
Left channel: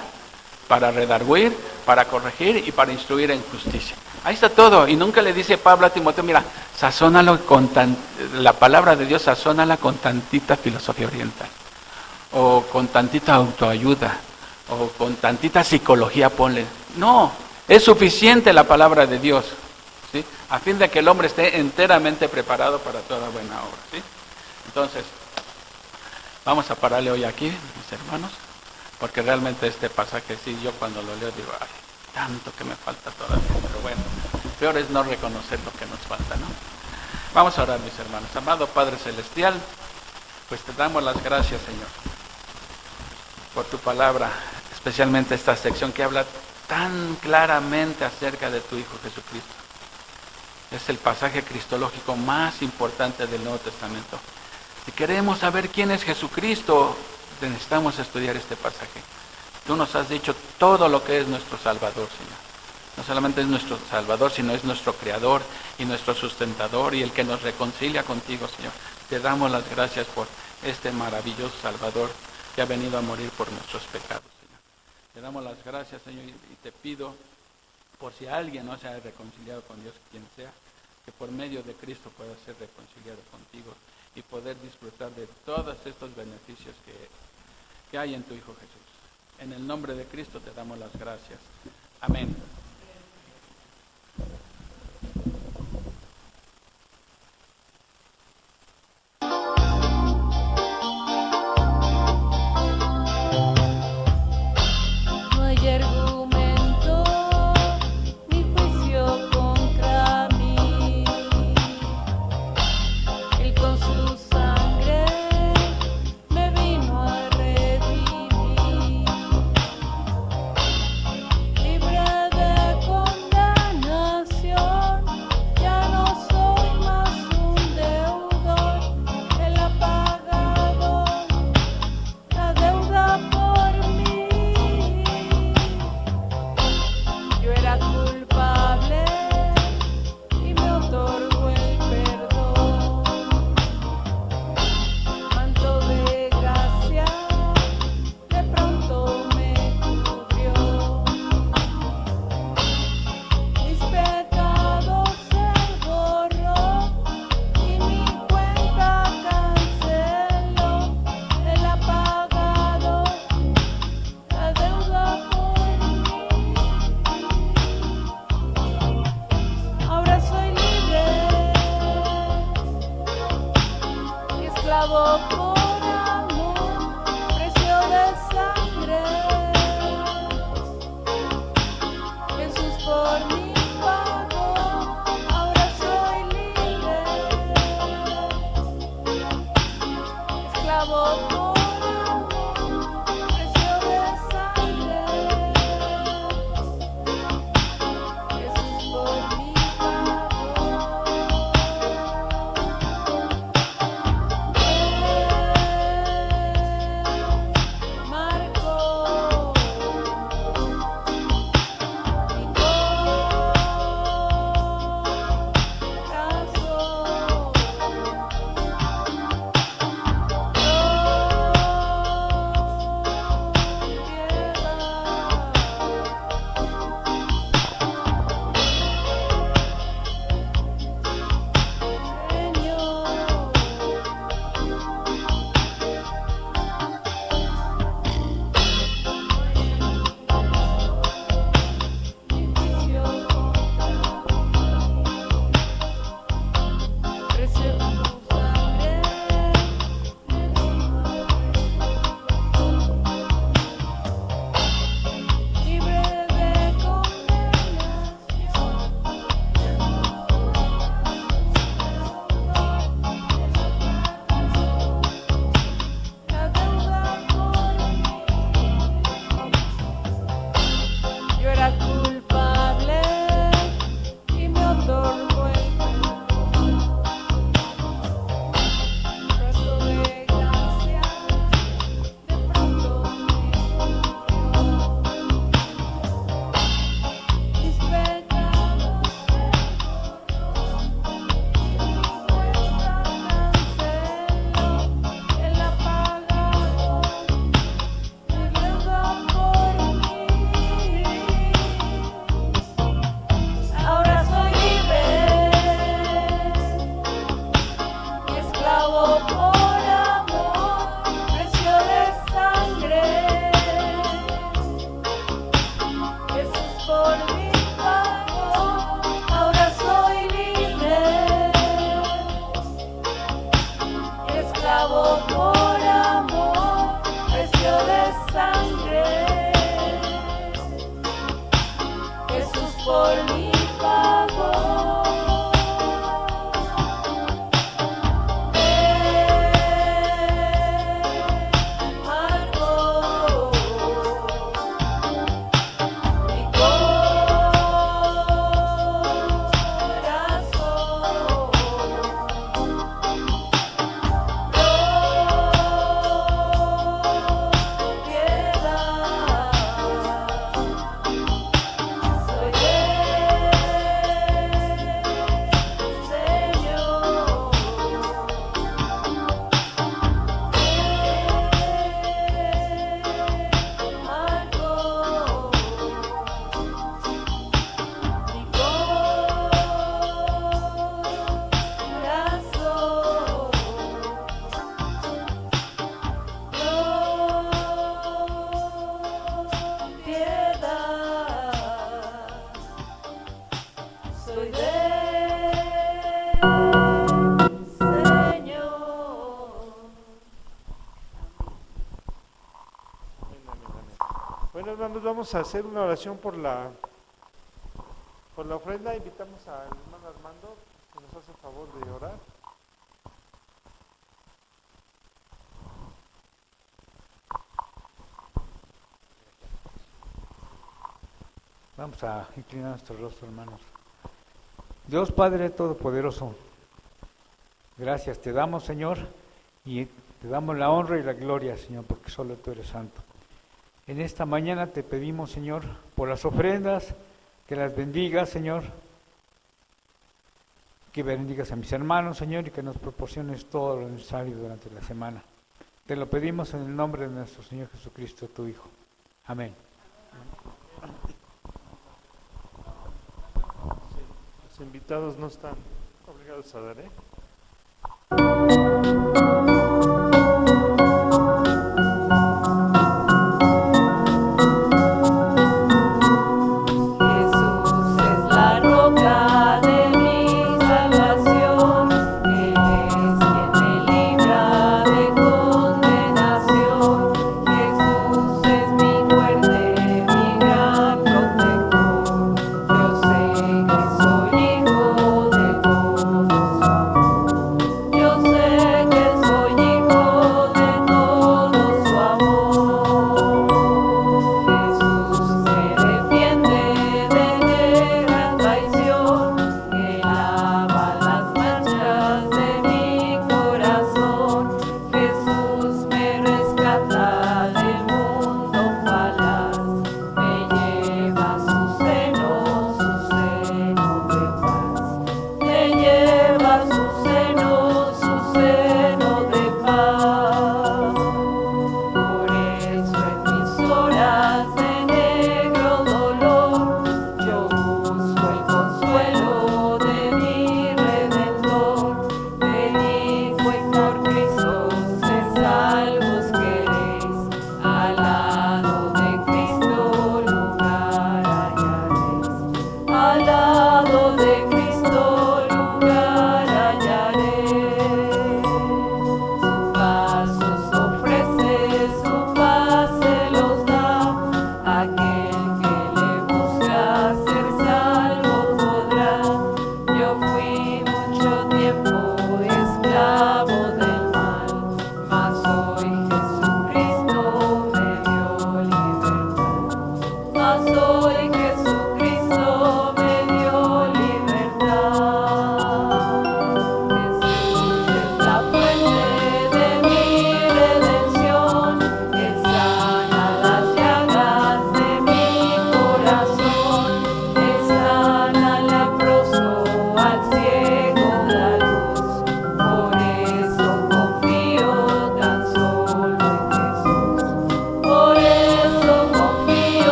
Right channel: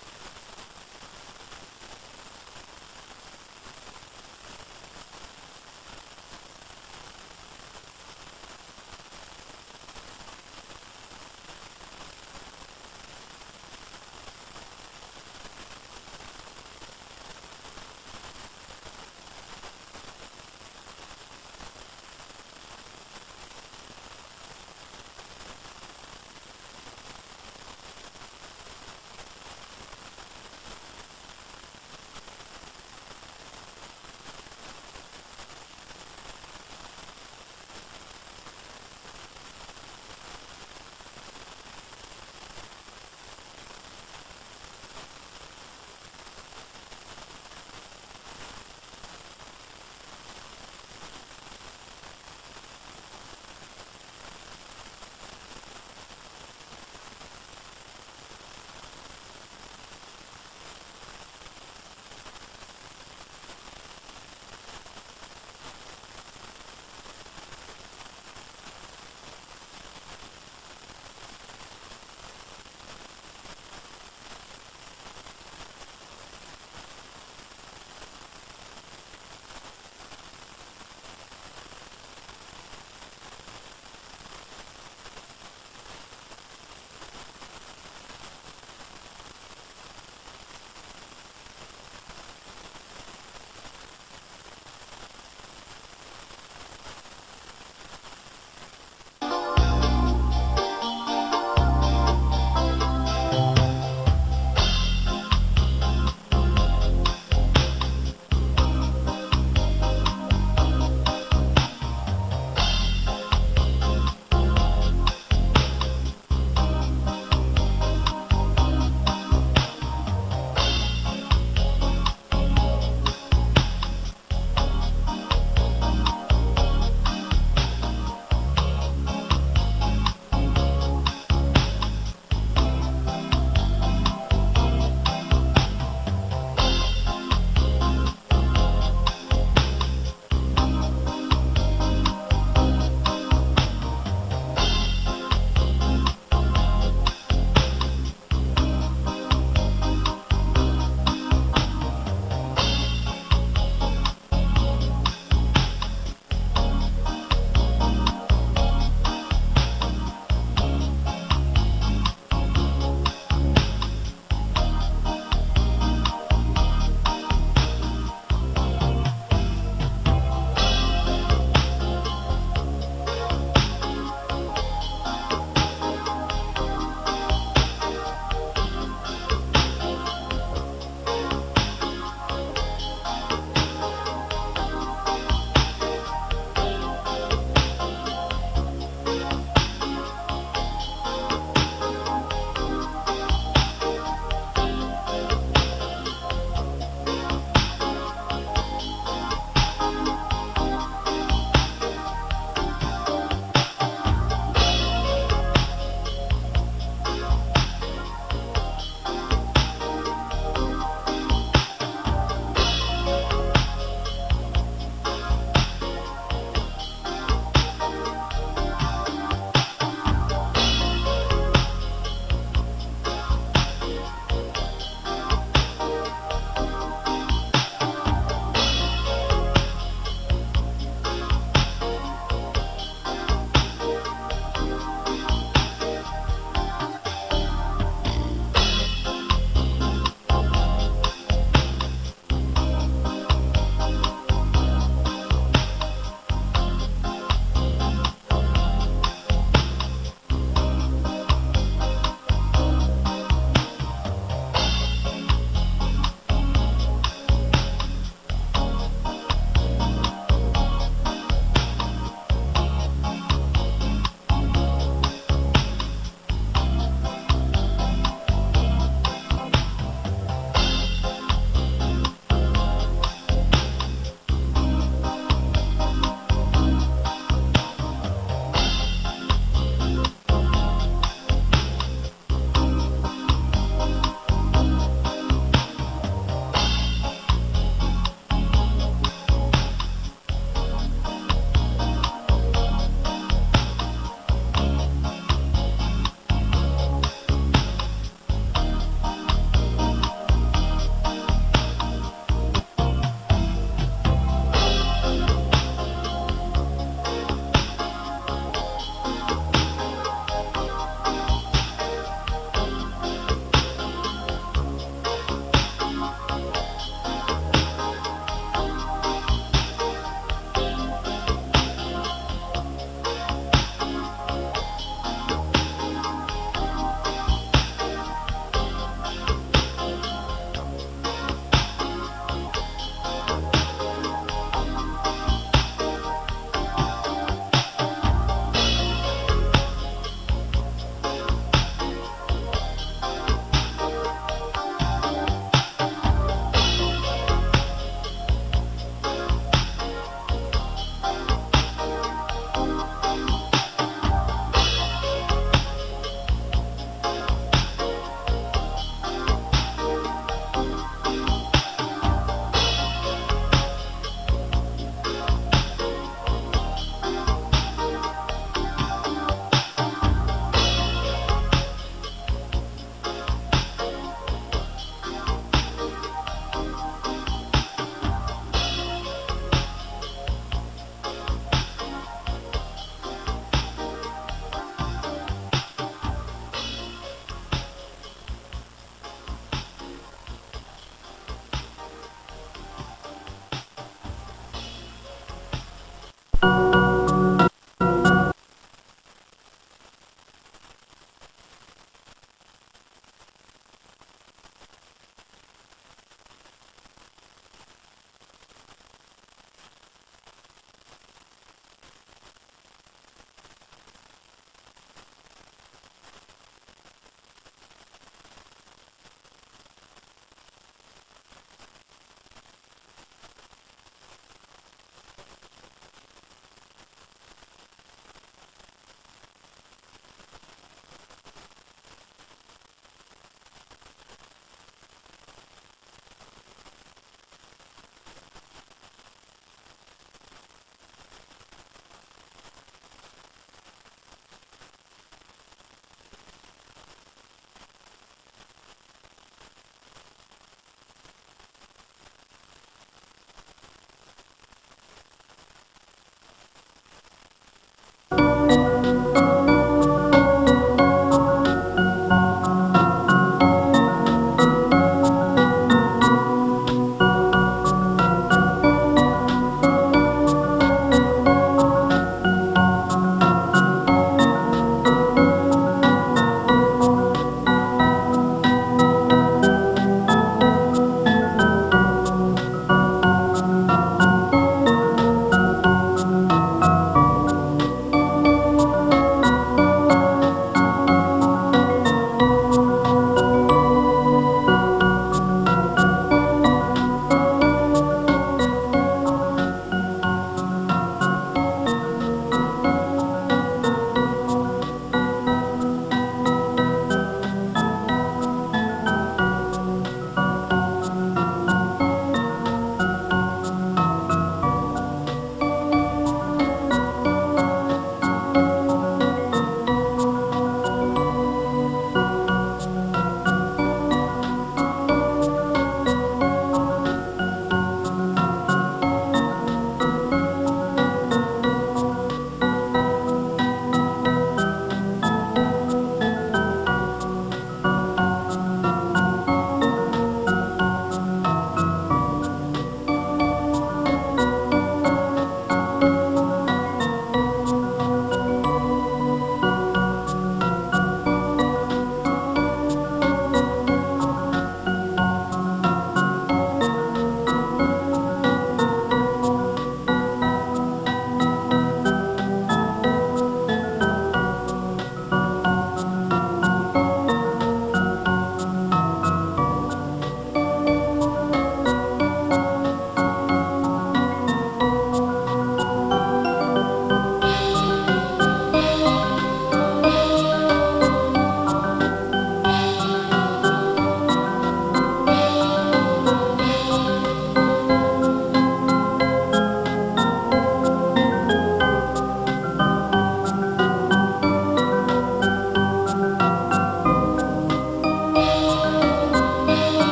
para redarguir, para corregir y para instruir en justicia. Ahí está todo. Y nunca le dice Pablo a Timoteo, mira, sazónalo la palabra de Dios, sazónala con tantita filosofía oriental, o con tantita autoayuda, o con tantita psicología, ponle. No, es suficiente la palabra de Dios, ¿sí? A fin de que el hombre esté enteramente preparado para toda buena obra, ¿sí? Entonces, vamos a pararle hoy aquí, mis hermanos, porque realmente este pasaje, sí, yo cuando lo leo digo, ay, tanto que me falta todavía, pero bueno, peor es no reconocer lo que nos falta, ¿no? Vamos a orar, mis hermanos. Amado Padre Celestial, pues te damos las gracias, Señor, por tu palabra, especialmente esta sección que habla tan claramente acerca de tu Hijo Jesucristo. Es el pasaje cristológico más importante del Nuevo Testamento. Si queremos saber quién es Jesucristo, necesitamos estudiar este pasaje. Tú nos has dicho todo lo que es nuestro Salvador, Señor. No solamente es nuestro Salvador, sino es nuestro Creador y nuestro sustentador y el que nos reconcilia contigo, Señor. Te damos las gracias por este maravilloso Salvador que ha venido a morir por nuestros pecados. Te damos las gracias, Señor, y te pido, por si alguien no se ha reconciliado con Dios, quien sea, que por medio de Cristo pueda ser reconciliado contigo y poder disfrutar de todos estos beneficios que hay en tu Hijo Jesús. En el nombre de Cristo te damos las gracias. Amén. Bueno, hermanos, vamos a hacer una oración por la ofrenda. Invitamos al hermano Armando, si nos hace el favor de orar. Vamos a inclinar nuestro rostro, hermanos. Dios Padre Todopoderoso, gracias te damos, Señor, y te damos la honra y la gloria, Señor, porque solo tú eres santo. En esta mañana te pedimos, Señor, por las ofrendas, que las bendigas, Señor, que bendigas a mis hermanos, Señor, y que nos proporciones todo lo necesario durante la semana. Te lo pedimos en el nombre de nuestro Señor Jesucristo, tu Hijo. Amén. Los invitados no están obligados a dar,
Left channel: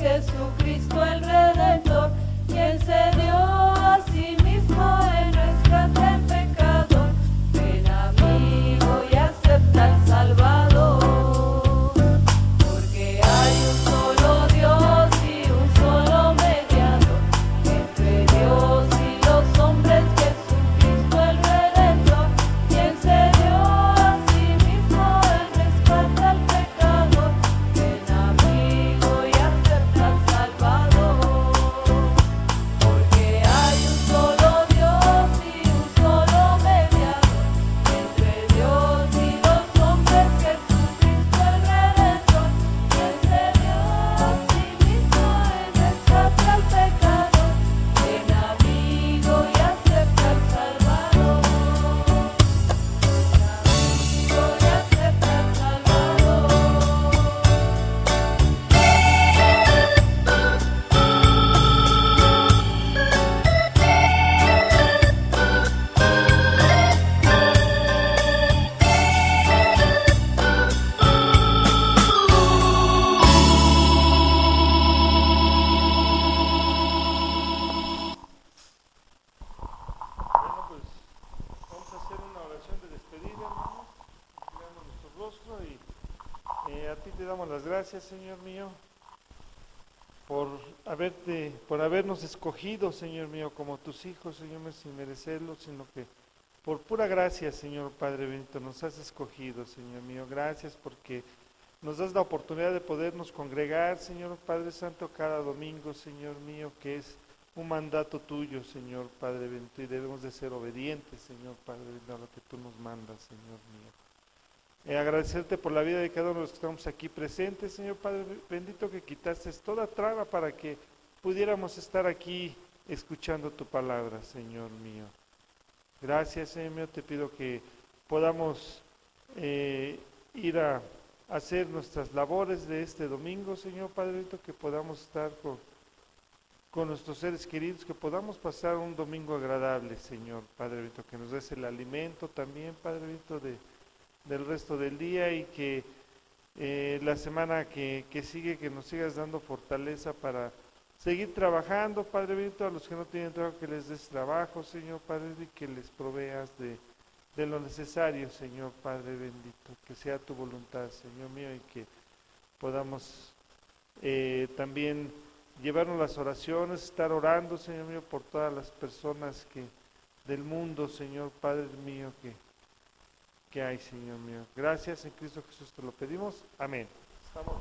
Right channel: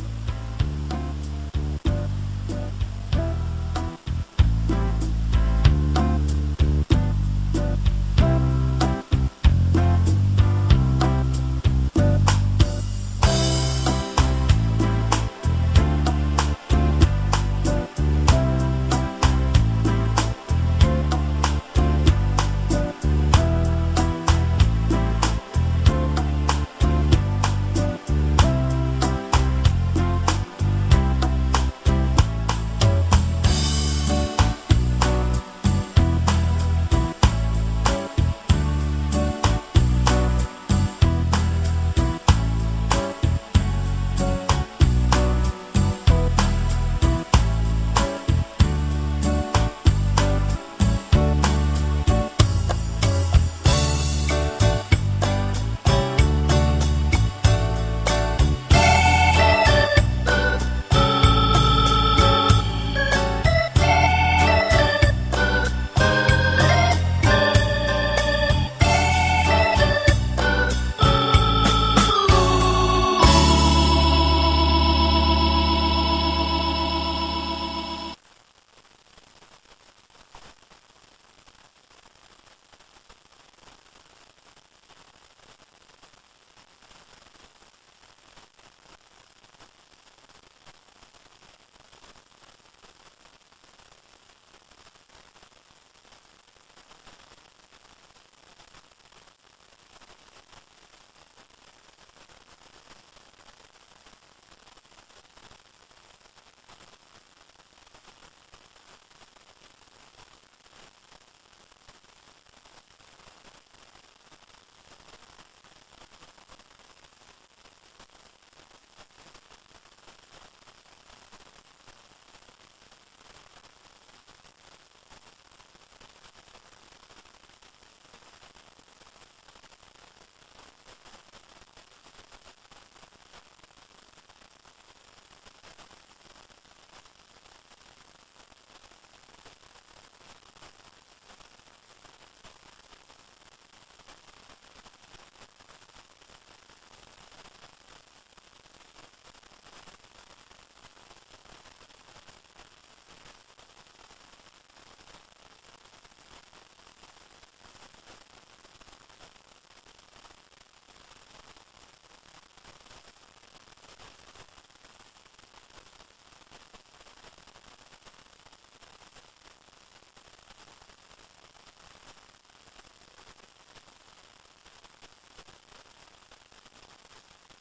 Jesucristo el Redentor, quien se dio a sí mismo. las gracias, Señor mío, por habernos escogido, Señor mío, como tus hijos, Señor mío, sin merecerlo, sino que por pura gracia, Señor Padre bendito, nos has escogido, Señor mío. Gracias porque nos das la oportunidad de podernos congregar, Señor Padre Santo, cada domingo, Señor mío, que es un mandato tuyo, Señor Padre bendito, y debemos de ser obedientes, Señor Padre bendito, a lo que tú nos mandas, Señor mío. Agradecerte por la vida de cada uno de los que estamos aquí presentes, Señor Padre bendito, que quitaste toda traba para que pudiéramos estar aquí escuchando tu palabra, Señor mío. Gracias, Señor mío, te pido que podamos ir a hacer nuestras labores de este domingo, Señor Padre bendito, que podamos estar con nuestros seres queridos, que podamos pasar un domingo agradable, Señor Padre bendito, que nos des el alimento también, Padre bendito, del resto del día, y que la semana que sigue, que nos sigas dando fortaleza para seguir trabajando, Padre bendito, a los que no tienen trabajo, que les des trabajo, Señor Padre bendito, y que les proveas de lo necesario, Señor Padre bendito, que sea tu voluntad, Señor mío, y que podamos también llevarnos las oraciones, estar orando, Señor mío, por todas las personas del mundo, Señor Padre mío, que hay, Señor mío. Gracias en Cristo Jesús te lo pedimos. Amén. Estamos